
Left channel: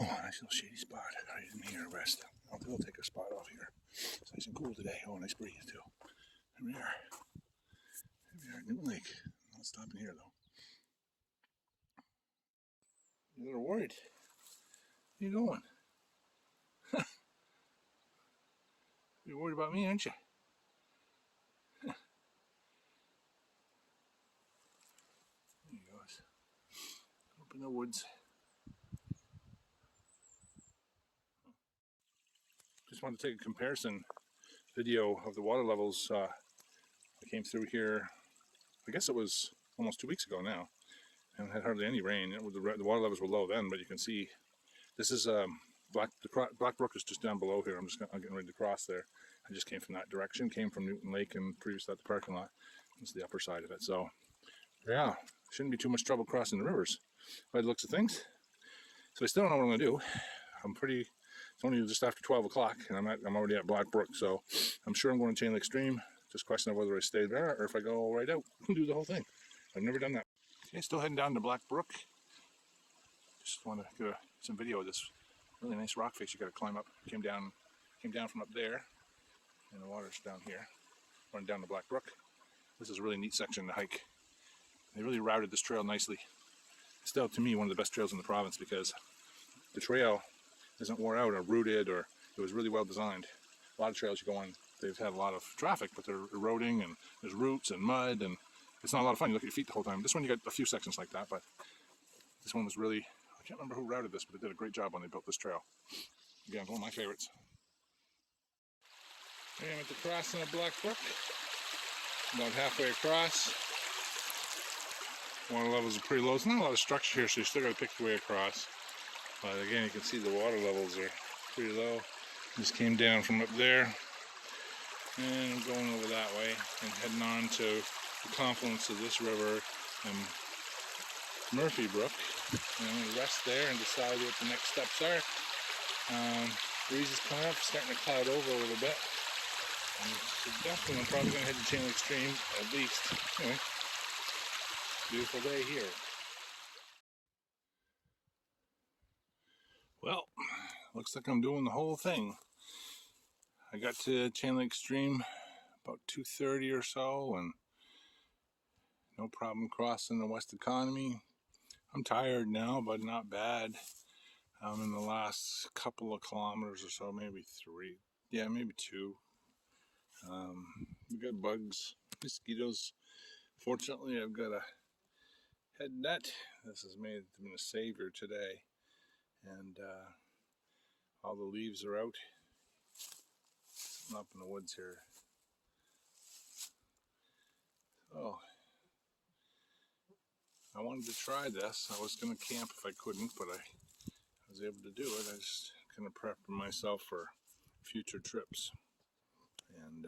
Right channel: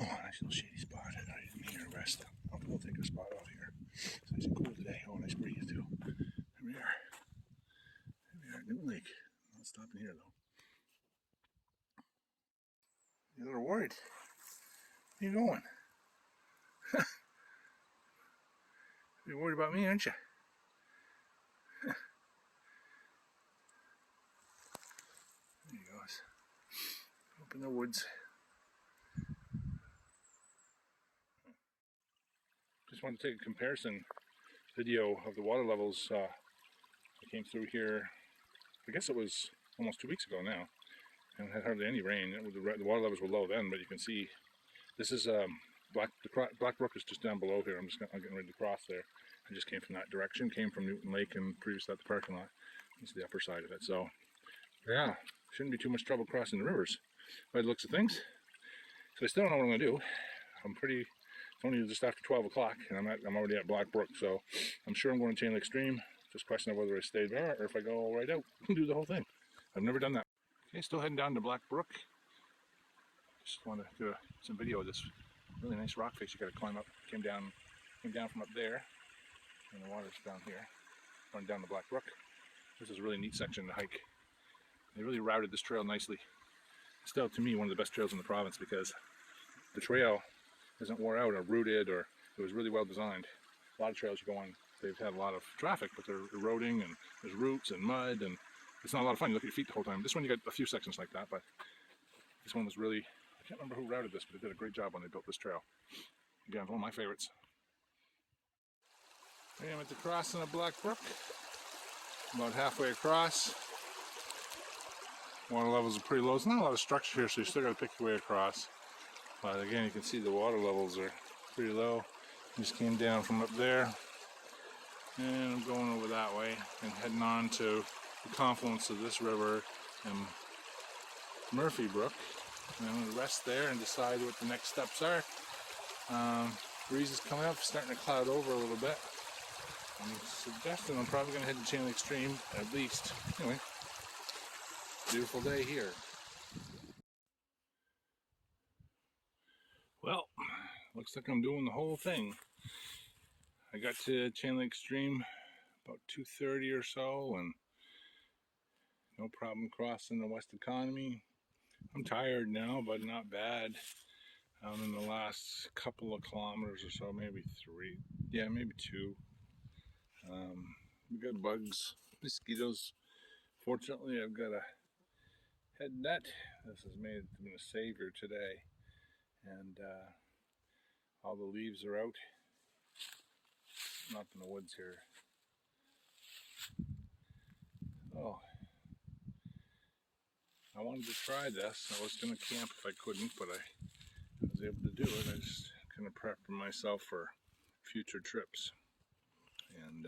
Oh, nice little shady spot. Right in here, rest. I think I'll take a spot off here. It's nice and cool today. Oh, nice breeze too. There we are. There we are, Dune Lake. Not stopping here though. You're a little worried. Where you going? You're worried about me, aren't you? There he goes. Up in the woods. Just want to take a comparison video of the water levels that came through here. I guess it was almost 2 weeks ago now, and had hardly any rain. The water levels were low then, but you can see this is Black Brook is just down below here. I'm getting ready to cross there. I just came from that direction, came from Newton Lake and previously at the parking lot. This is the upper side of it. So yeah, shouldn't be too much trouble crossing the rivers by the looks of things. So I still don't know what I'm gonna do. It's only just after 12 o'clock and I'm already at Black Brook, so I'm sure I'm going to Chain Lake Stream. Just question of whether I stay there or if I go right out and do the whole thing. I've never done that. Okay, still heading down to Black Brook. Just want to get some video of this really nice rock face you got to climb up. Came down from up there, and the water's down here, running down to Black Brook. This is a really neat section to hike. They really routed this trail nicely. Still, to me, one of the best trails in the province because the trail isn't wore out or rooted, or it was really well designed. A lot of trails you go on, they've had a lot of traffic, but they're eroding and there's roots and mud, and it's not a lot of fun. You look at your feet the whole time. This one you got a few sections like that, but this one was really, I can't remember who routed this, but they did a great job when they built this trail. Again, one of my favorites. Okay, I'm at the crossing of Black Brook. About halfway across. Water levels are pretty low. There's not a lot of structure here, so you still got to pick your way across. But again, you can see the water levels are pretty low. Just came down from up there, and I'm going over that way and heading on to the confluence of this river and Murphy Brook. And I'm going to rest there and decide what the next steps are. Breeze is coming up, starting to cloud over a little bit. And definitely, I'm probably going to head to Chain Lake Stream at least. Anyway, beautiful day here. Well, looks like I'm doing the whole thing. I got to Chain Lake Stream about 2:30 or so, and no problem crossing the West Economy. I'm tired now, but not bad. In the last couple of kilometers or so, maybe 3, yeah, maybe 2. We got bugs, mosquitoes. Fortunately, I've got a head net. This has been a savior today, and all the leaves are out. I'm up in the woods here. Oh, I wanted to try this. I was going to camp if I couldn't, but I was able to do it. I just kind of prepped myself for future trips, and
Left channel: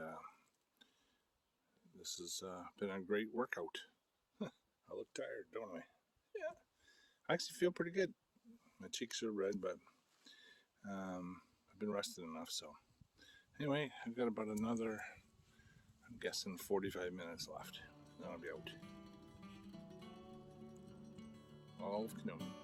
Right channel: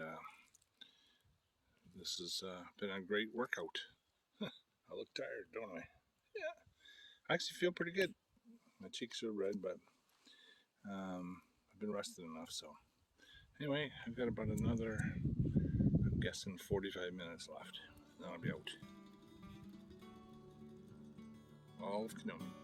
this has been a great workout. I look tired, don't I? Yeah, I actually feel pretty good. My cheeks are red, but I've been rested enough. So anyway, I've got about another, I'm guessing 45 minutes left, and I'll be out. All of Kenomee.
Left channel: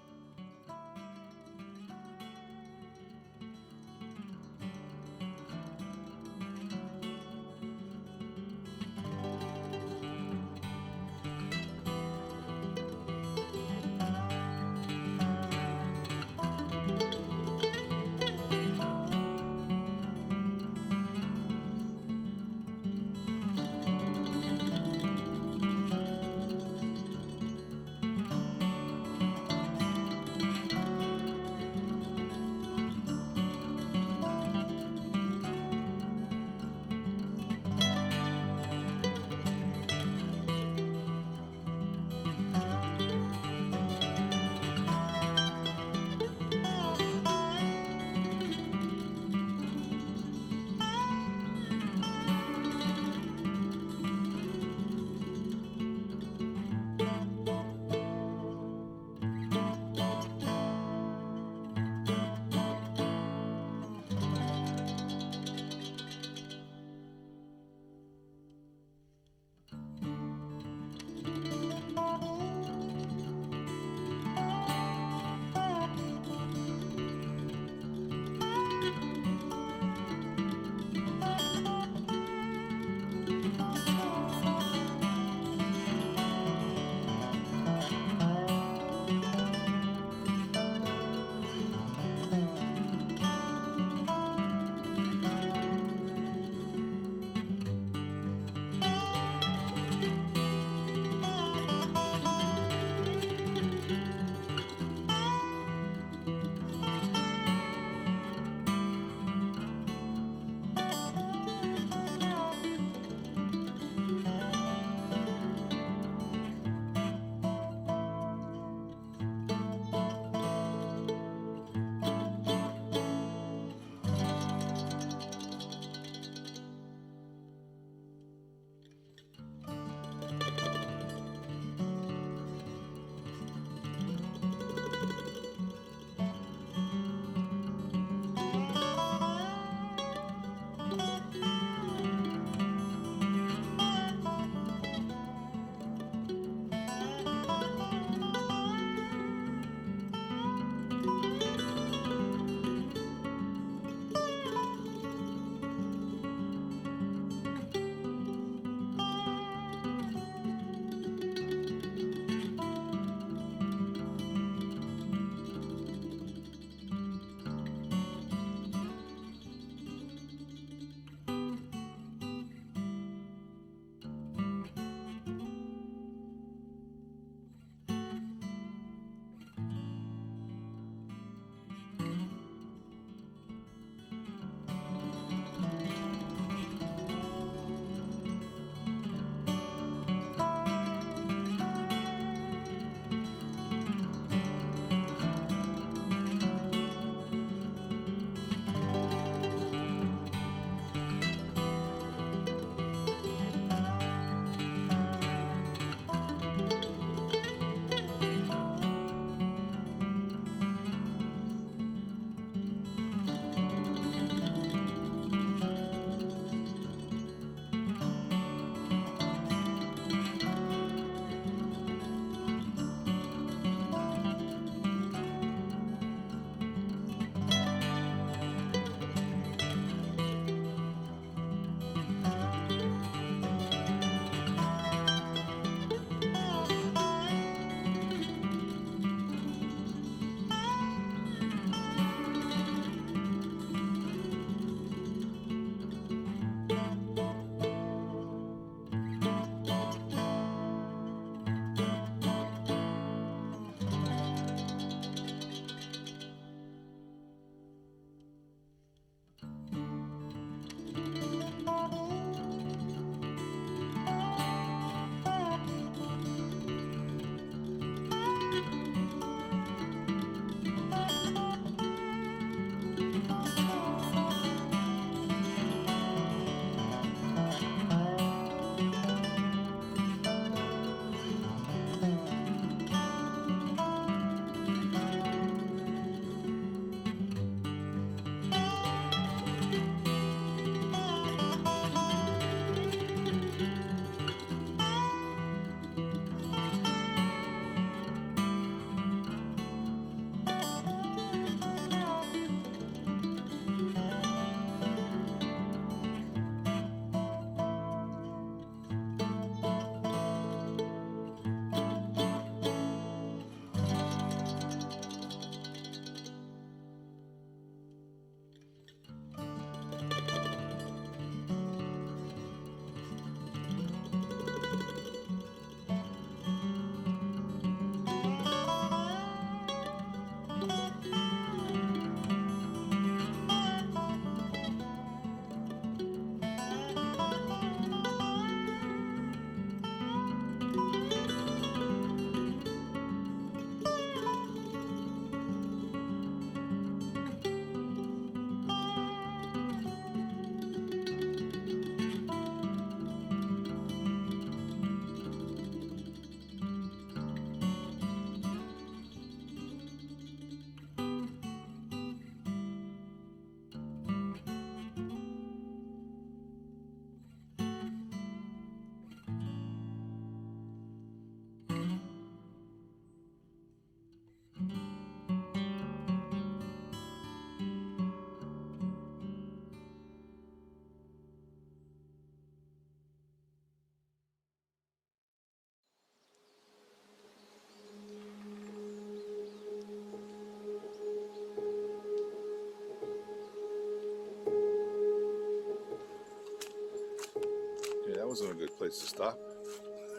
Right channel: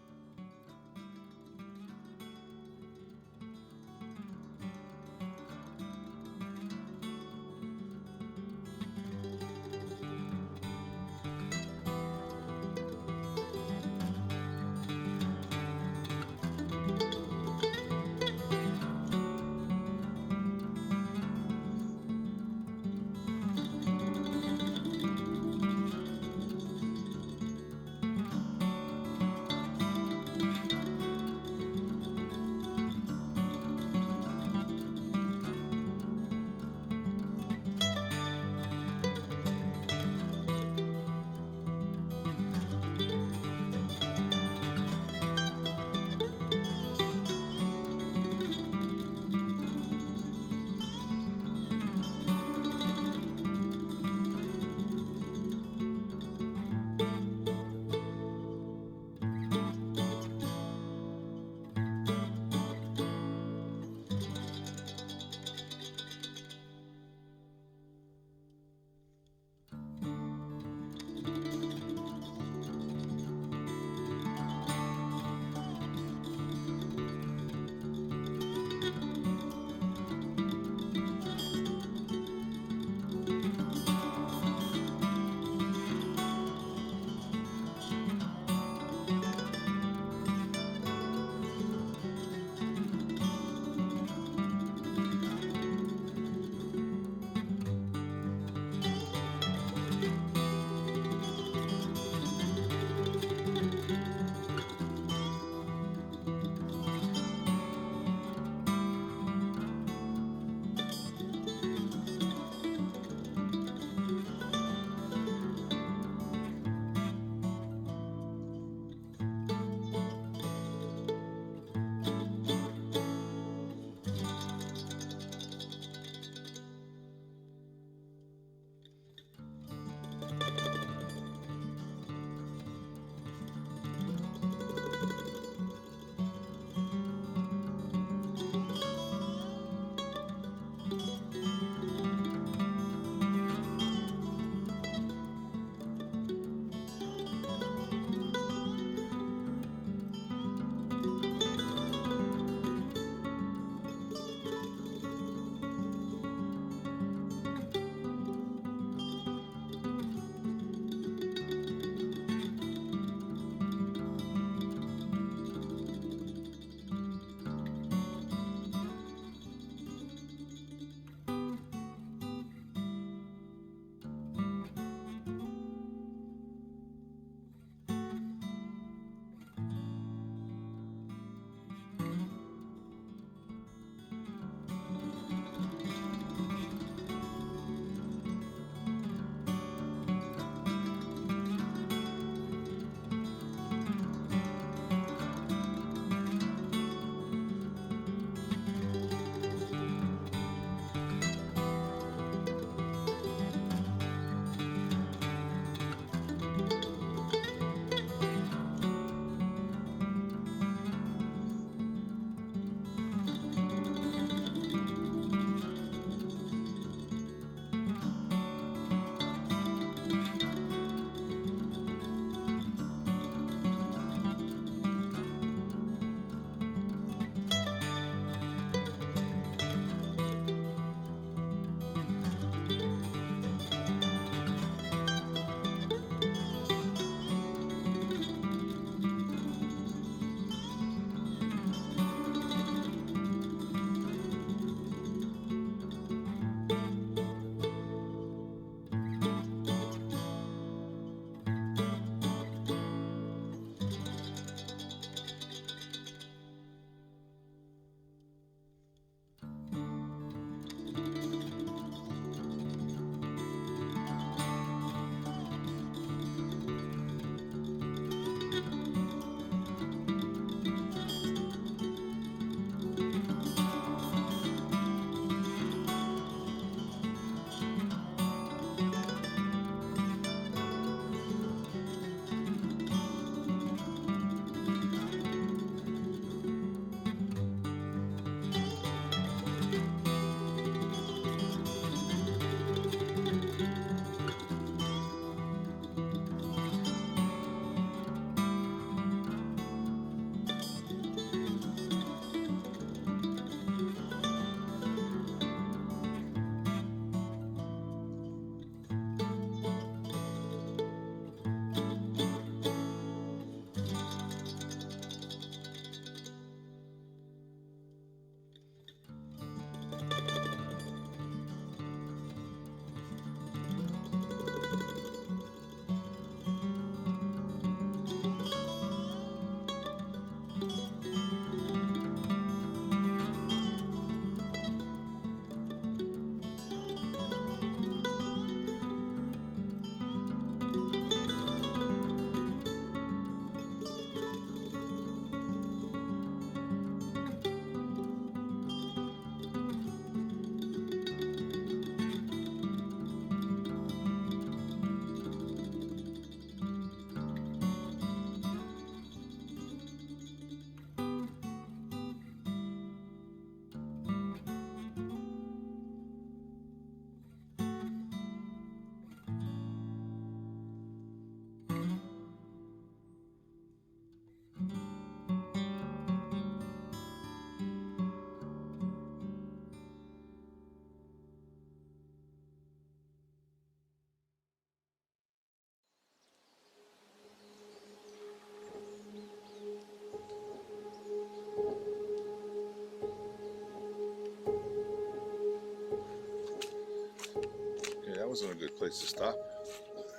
wasn't a good place to stop.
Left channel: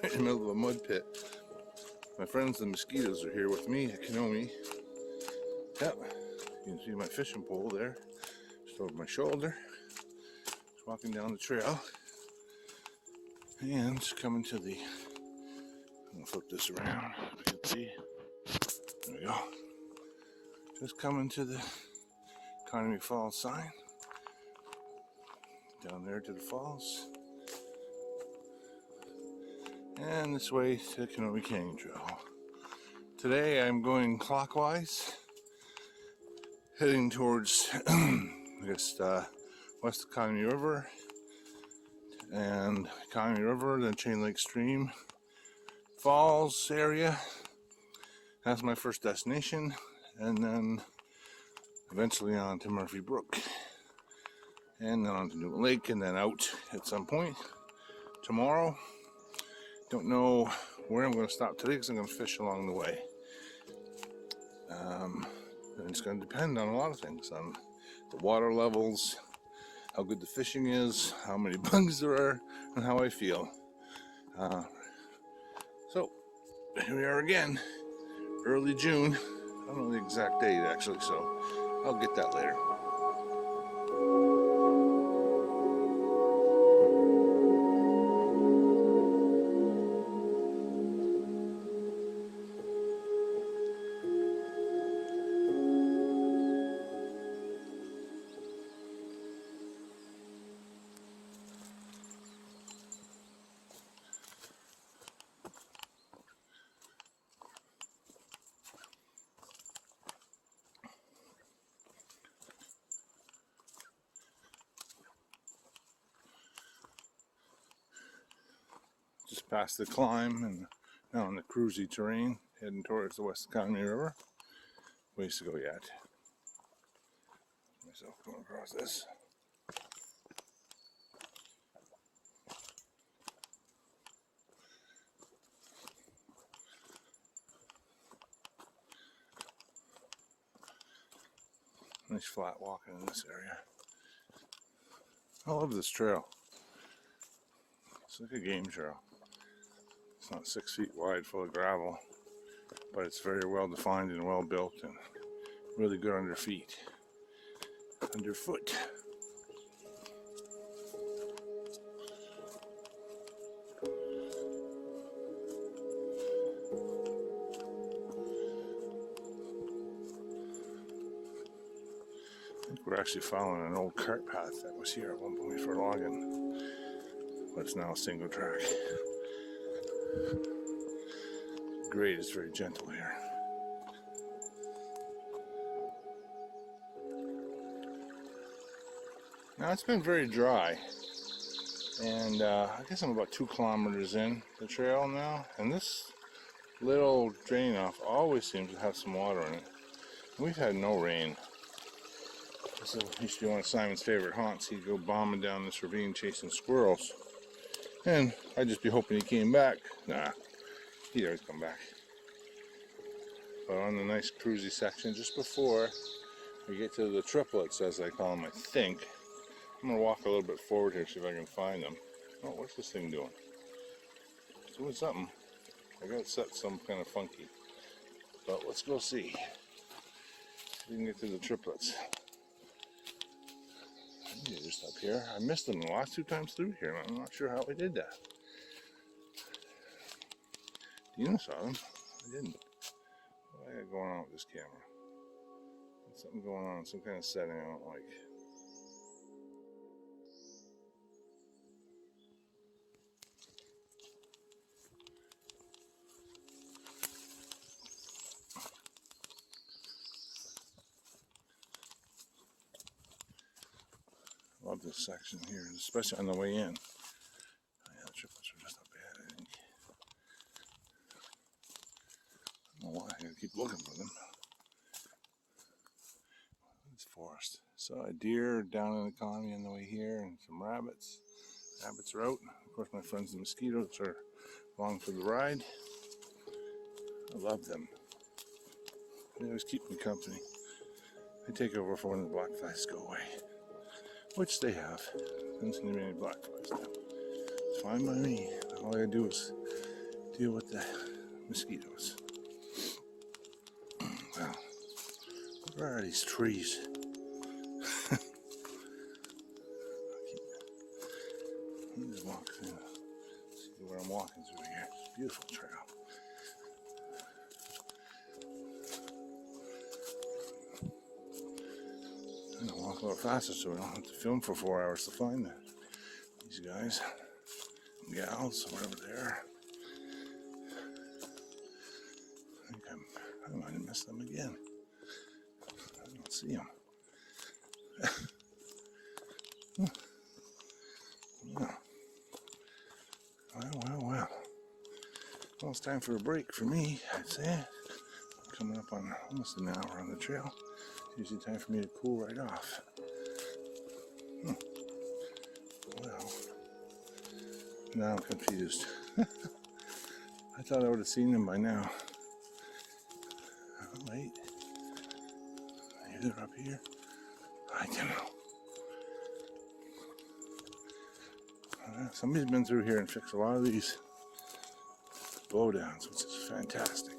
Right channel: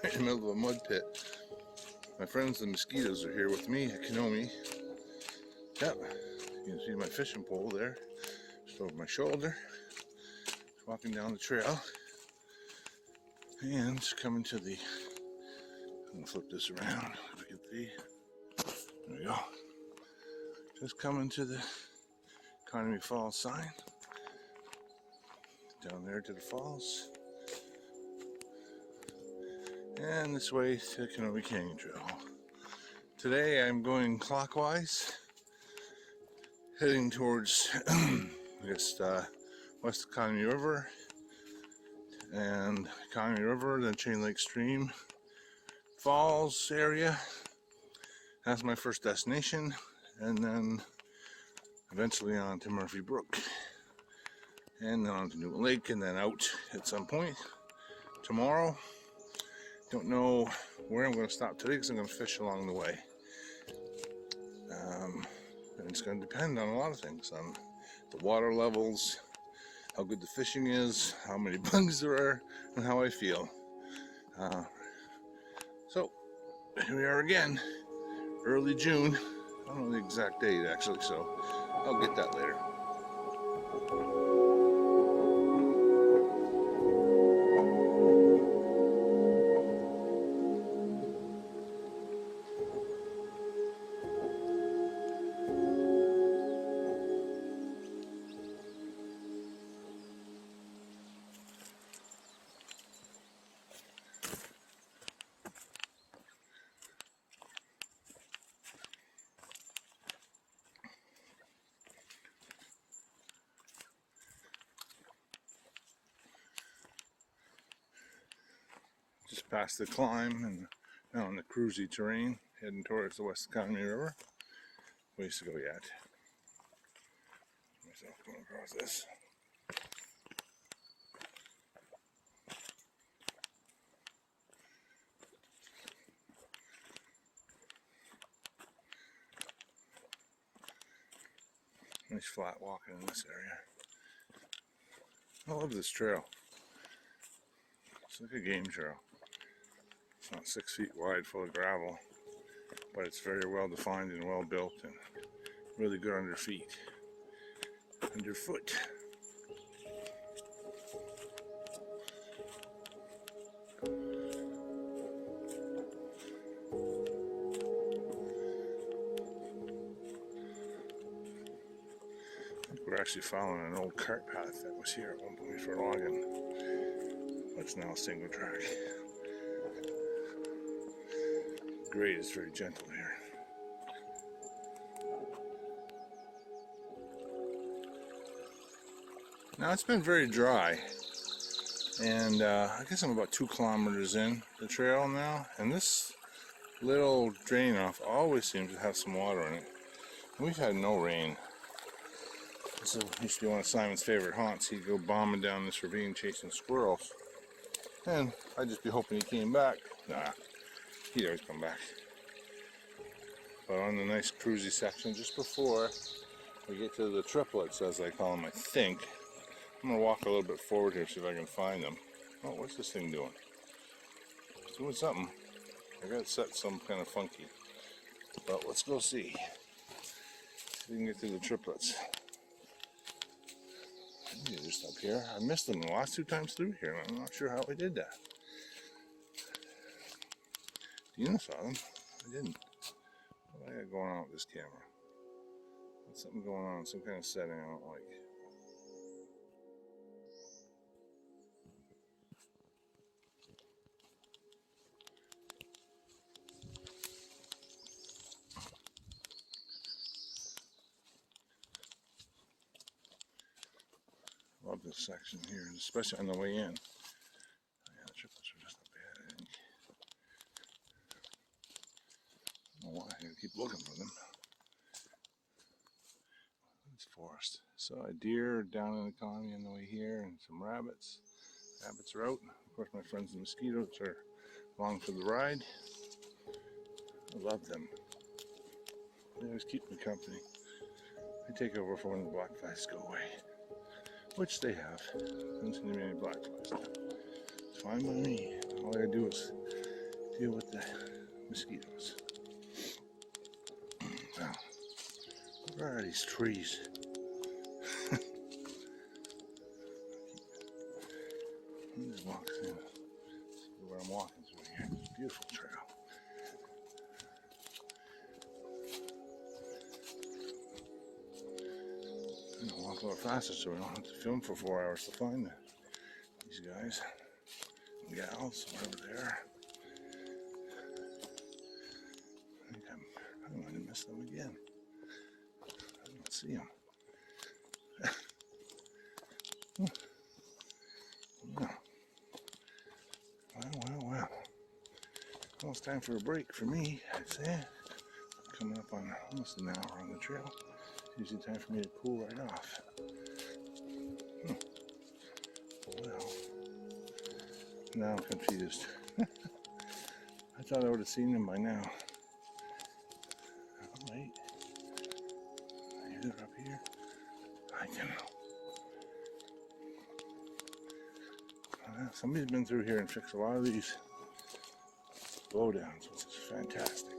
In the middle of a mud pit. My friends the mosquitoes are here with me at Kenomee. Yep, you can see my fishing pole there, just over my shoulder. Just walking down the trail. And just coming to the, I'm gonna flip this around so you can see. There we go. Just coming to the Kenomee Falls sign. Down there to the falls. And this way to Kenomee Canyon Trail. Today I'm going clockwise, heading towards, I guess, west of Kenomee River, and Kenomee River, then Chain Lake Stream, Falls area. That's my first destination, and then eventually on to Murphy Brook, and then on to New Lake, and then out at some point tomorrow. Don't know where I'm going to stop today because I'm going to fish along the way. And it's going to depend on a lot of things, on the water levels, how good the fishing is, how many bugs there are, and how I feel. So, here we are again, early June. I don't know the exact date actually, so I'll get that later. Just past the climb and now on the cruisy terrain, heading towards the west Kenomee River. Ways to go yet. Myself going across this. Nice flat walking in this area. I love this trail. It's like a game trail. It's not 6 feet wide, full of gravel, but it's very well defined and well built and really good underfoot. I think we're actually following an old cart path that was here at one point for logging, but it's now a single track. Grade is very gentle here. Now it's been very dry, and I guess I'm about 2 kilometers in the trail now, and this little drain off always seems to have some water in it. We've had no rain. This used to be one of Simon's favorite haunts. He'd go bombing down this ravine chasing squirrels, and I'd just be hoping he came back. Nah, he'd always come back. But on the nice cruisy section just before we get to the triplets, as I call them, I think. I'm going to walk a little bit forward here, see if I can find them. Oh, what's this thing doing? It's doing something. I got it set some kind of funky. But let's go see. See if we can get to the triplets. I think they're just up here. I missed them the last 2 times through here, and I'm not sure how I did that. Dina saw them. I didn't. What do I got going on with this camera? There's something going on, some kind of setting I don't like. Love this section here, especially on the way in. Oh, yeah, the triplets are just not bad, I think. I don't know why I gotta keep looking for them. It's forest. So a deer down in the Kenomee on the way here, and some rabbits. Rabbits are out. Of course, my friends the mosquitoes are along for the ride. I love them. They always keep me company. They take over for when the black flies go away. Which they have. Haven't seen many black flies now. It's fine by me. All I gotta do is deal with the mosquitoes. Wow, where are these trees? Let me just walk through. See where I'm walking through here. It's a beautiful trail. I'm gonna walk a little faster so we don't have to film for 4 hours to find these guys and gals, whatever they are. I think I might have missed them again. I don't see them. Yeah. Well. Well, it's time for a break for me, I'd say. Coming up on almost an hour on the trail. It's usually time for me to cool right off. Well, now I'm confused. I thought I would have seen them by now. Oh, wait. Maybe they're up here. I don't know. Somebody's been through here and fixed a lot of these blowdowns, which is fantastic.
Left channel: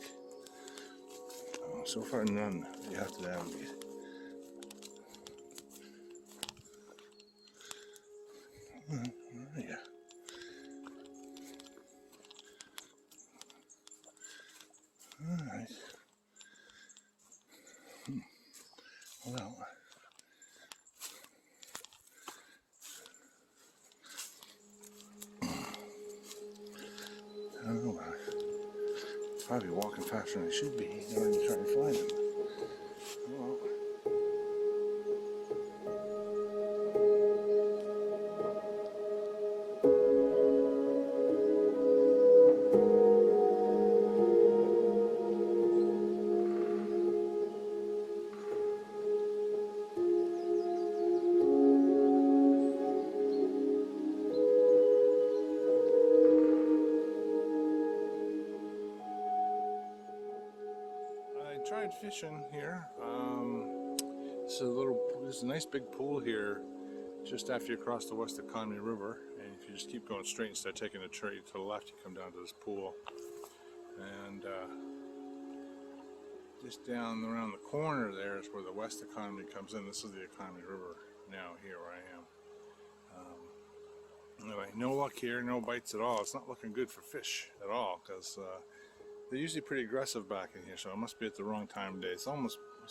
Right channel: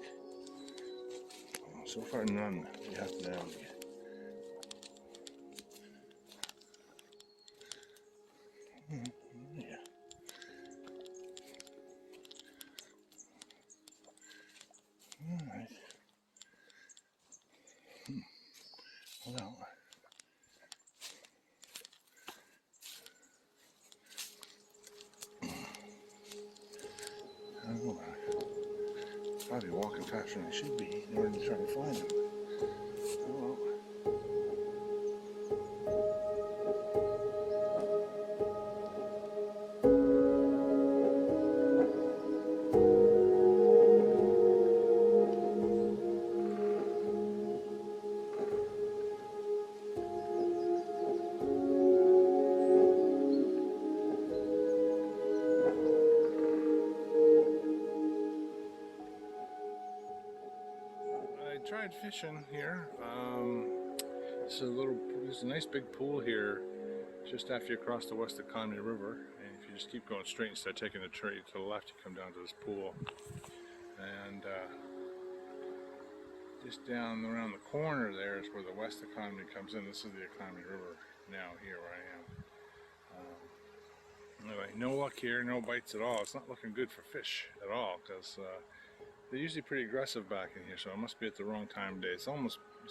So far, none we have to navigate. Where are you? Alright. Well. I don't know. Probably walking faster than I should be in order to try to find them. Well. I tried fishing here. There's a nice big pool here just after you cross the West Kenomee River, and if you just keep going straight instead of taking a trade to the left, you come down to this pool. And just down around the corner there is where the West Kenomee comes in. This is the Kenomee River now here where I am. Anyway, no luck here, no bites at all. It's not looking good for fish at all because they're usually pretty aggressive back in here, so it must be at the wrong time of day. It's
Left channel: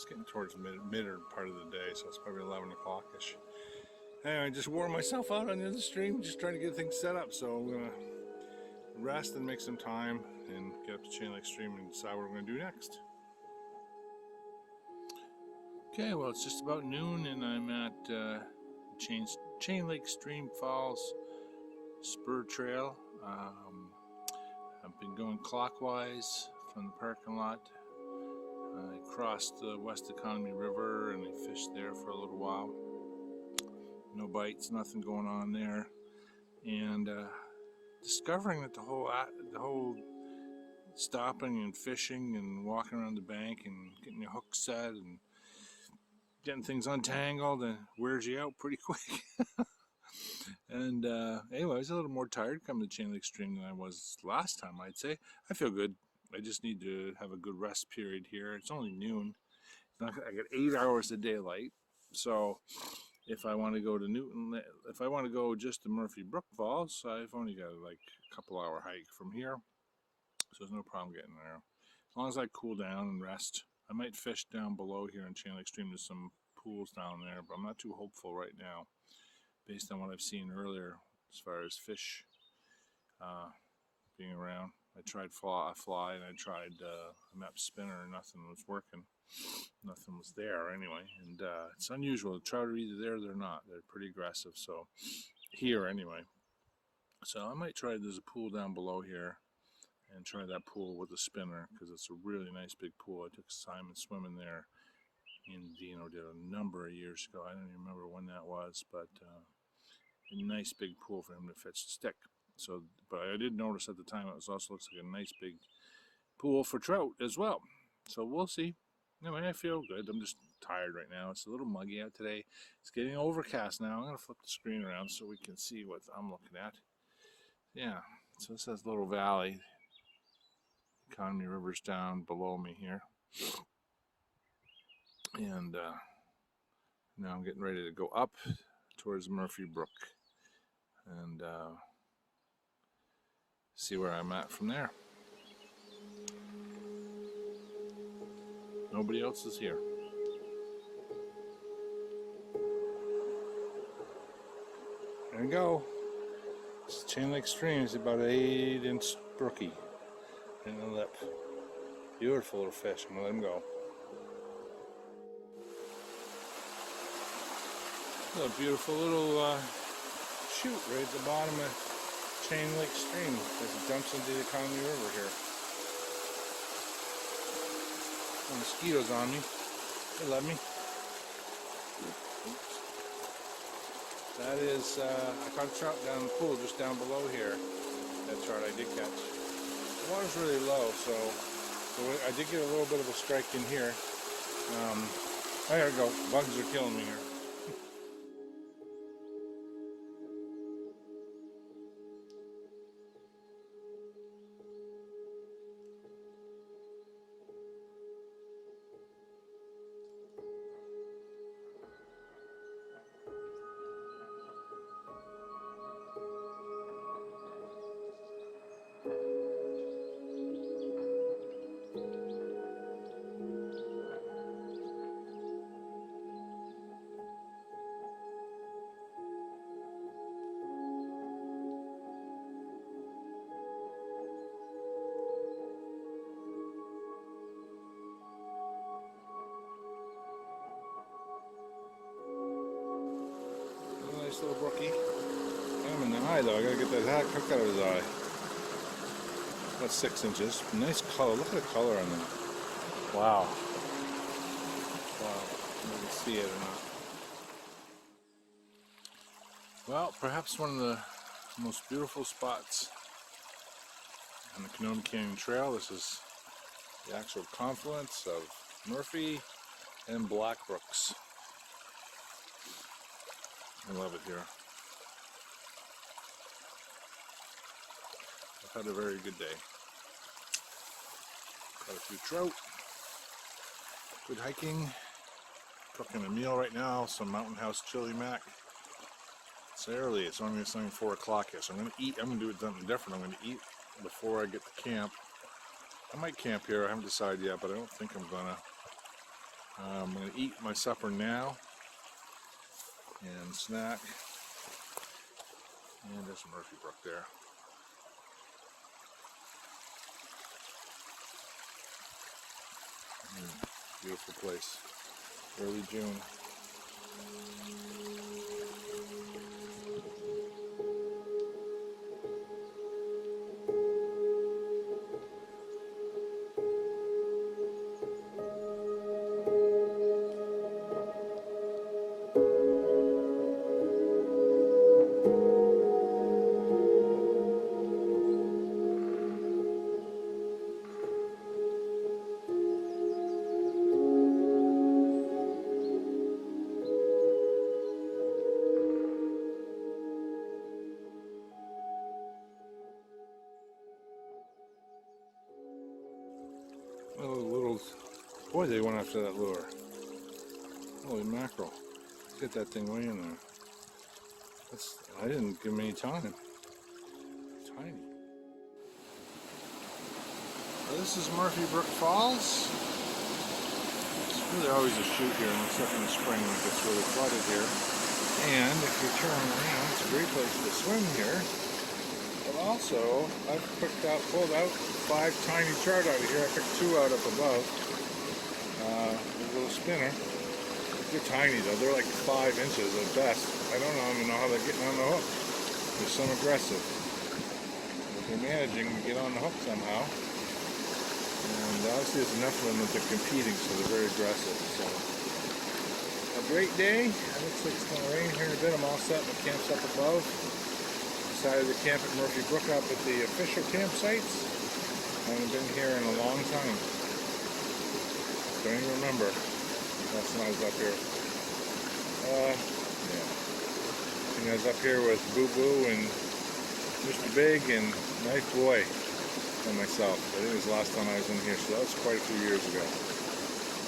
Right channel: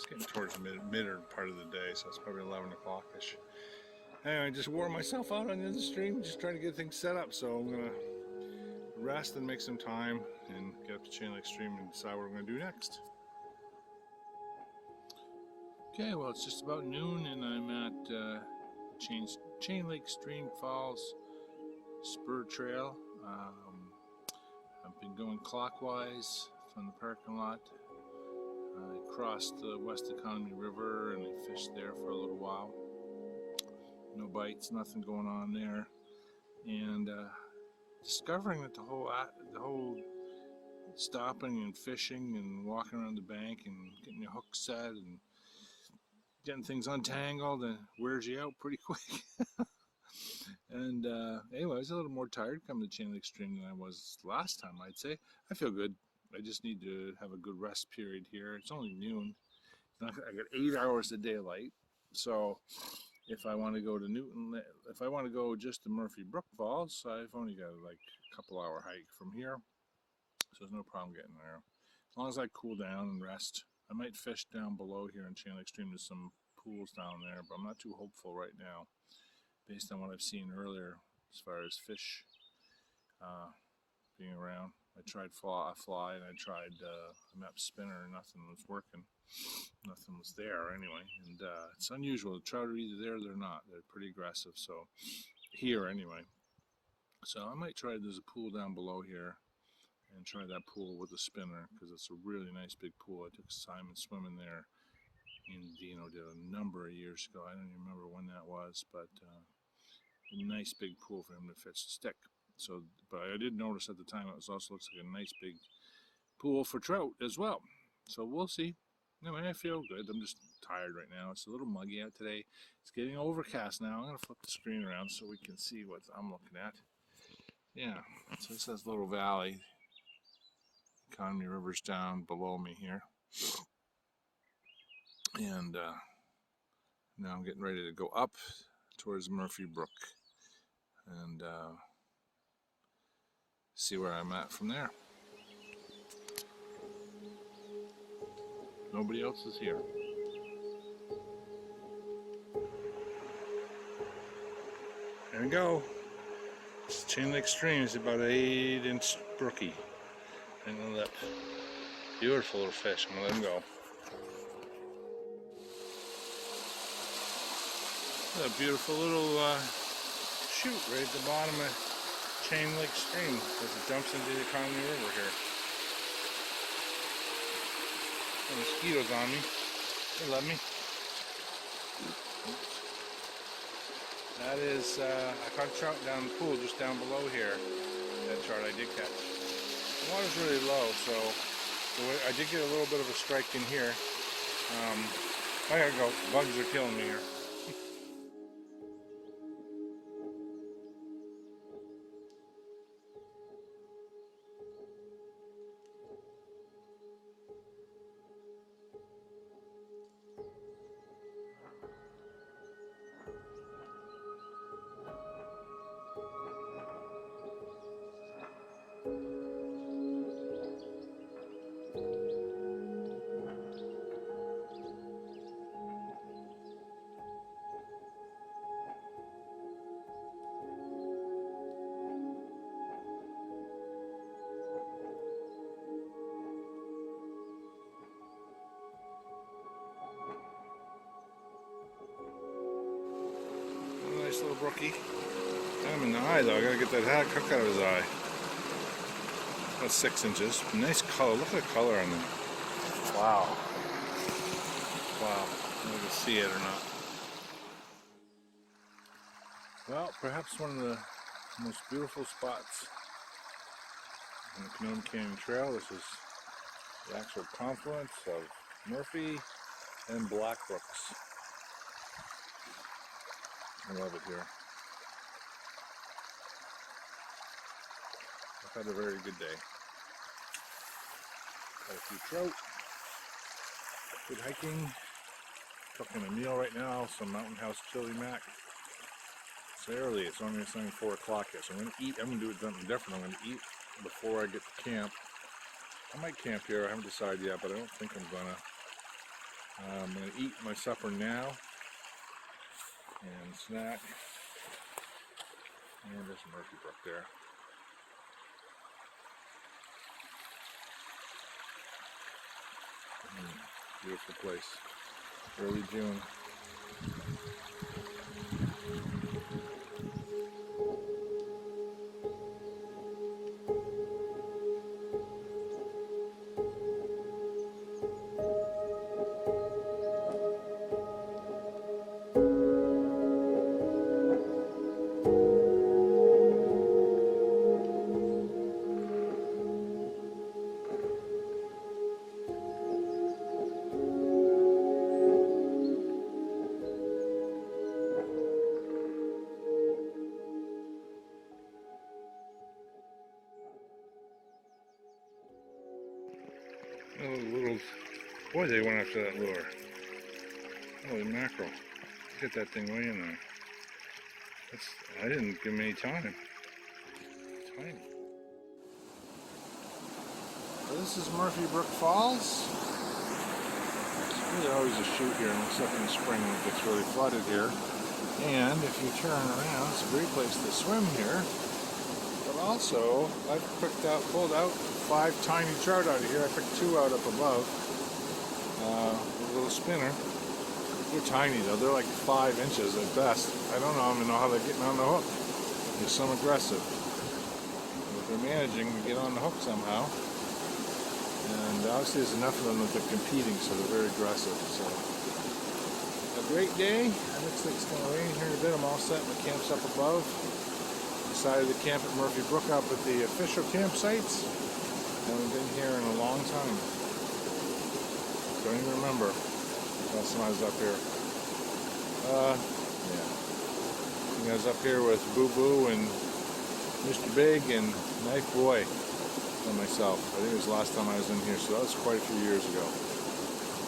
getting towards the mid part of the day, so it's probably 11 o'clock-ish. Anyway, I just wore myself out on the stream, just trying to get things set up, so I'm gonna rest and make some time and get up to Chain Lake Stream and decide what I'm gonna do next. Okay, well, it's just about noon, and I'm at Chain Lake Stream Falls Spur Trail. I've been going clockwise from the parking lot. I crossed the West Kenomee River and I fished there for a little while. No bites, nothing going on there, and discovering that the whole stopping and fishing and walking around the bank and getting your hook set and getting things untangled and wears you out pretty quick. And anyway, I was a little more tired coming to Chain Lake Stream than I was last time, I'd say. I feel good. I just need to have a good rest period here. It's only noon. I got 8 hours of daylight. So if I want to go to Newton, if I want to go just to Murphy Brook Falls, I've only got like a couple hour hike from here. So there's no problem getting there. As long as I cool down and rest. I might fish down below here in Chain Lake Stream. There's some pools down there, but I'm not too hopeful right now based on what I've seen earlier as far as fish being around. I tried fly and I tried a map spinner and nothing was working. Nothing was there anyway, and it's unusual. The trout are either there or they're not. They're pretty aggressive, so here anyway. So I might try, there's a pool down below here and try that pool with a spinner because it's a really nice big pool. I took Simon swimming there in Dino did a number of years ago. I don't even remember when that was, but a nice big pool for him to fish the stick. So, but I did notice at the time it also looks like a nice big pool for trout as well. So we'll see. Anyway, I feel good. I'm just tired right now. It's a little muggy out today. It's getting overcast now. I'm going to flip the screen around so we can see what I'm looking at. Yeah, so it says Little Valley. Kenomee River's down below me here. And now I'm getting ready to go up towards Murphy Brook and see where I'm at from there. Nobody else is here. There we go. This Chain Lake Stream is about an 8-inch brookie in the lip. Beautiful little fish. I'm gonna let him go. A beautiful little chute right at the bottom of Chain Lake Stream as it dumps into the Kenomee River here. The mosquitoes on me. They love me. That is, I caught trout down in the pool just down below here. That trout I did catch. The water's really low, so I did get a little bit of a strike in here. There we go. Bugs are killing me here. Nice little brookie. Got him in the eye though. I gotta get that hat cooked out of his eye. About 6 inches. Nice color. Look at the color on them. Wow. Wow. I don't know if you can see it or not. Well, perhaps one of the most beautiful spots on the Kenomee Canyon Trail. This is the actual confluence of Murphy and Black Brooks. I love it here. I've had a very good day. Got a few trout. Good hiking. Cooking a meal right now. Some Mountain House chili mac. It's early. It's only 4 o'clock here. So I'm going to eat. I'm going to do something different. I'm going to eat before I get to camp. I might camp here. I haven't decided yet, but I don't think I'm going to. I'm going to eat my supper now. And snack. And there's Murphy Brook there. Beautiful place. Early June. Boy, they went after that lure. Holy mackerel. Get that thing way in there. I didn't give him any time. Tiny. Well, this is Murphy Brook Falls. It's really always a shoot here, except in the spring when it gets really flooded here. And if you turn around, it's a great place to swim here. But also, I've pulled out 5 tiny trout out of here. I picked 2 out up above. A little spinner. They're tiny though. They're like 5 inches at best. I don't even know how they're getting on the hook. They're so aggressive. They're managing to get on the hook somehow. And obviously there's enough of them that they're competing, so they're very aggressive. So a great day. It looks like it's going to rain here in a bit. I'm all set. My camp's up above. Decided to camp at Murphy Brook up at the official campsites. I haven't been here in a long time. Don't even remember last time I was up here. Yeah. I think I was up here with Boo Boo and Mr. Big and Knife Boy and myself. I think it was the last time I was in here, so that was quite a few years ago.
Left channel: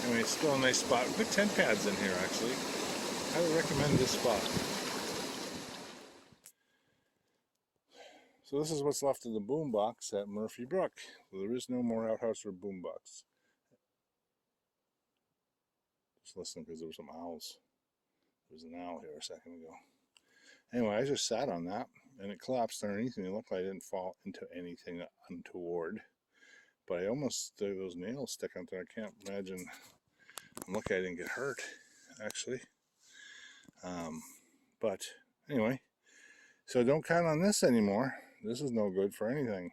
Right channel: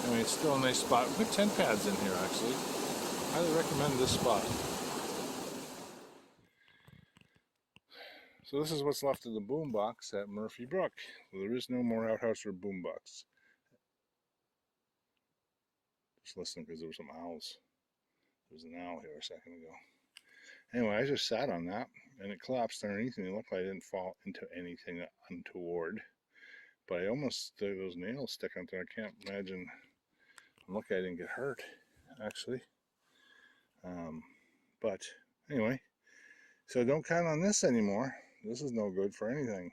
Anyway, it's still a nice spot. Good tent pads in here, actually. Highly recommend this spot. So this is what's left of the boombox at Murphy Brook. There is no more outhouse or boombox. Just listening because there were some owls. There was an owl here a second ago. Anyway, I just sat on that and it collapsed underneath me. It looked like I didn't fall into anything untoward. But I almost, those nails stick out there. I can't imagine. I'm lucky I didn't get hurt, actually. But anyway, so don't count on this anymore. This is no good for anything.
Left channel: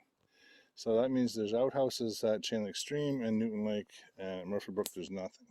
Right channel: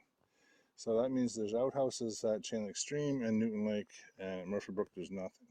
So that means there's outhouses at Chain Lake Stream and Newton Lake, and at Murphy Brook there's nothing.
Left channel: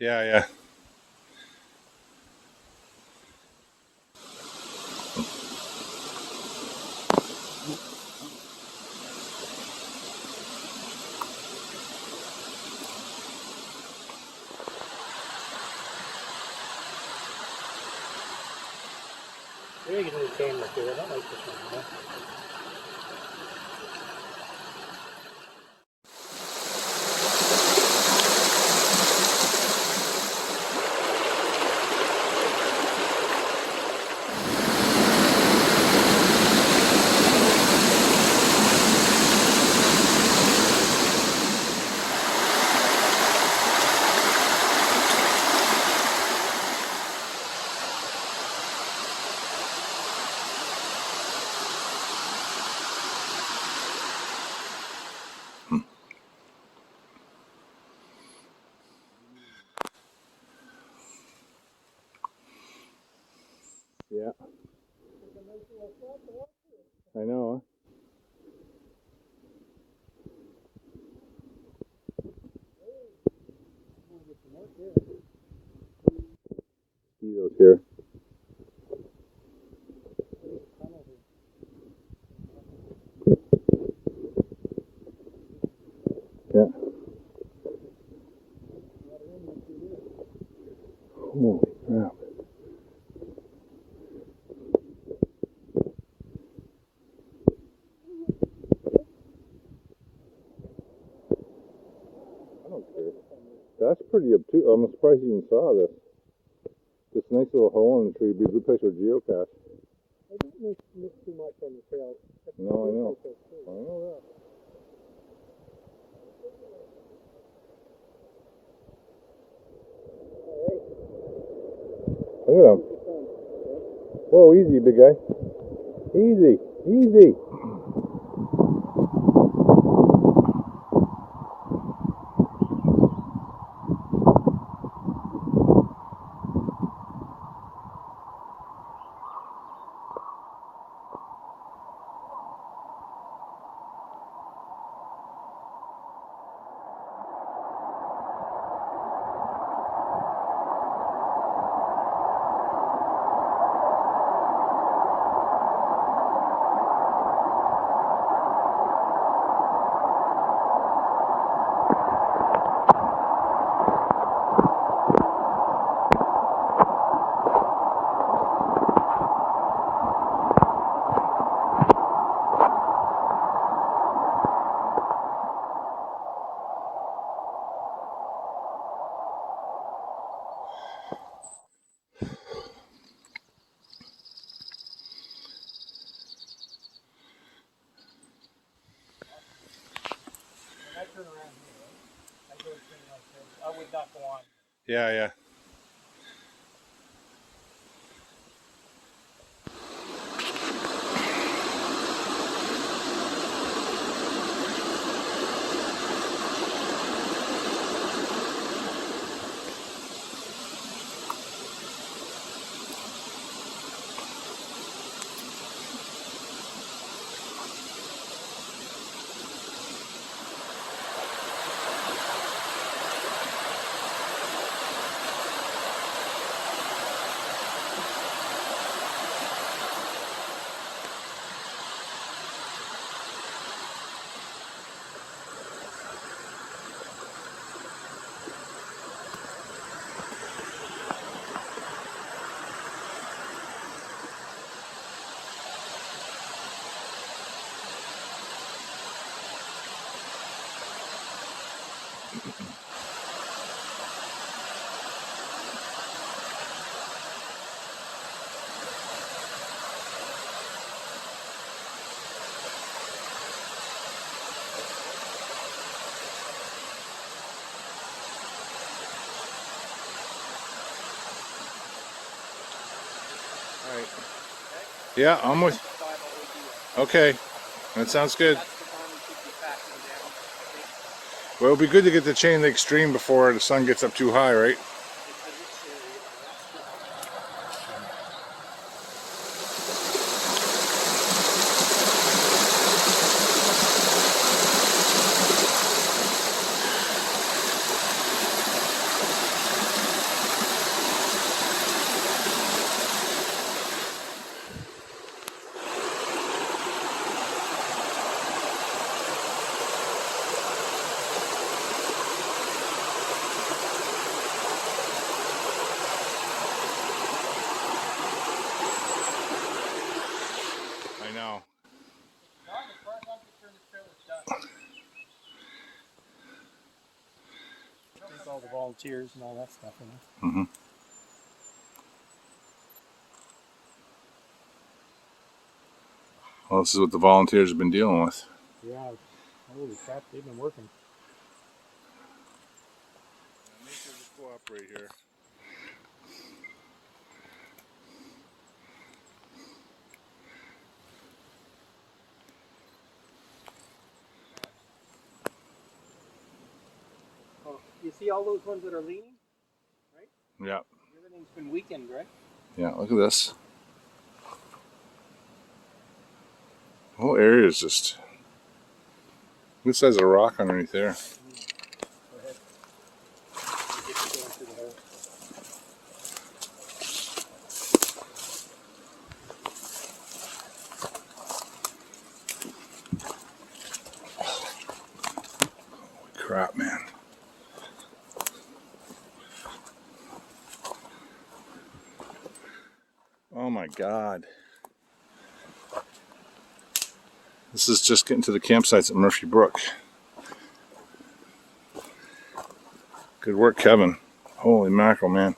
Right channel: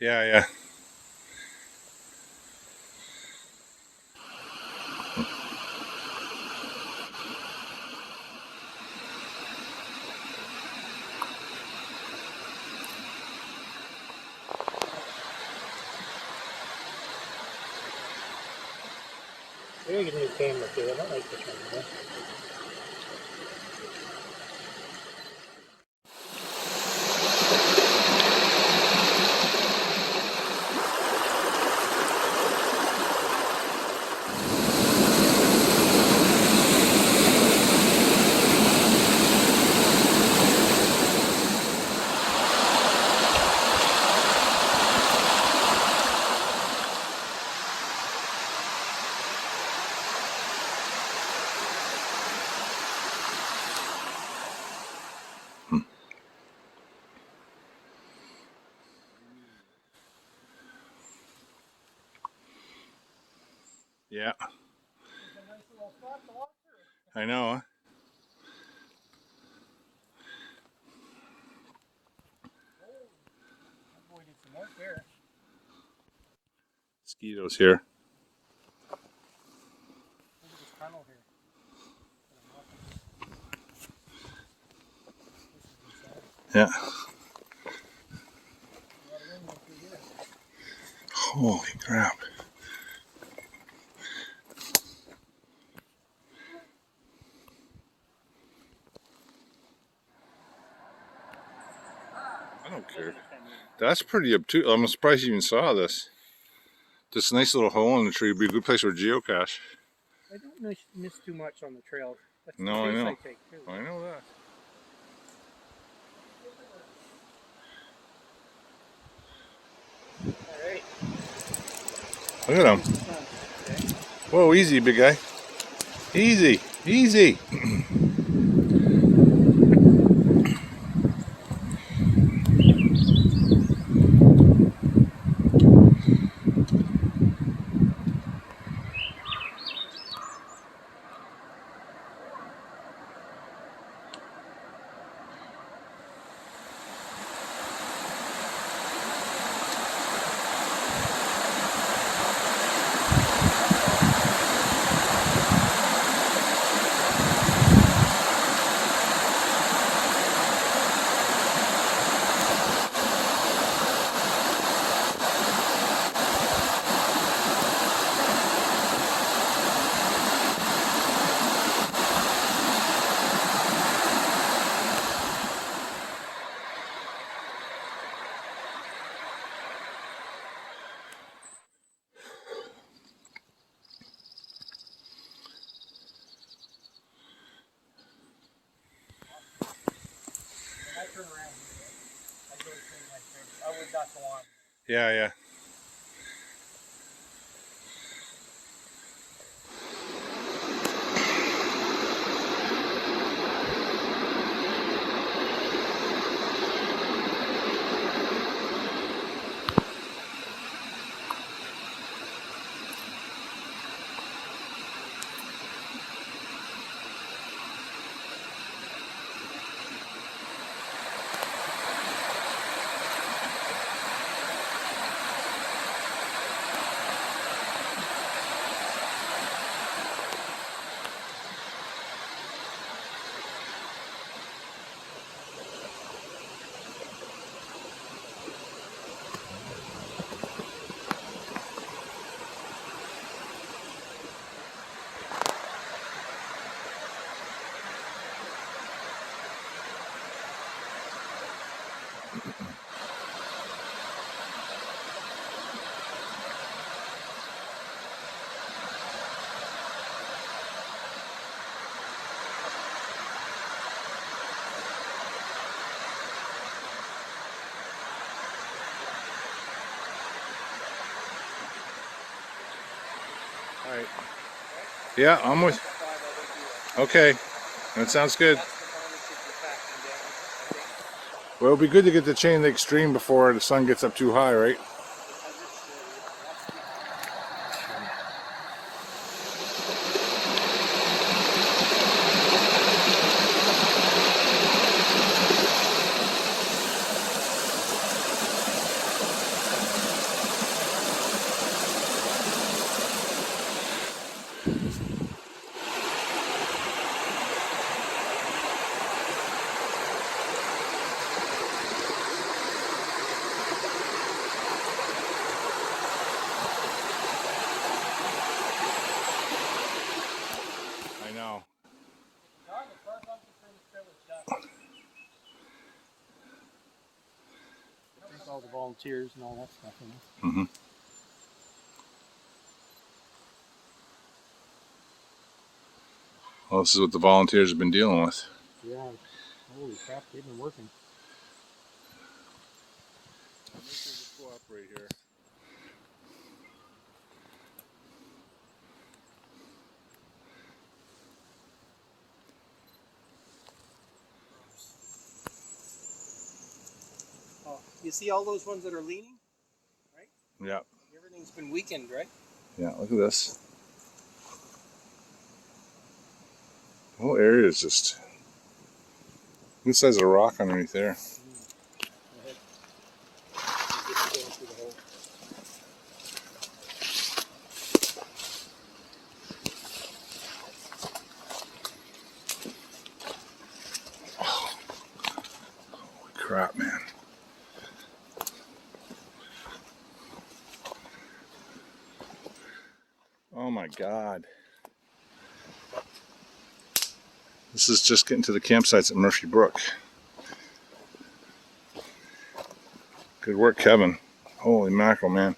Yeah, yeah. Maybe you can use camera too. I don't like this one. Yeah. I know. mosquitoes here. Yeah. Holy crap. I don't care. That's pretty obtuse. I'm surprised you even saw this. This nice little hole in the tree would be a good place for a geocache. I don't miss too much on the trail. That's the No, I pace know. I take too. I know that. Alright. Look at him. Okay. Whoa, easy, big guy. Easy, easy. When I turn around, I go to turn right there. I would not go on. Yeah, yeah. All right. Yeah, I'm with. Okay, that sounds good. Well, it'll be good to get the chain link stream before the sun gets up too high, right? I know. There's all the volunteers and all that stuff. Mm-hmm. Well, this is what the volunteers have been dealing with. Yeah. Holy crap, they've been working. Go up right here. Oh, you see all those ones that are leaning? Right? Yeah. Everything's been weakened, right? Yeah, look at this. The whole area is just. This has a rock underneath there. Go ahead. crap, man. Oh my God. This is just getting to the campsites at Murphy Brook. Good work, Kevin. Holy mackerel, man.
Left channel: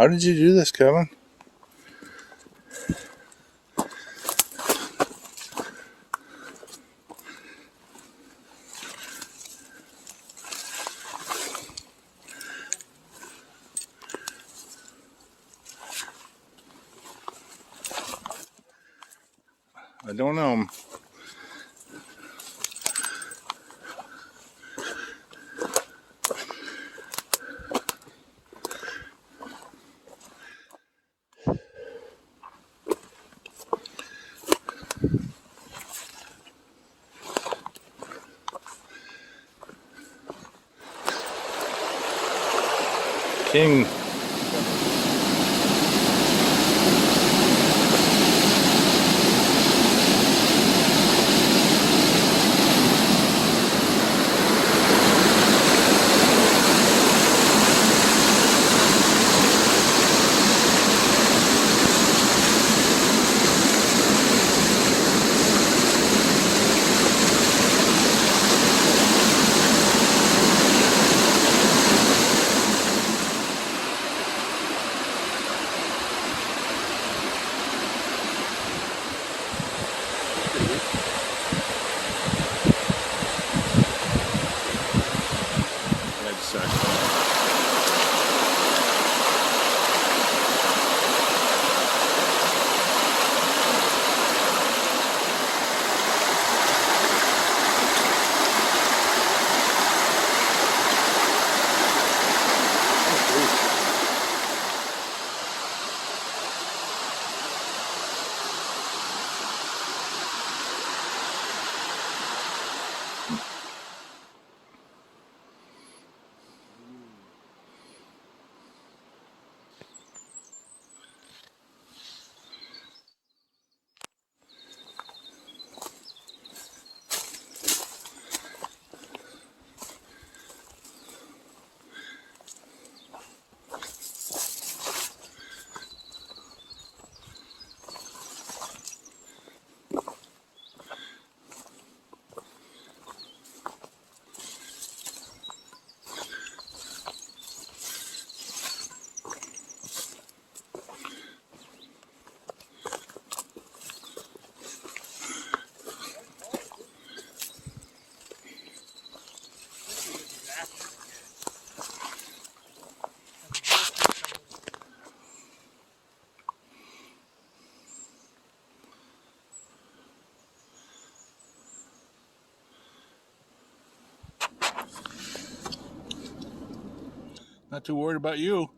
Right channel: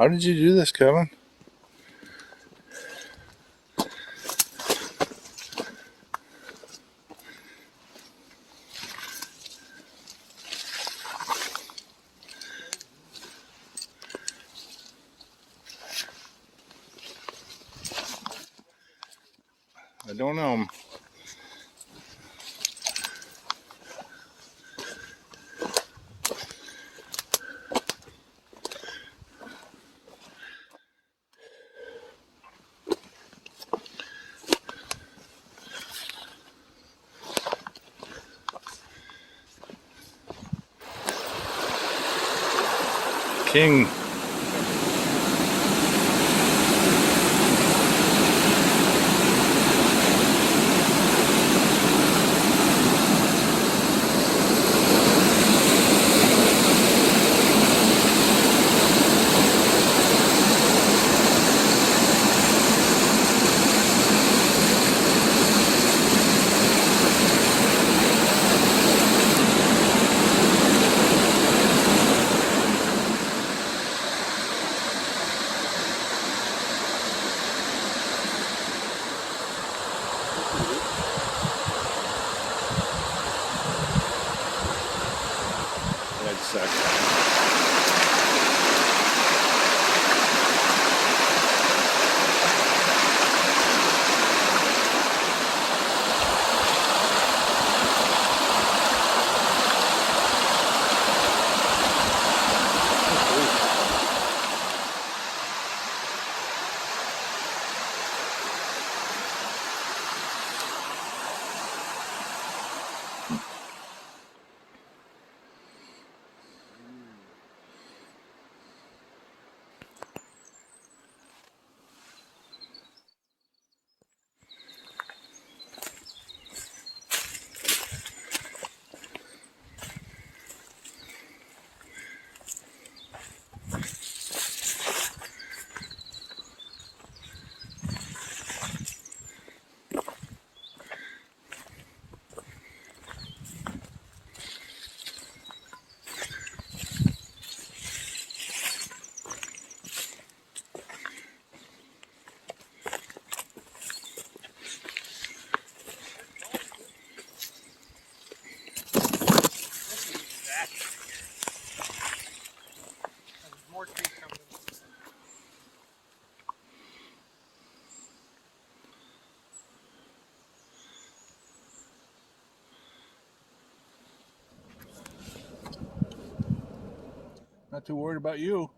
How did you do this, Kevin? I don't know. King. Red sack. Not too worried about you.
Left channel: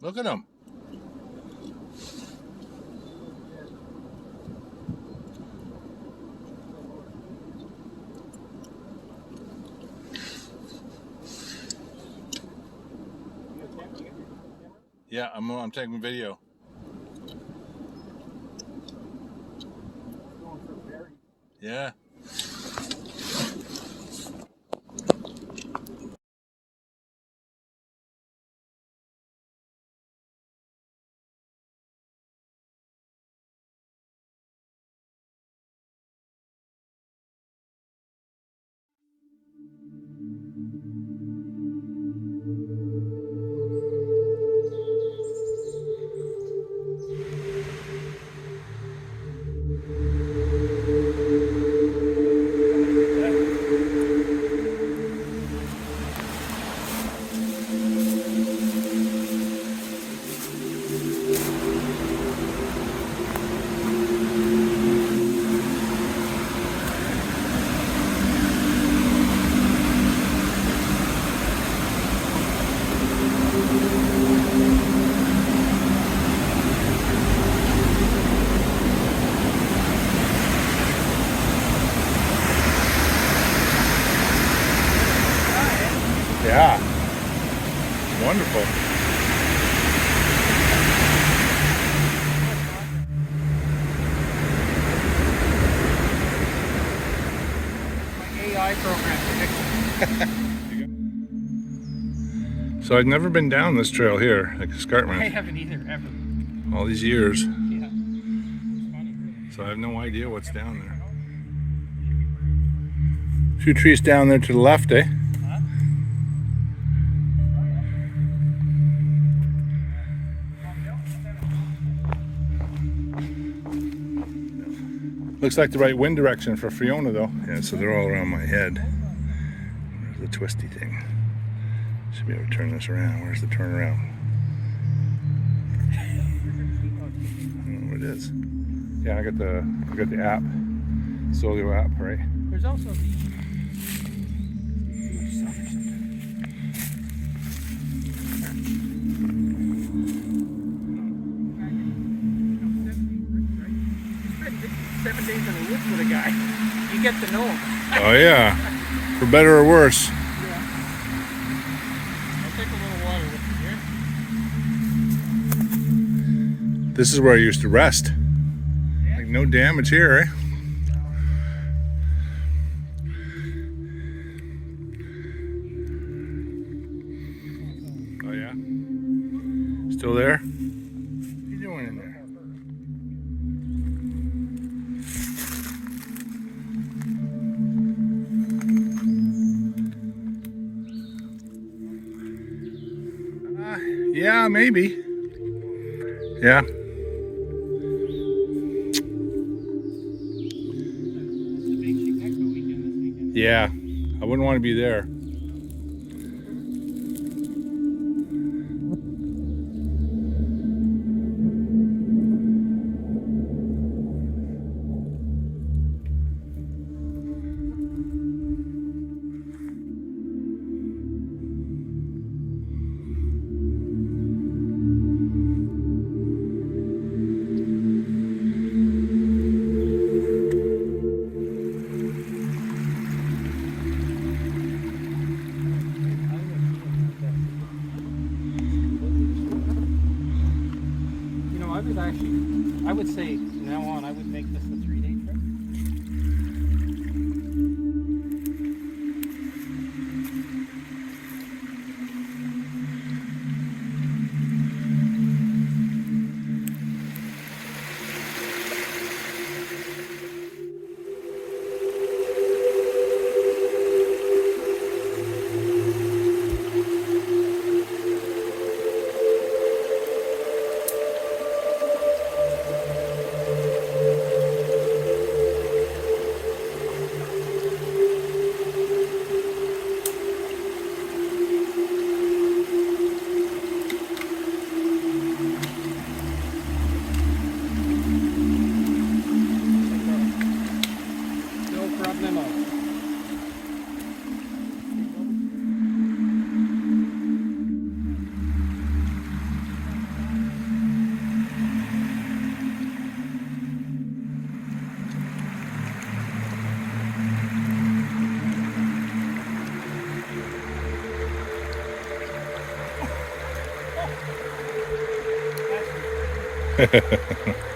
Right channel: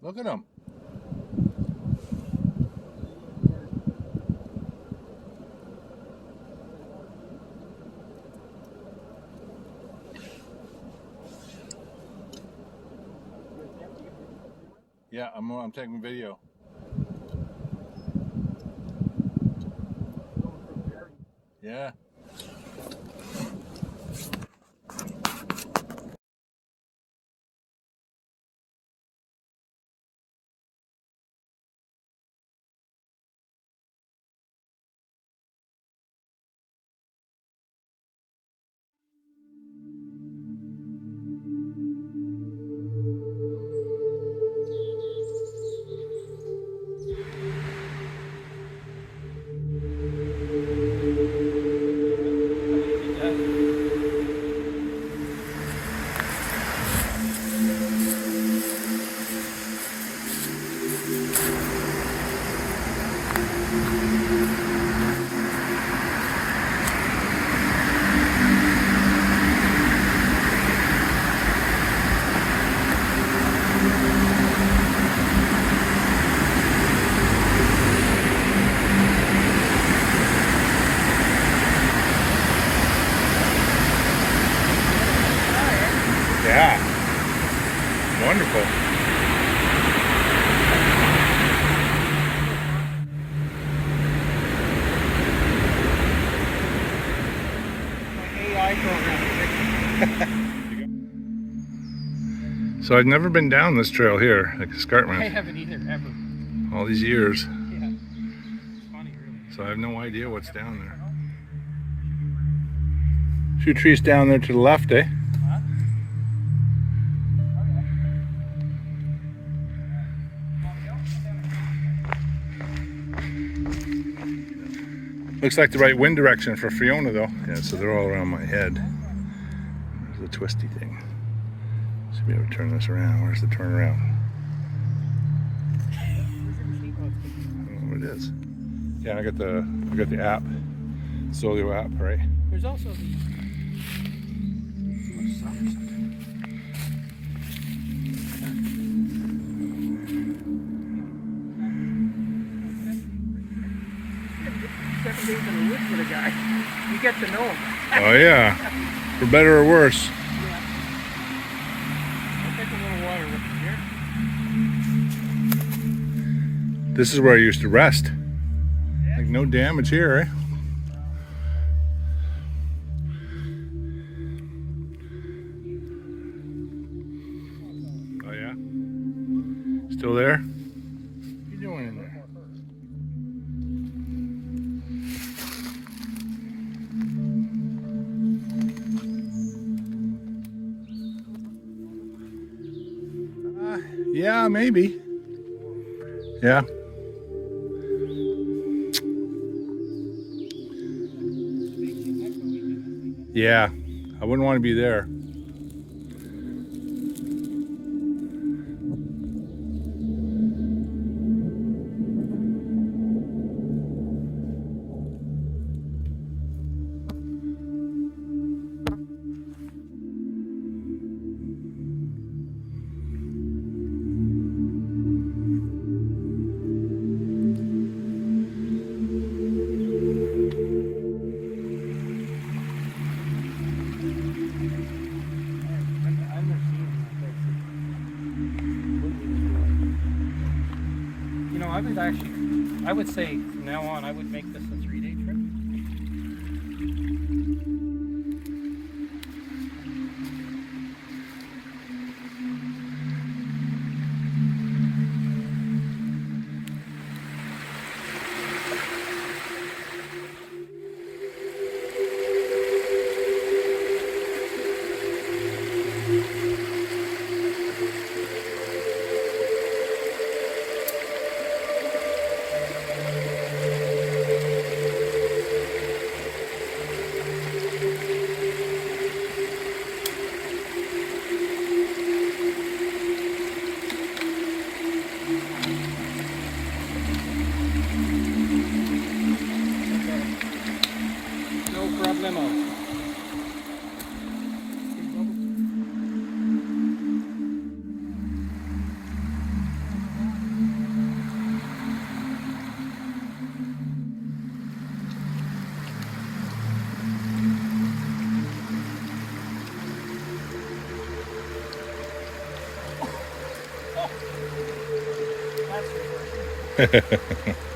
Look at him. Yeah, I'm taking video. Yeah. Yeah. Wonderful. My AI program prediction. So I've never been down this trail here, like I Escarpment, haven't either, ever. all these years. Yeah. It's funny, really. So I have no idea what's down there. A few trees down there to the left, eh? Huh? Looks like the right wind direction for Fiona though. Yeah, so they're all around my head. There's the twisty thing. Should be able to turn this around. Where's the turnaround? I don't know what it is. Yeah, I got the app. Solio app, right? There's also the... Seven days in the woods with a guy. You get to know him. Oh yeah. For better or worse. Yeah. I'll take a little water with you here. This is where I used to rest. Like no damage here, eh? Oh yeah? Still there? What are you doing in there? Yeah, maybe. Yeah. Yeah, I wouldn't want to be there. You know, I would say from now on, I would make this a 3-day trip. No problemo. That's